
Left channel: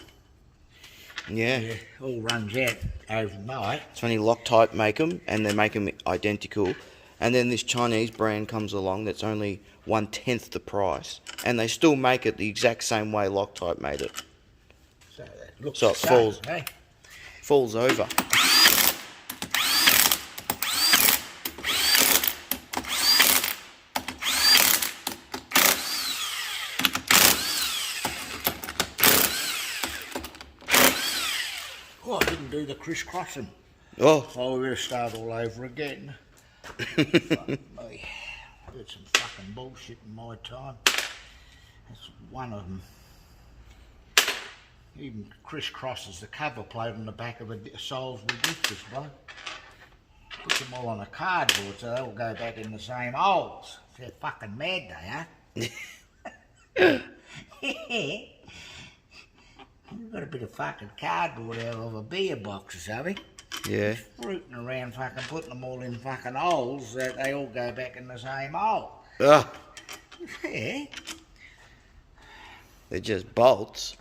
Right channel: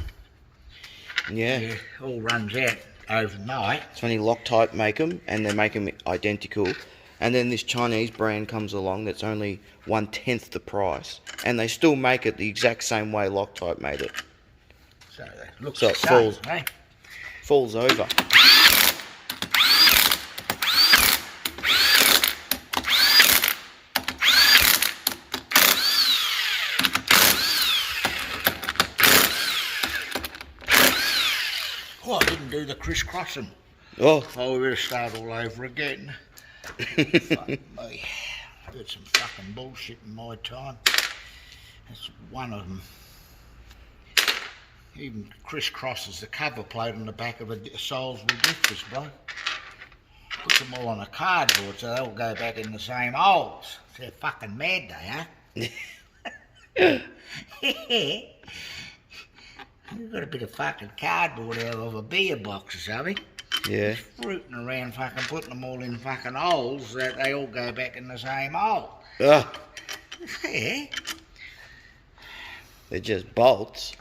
Yeah. Yeah, all runs out overnight. It's only Loctite make them, and they make them identical. And then this Chinese brand comes along that's only 1/10 the price, and they still make it the exact same way Loctite made it. So that looks So it the falls, same, eh? falls over. Oh, I didn't do the crisscrossing. Oh, Oh, we better start all over again. Fuck me. I heard some fucking bullshit in my time. That's one of them. Even crisscrosses the cover plate on the back of a Salisbury diff, bro. Puts them all on a cardboard so they all go back in the same holes. They're fucking mad, they are. You've got a bit of fucking cardboard out of a beer box or something. yeah. Rooting around fucking putting them all in fucking holes that they all go back in the same hole. Ugh, Yeah. they're just bolts.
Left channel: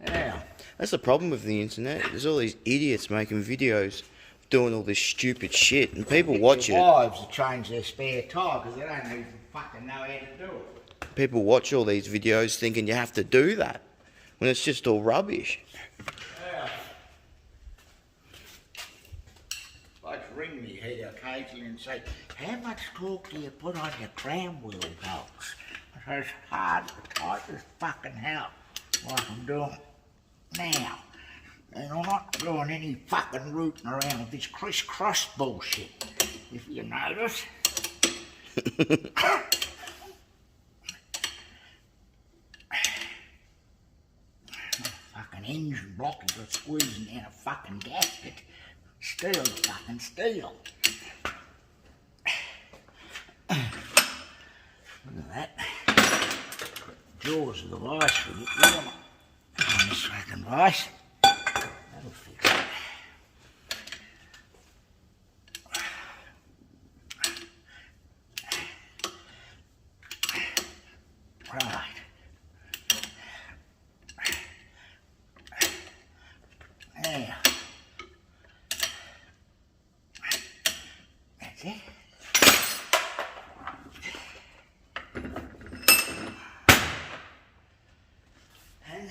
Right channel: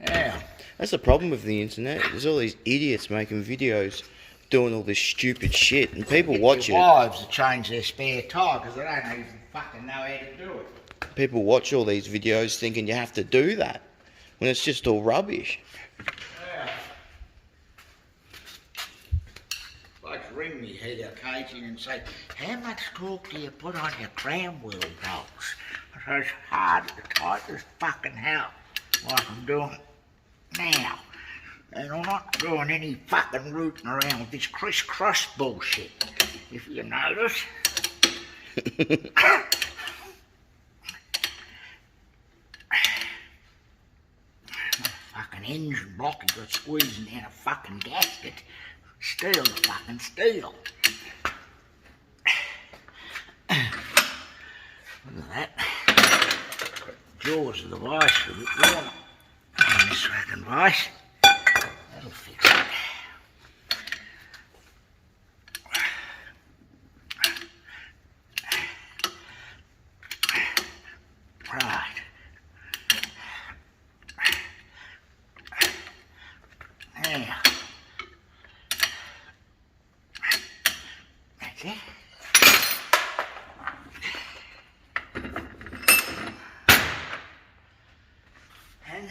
Yeah. That's the problem with the internet. There's all these idiots making videos doing all this stupid shit, and people watch it. Wives to change their spare tyre because they don't even fucking know how to do it. People watch all these videos thinking you have to do that, when it's just all rubbish. Yeah. Blokes ring me here occasionally and say, how much torque do you put on your crown wheel bolts? I say, it's hard to tight as fucking hell, like I'm doing now. And I'm not doing any fucking rooting around with this crisscross bullshit, if you notice. Fucking engine block has got squeezing down a fucking gasket. Steel to fucking steel. Look at that. Jaws of the vice are a bit worn on this fucking vice. That'll fix it. Right. There. That's it. And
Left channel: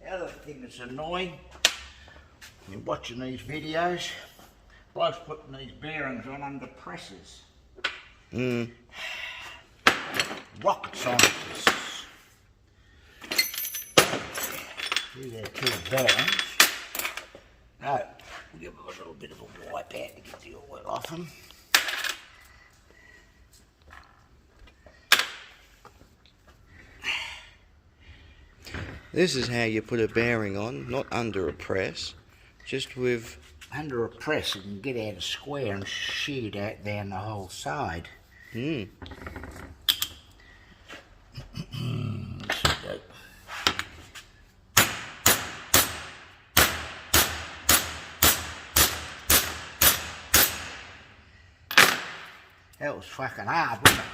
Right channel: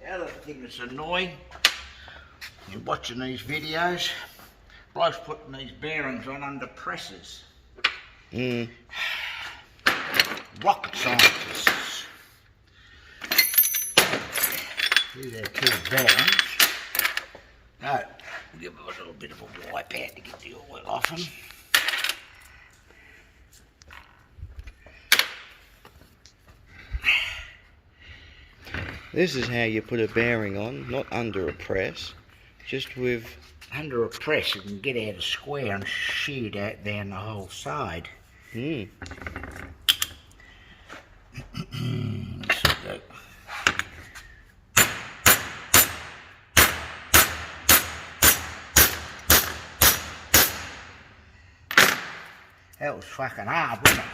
the other thing that's annoying, you're watching these videos, blokes putting these bearings on under presses. Rocket scientists. See their key bearings. No, we'll give them a little bit of a wipe out to get the oil off them. This is how you put a bearing on, not under a press, just with... Under a press you can get out a square and shear it out down the whole side. That was fucking hard, wasn't it?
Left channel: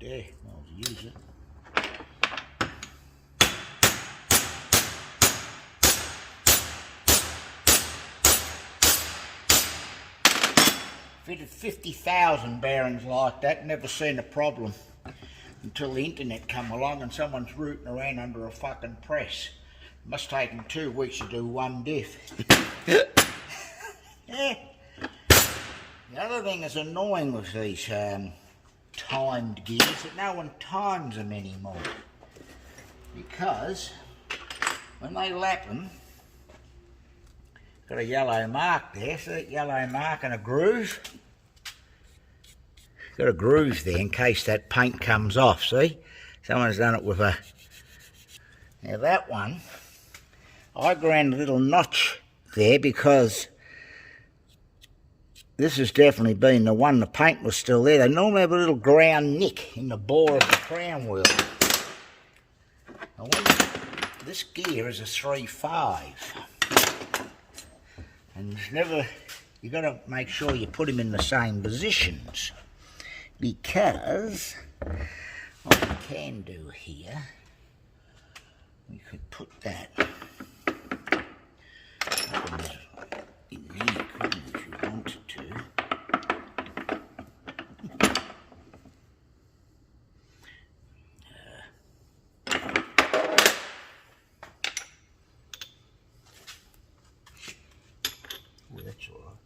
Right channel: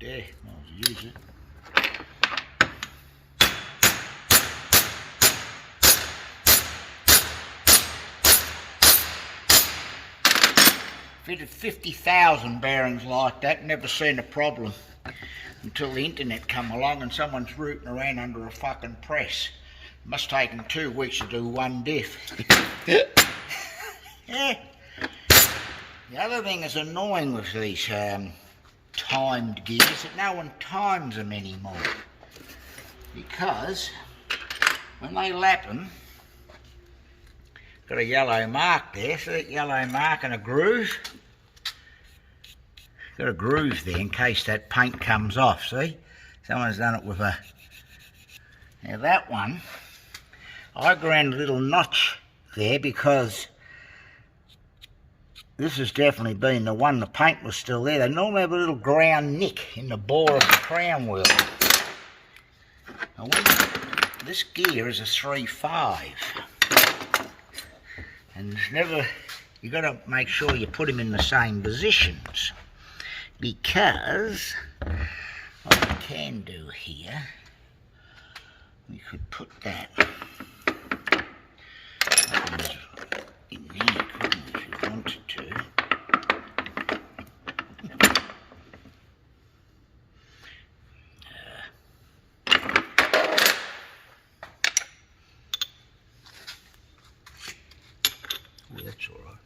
There, I'll use it. Fitted 50,000 bearings like that, never seen a problem until the internet come along and someone's rooting around under a fucking press. Must take them 2 weeks to do one diff. Yeah. The other thing that's annoying with these timed gears that no one times them anymore, because when they lap them, got a yellow mark there, so that yellow mark and a groove. Got a groove there in case that paint comes off, see? Someone's done it with a... Now that one, I ground a little notch there because this has definitely been the one, the paint was still there. They normally have a little ground nick in the bore of the crown wheel. And this gear is a 3.5, and it's never, you got to make sure you put them in the same positions, because what we can do here, we could put that in here, couldn't we, if we wanted to. That's all right.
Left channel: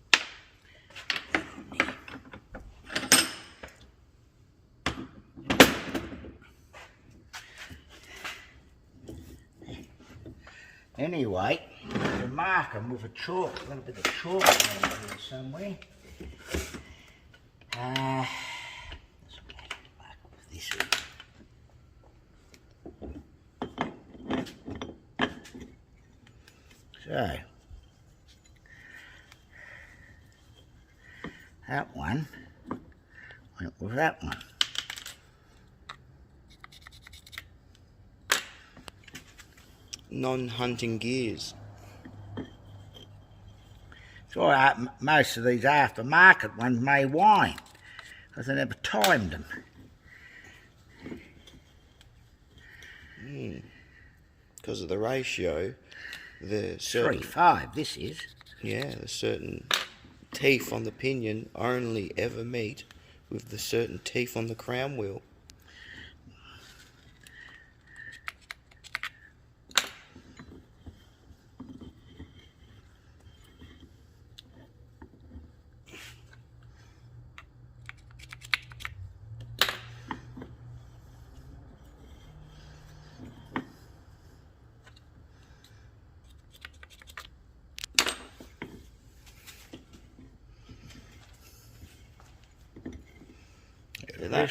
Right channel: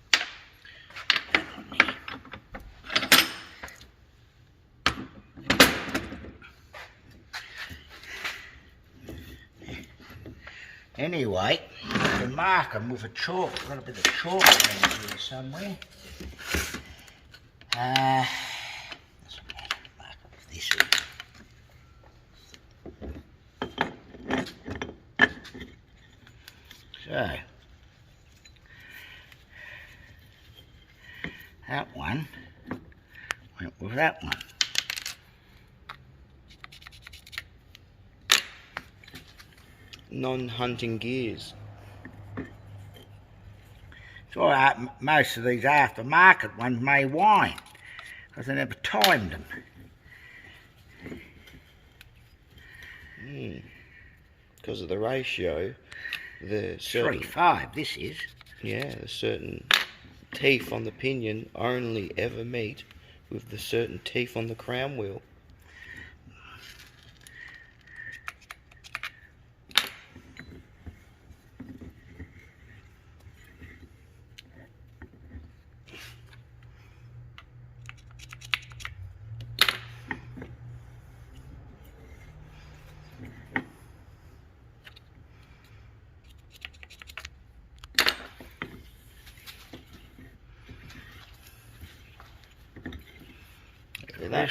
Anyway, you can mark them with a chalk. I've got a bit of chalk around here somewhere. Doesn't matter, mark it with this here. So, that one went with that one. Non-hunting gears. So most of these aftermarket ones may whine because they never timed them. Because of the ratio, the certain 3.5 this is. yeah, the certain teeth on the pinion only ever meet with the certain teeth on the crown wheel. Look at that.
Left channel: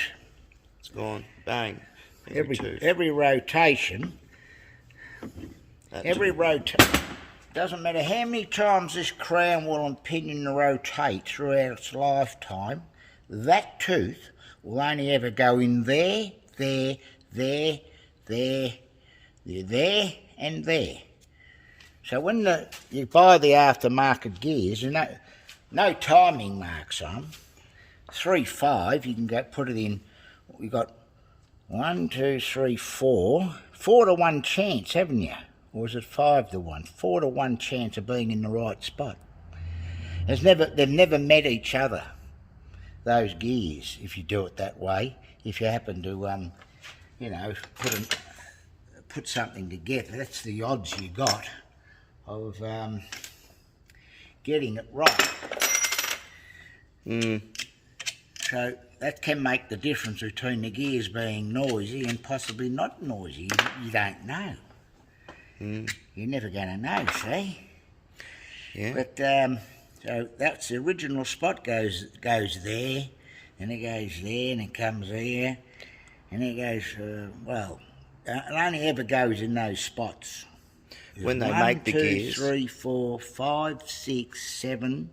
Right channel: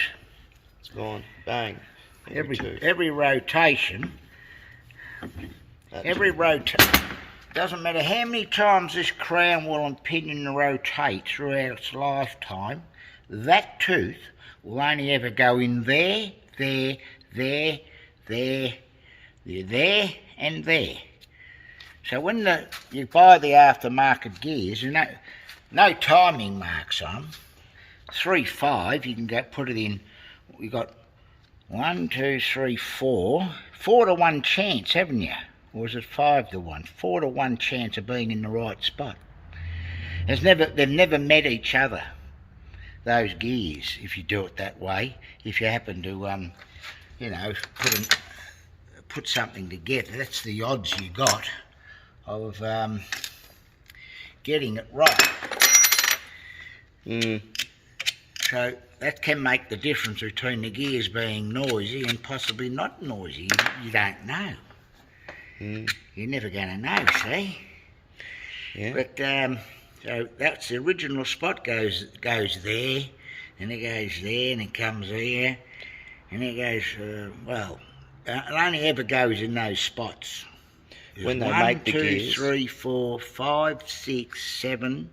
It's gone. Bang. Every rotation, doesn't matter how many times this crown wheel and pinion rotate throughout its lifetime, that tooth will only ever go in there, there, there, there, there, and there. So when you buy the aftermarket gears, you know, no timing marks on them. 3.5, you can go put it in. We got 1, 2, 3, 4. 4 to 1 chance, haven't you? Or is it 5 to 1? 4 to 1 chance of being in the right spot. They've never met each other, those gears, if you do it that way. If you happen to, you know, put something together, that's the odds you got of getting it right. So that can make the difference between the gears being noisy and possibly not noisy. You don't know. You're never going to know, see? Yeah. But so that's the original spot goes there, and it goes there, and it comes there, and it goes. Well, it only ever goes in those spots. When they make the gears. 1, 2, 3, 4, 5, 6, 7.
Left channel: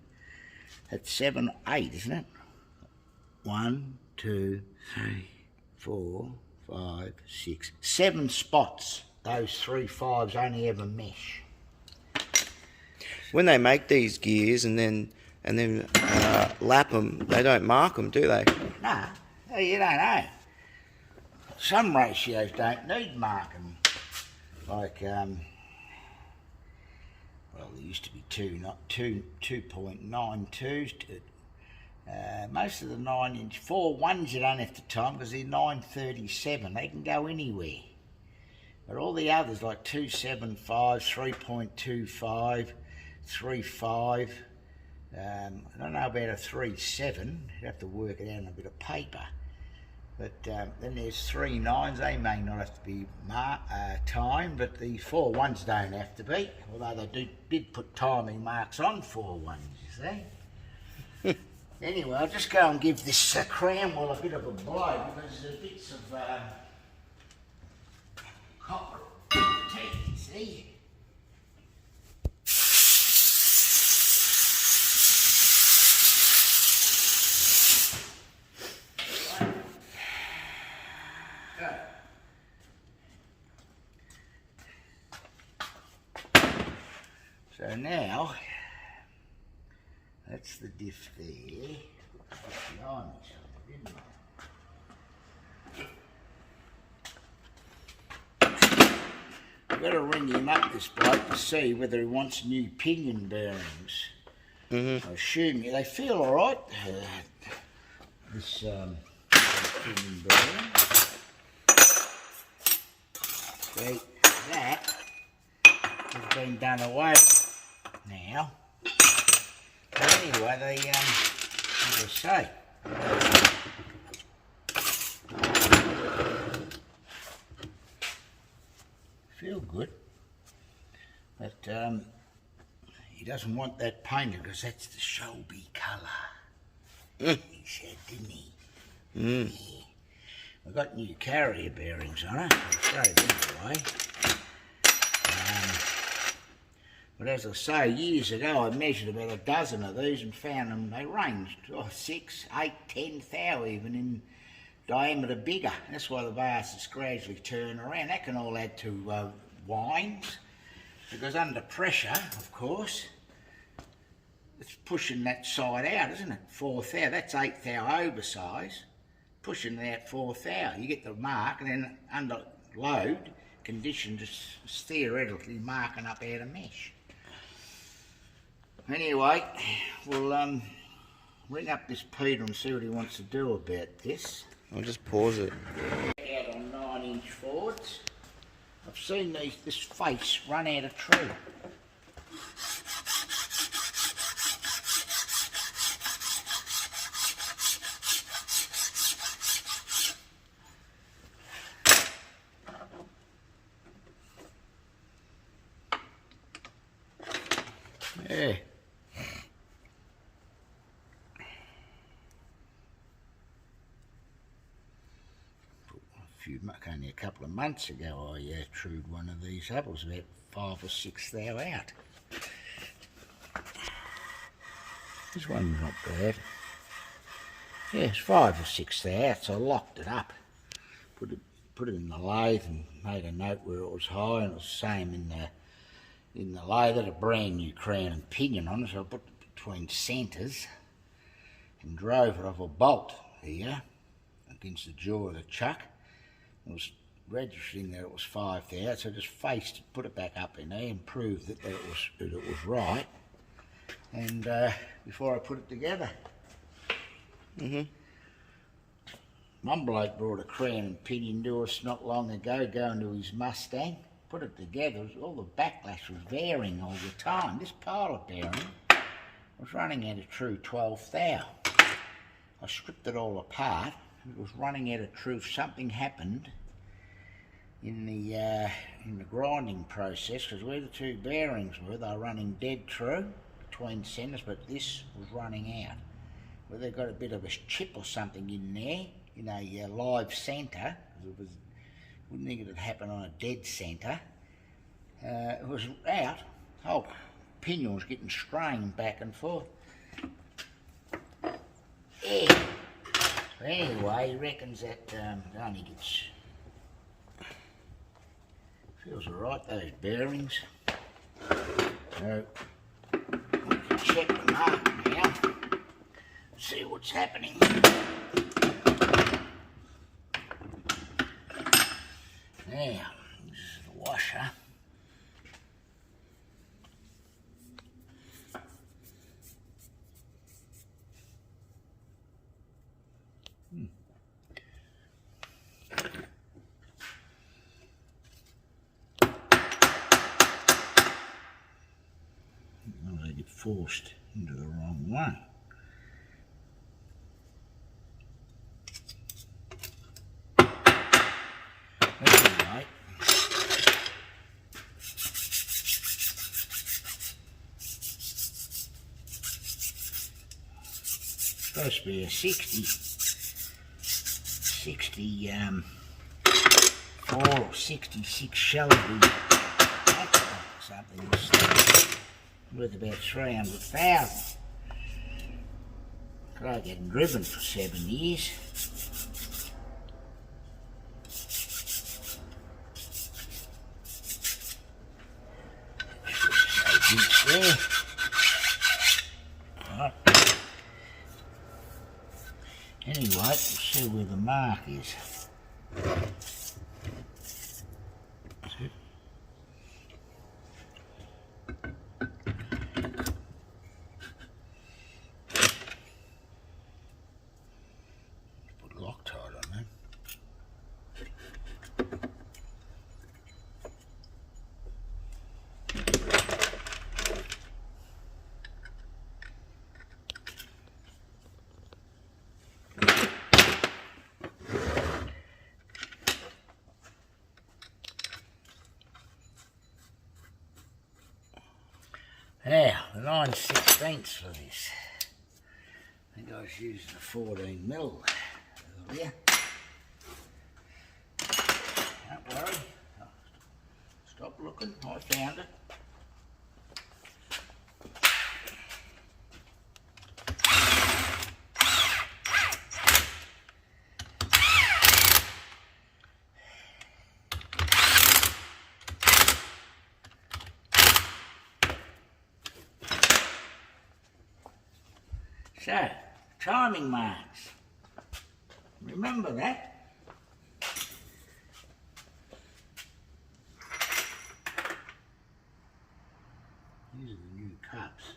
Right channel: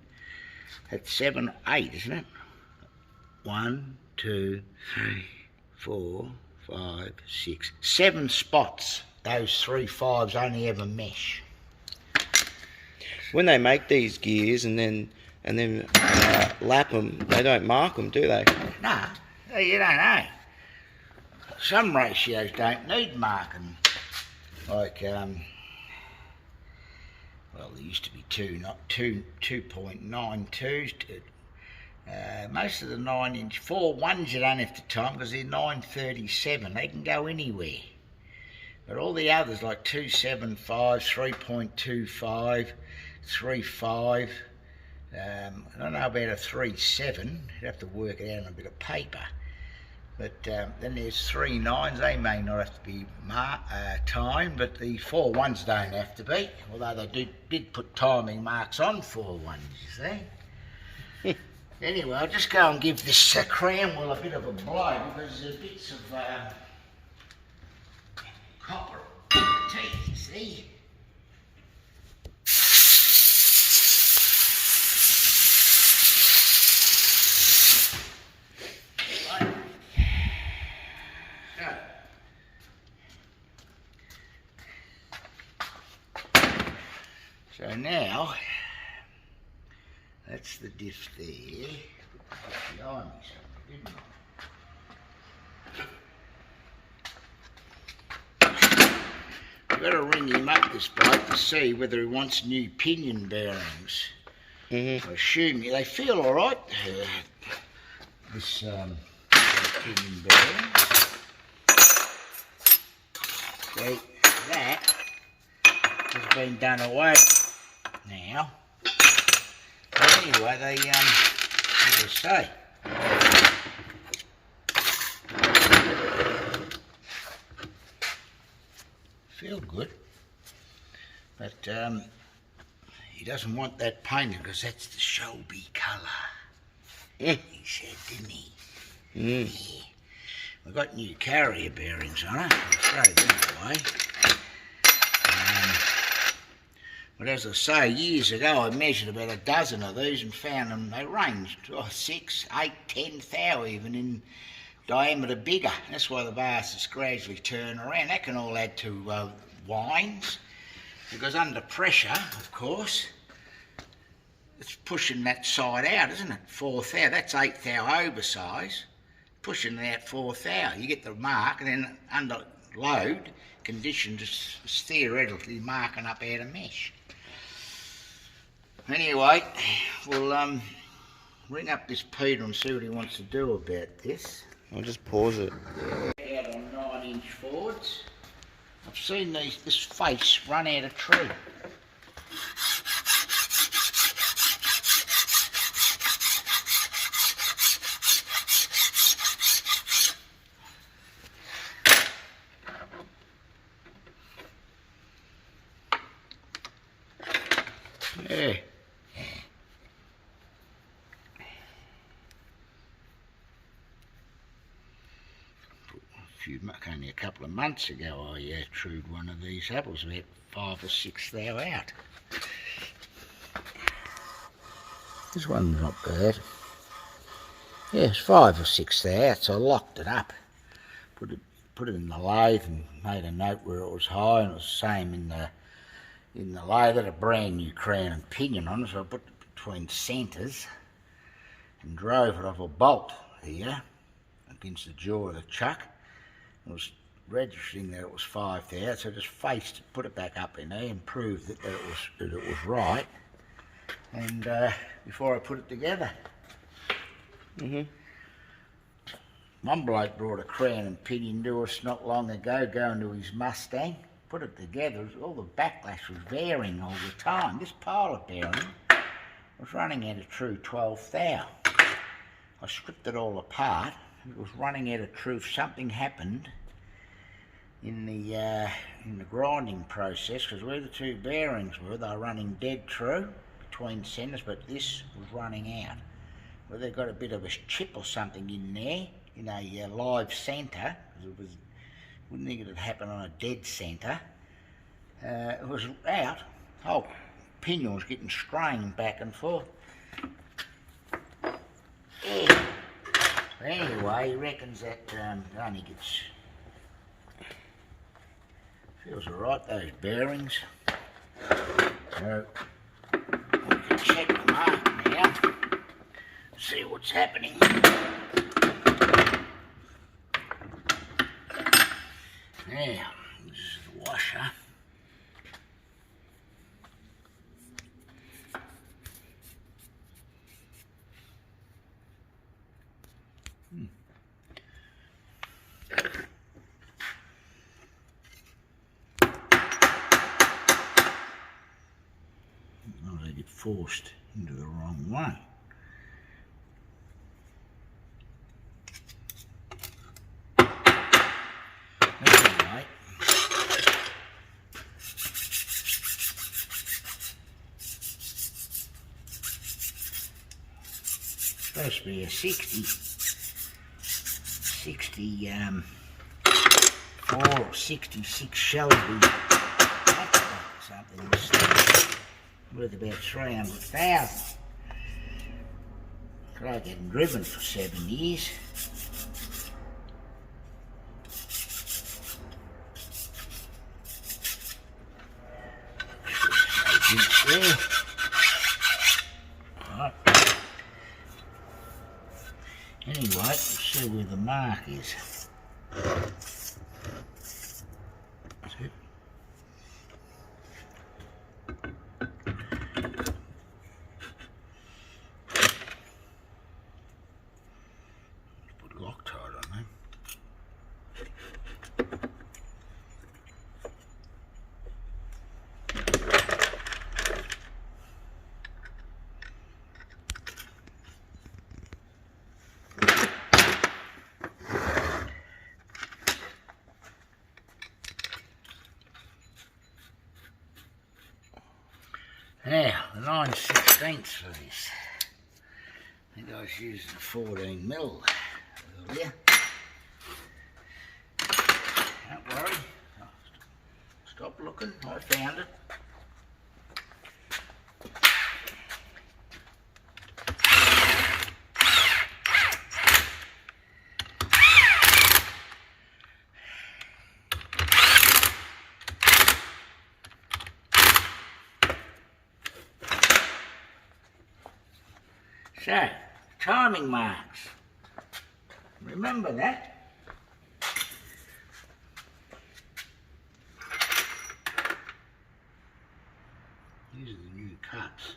That's 7, 8, isn't it? 1, 2, 3, 4, 5, 6, 7 spots. Those 3.5s only ever mesh. When they make these gears and then lap them, they don't mark them, do they? No, you don't know. Some ratios don't need marking. Like, well, there used to be 2.92s. Most of the 9-inch 4.1s you don't have to time because they're 937. They can go anywhere. But all the others like 2.75, 3.25, 3.5. I don't know about a 3.7. You'd have to work it out on a bit of paper. But then there's 3.9s. They may not have to be timed, but the 4.1s don't have to be. Although they did put timing marks on 4.1s, you see. Anyway, I'll just go and give this crown wheel a bit of a blow because there's bits of copper teeth, you see. now, that's the diff there. Put behind me something, didn't I? Better ring him up, this bloke, to see whether he wants new pinion bearings. I assume they feel all right. This pinion bearing. See, that has been done away now. But anyway, they as I say. Feel good, but he doesn't want that painted because that's the Shelby colour. He said, didn't he? Yeah. We've got new carrier bearings on it. I'll throw them away. But as I say, years ago I measured about a dozen of these and found them, they ranged 6, 8, 10 thou even in diameter bigger. That's why the bastards gradually turn around. That can all add to wines, because under pressure, of course, it's pushing that side out, isn't it? 4 thou. That's 8 thou oversize, pushing that 4 thou. You get the mark, and then under load conditions, it's theoretically marking up out of mesh. Anyway, we'll ring up this Peter and see what he wants to do about this. I'll just pause it. Out on 9-inch Fords. I've seen this face run out of true. Yeah. Only a couple of months ago I trued one of these up. It was about 5 or 6 thou out. This one's not bad. Yeah, it's 5 or 6 thou out, so I locked it up. Put it in the lathe and made a note where it was high, and it was the same in the lathe. Had a brand new crown and pinion on it, so I put it between centres and drove it off a bolt here against the jaw of the chuck. It was registering that it was 5 thou, so I just faced it, put it back up in there and proved that it was right. And before I put it together. One bloke brought a crown and pinion to us not long ago, going to his Mustang. Put it together, all the backlash was varying all the time. This pilot bearing was running out of true 12 thou. I stripped it all apart. It was running out of truth. Something happened in the grinding process, because where the two bearings were, they were running dead true between centres, but this was running out. Well, they got a bit of a chip or something in there, in a live centre, because wouldn't think it'd happen on a dead centre. It was out. Oh, pinion was getting strained back and forth. Yeah. Anyway, he reckons that it only gets, feels alright, those bearings. So I can check them out now, see what's happening. Now, this is the washer. Oh, they get forced into the wrong one. Anyway, supposed to be a 64 or 66 Shelby something worth about 300,000. But I hadn't driven for 7 years. There. Anyway, let's see where the mark is. That's it. Put Loctite on there. Now, the 9/16 for this. I think I was using a 14mm earlier. Don't worry. Stop looking, I found it. So, timing marks. Remember that. These are the new cuts.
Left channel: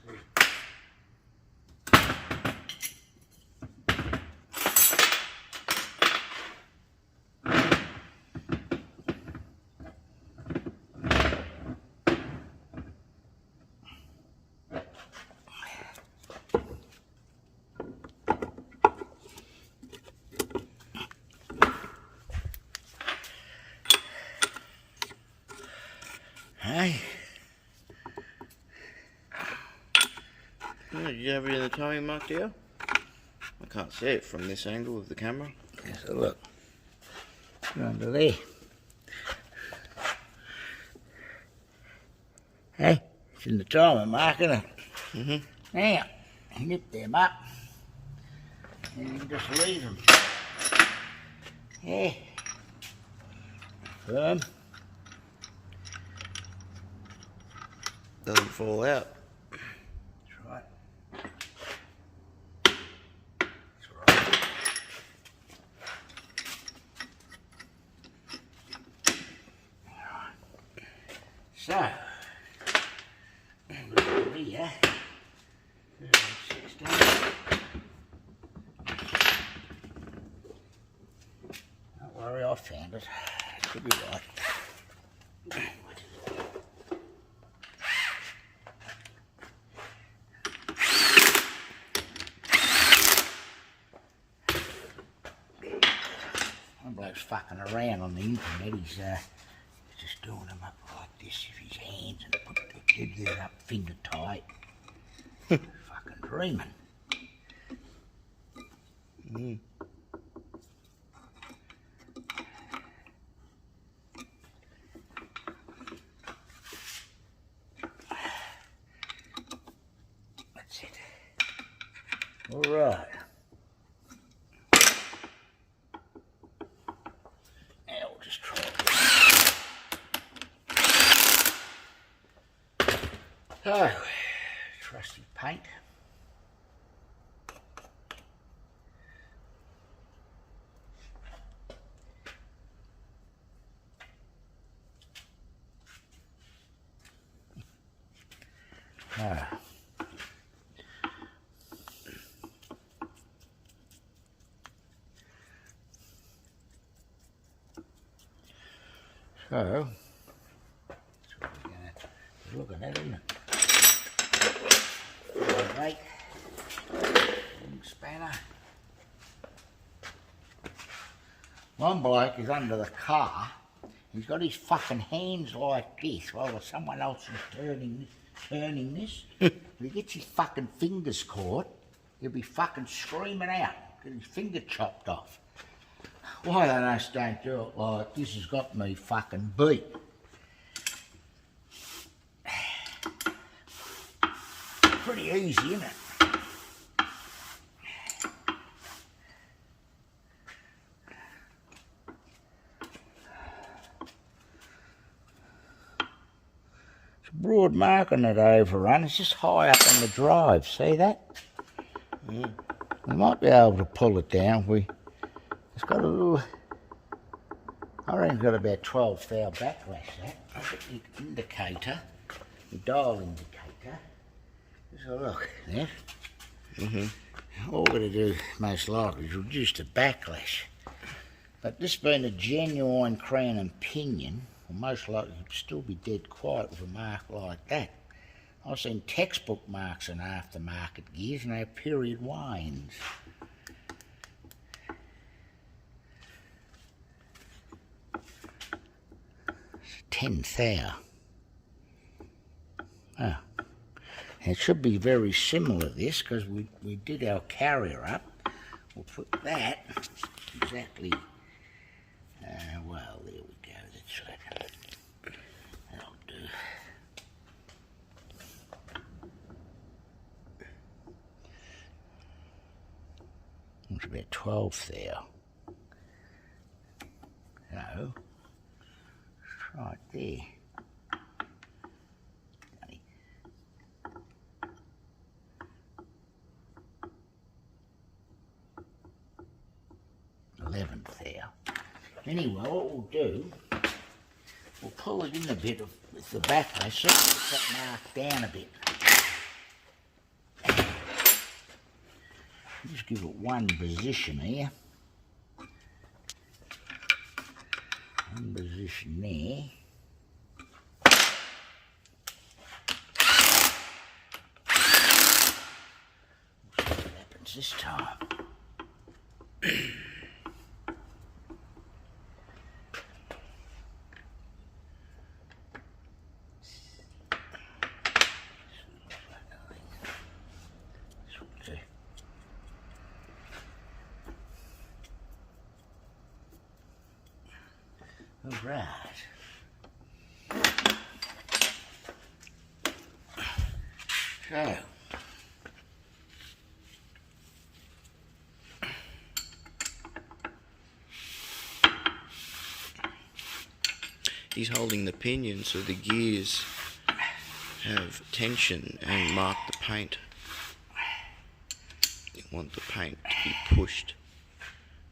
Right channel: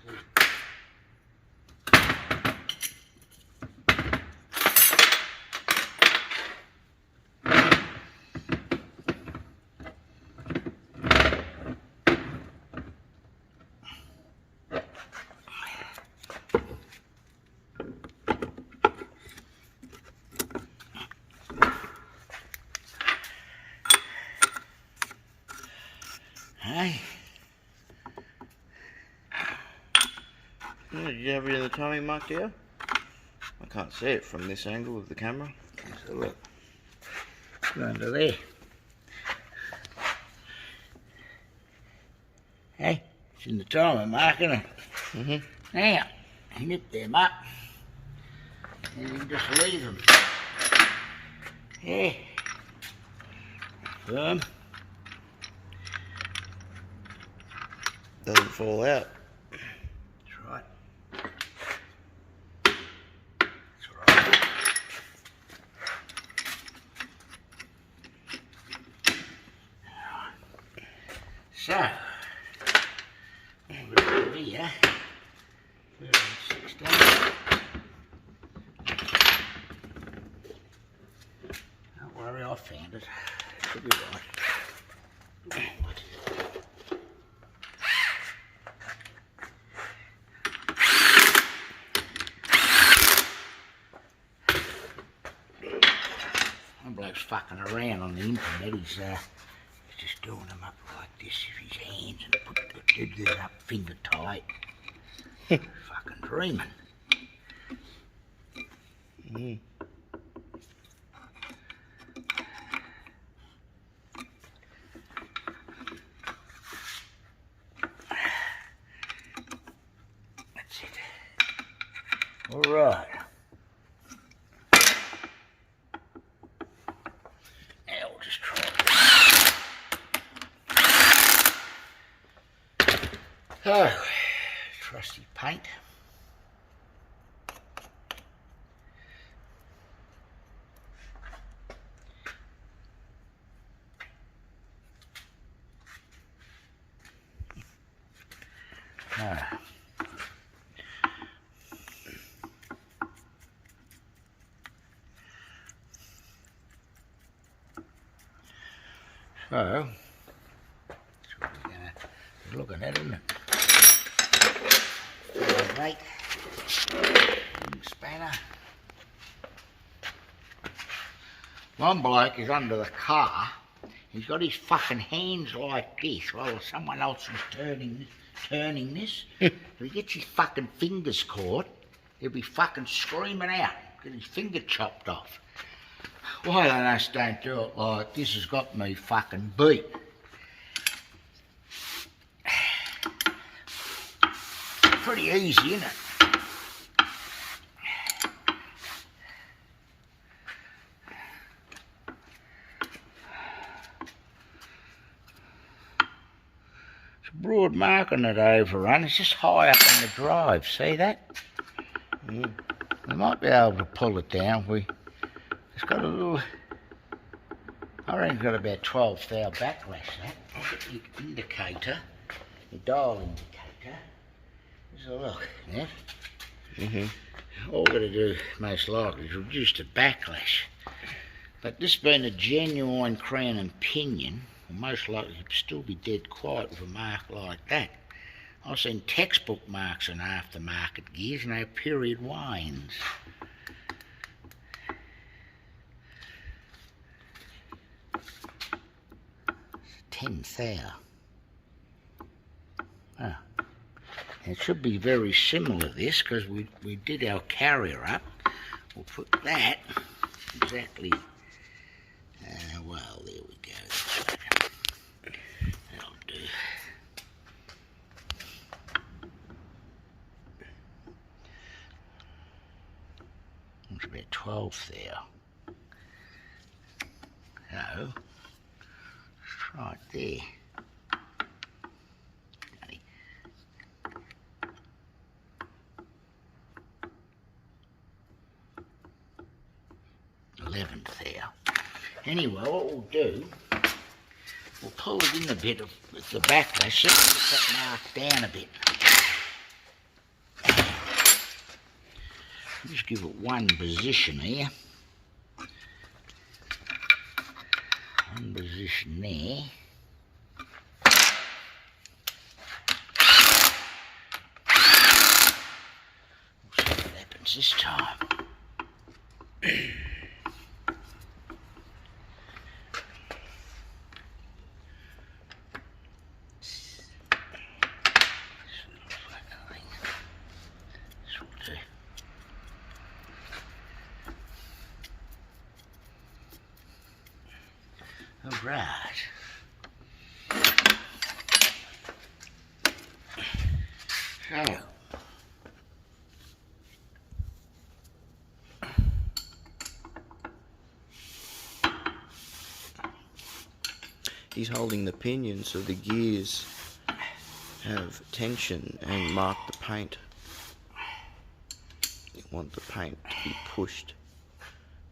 Hey. Did you have it in the timing mark there? I can't see it from this angle of the camera. So look. Go under there. Hey, it's in the timing mark, isn't it? Mm-hmm. Now, you nip them up. And you can just leave them. Yeah. Firm. Doesn't fall out. That's right. That's right. So, we've got here, 16. Don't worry, I found it. It should be right. Bloke's fucking around on the internet. He's just doing them up like this with his hands and put it up finger tight. Fucking dreaming. Mm. That's it. All right. So, trusty paint. So, that's what we're going to be looking at, isn't it? Right, spanner. One bloke is under the car. He's got his fucking hands like this while someone else is turning this. If he gets his fucking fingers caught, he'll be fucking screaming out, get his finger chopped off. Why on earth don't do it like this has got me fucking beat. Pretty easy, isn't it? It's a broad mark on that overrun. It's just high up on the drive. See that? Mm. We might be able to pull it down. It's got a little, I reckon it's got about 12 thou backlash, that. I've got the indicator, the dial indicator. Let's have a look, yeah? All we've got to do, most likely, is reduce the backlash. But this being a genuine crown and pinion, will most likely still be dead quiet with a mark like that. I've seen textbook marks on aftermarket gears, and no period wanes. It's 10 thou. Oh. It should be very similar to this, because we did our carrier up. We'll put that exactly, well, there we go. That'll do. It's about 12 thou. So, it's right there. 11th thou. Anyway, what we'll do, we'll pull it in a bit with the backlash, so it's that mark down a bit. Just give it one position here. One position there. We'll see what happens this time. All right. So. He's holding the pinion so the gears have tension and mark the paint. You want the paint to be pushed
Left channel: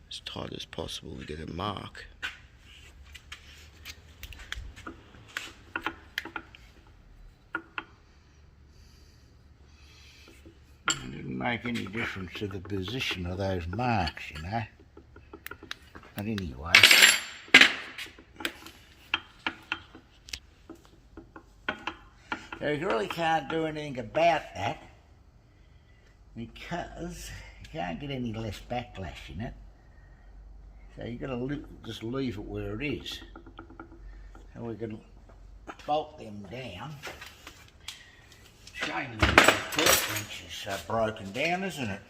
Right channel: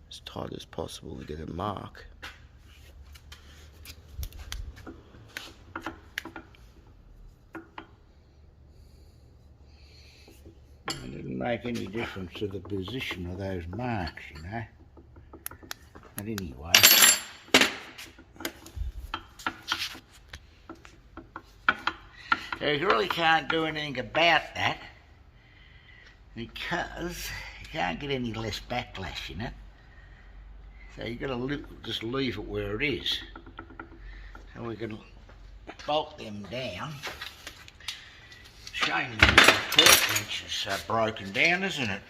as tight as possible to get a mark. It didn't make any difference to the position of those marks, you know. But anyway. So you really can't do anything about that because you can't get any less backlash in it. So you've got to just leave it where it is. So we can bolt them down. Shame the torque wrench is broken down, isn't it?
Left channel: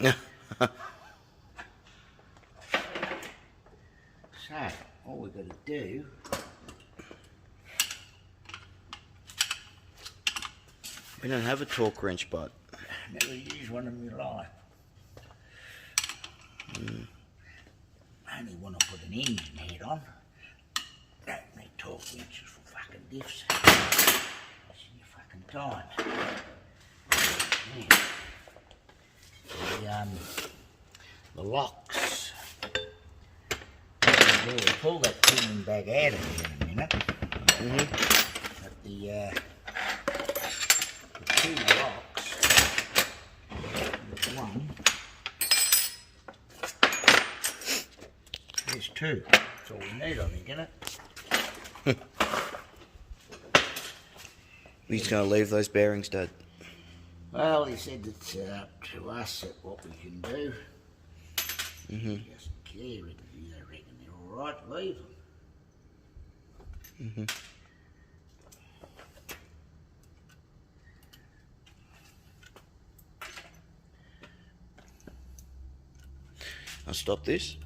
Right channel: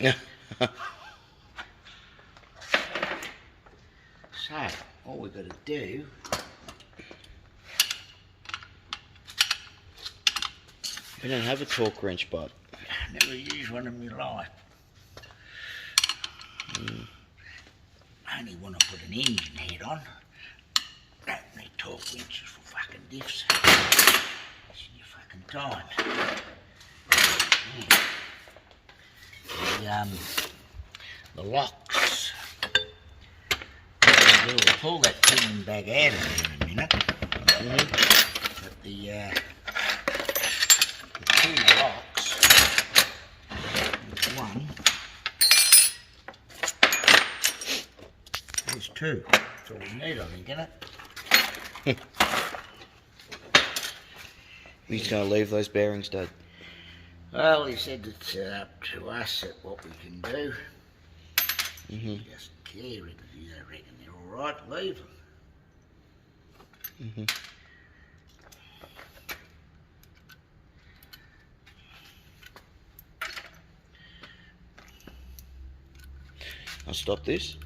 Yeah. So all we've got to do We don't have a torque wrench, but never used one in my life. Only want to put an engine head on. Don't need torque wrenches for fucking diffs. Wasting your fucking time. Yeah. The locks. We'll pull that pinion back out of there in a minute. But the two locks, there's one, there's two. That's all we need, I think, isn't it? he's going to leave those bearings, Dad. Well, he said it's up to us at what we can do. He doesn't care if you don't reckon they're all right, leave them. I'll stop this.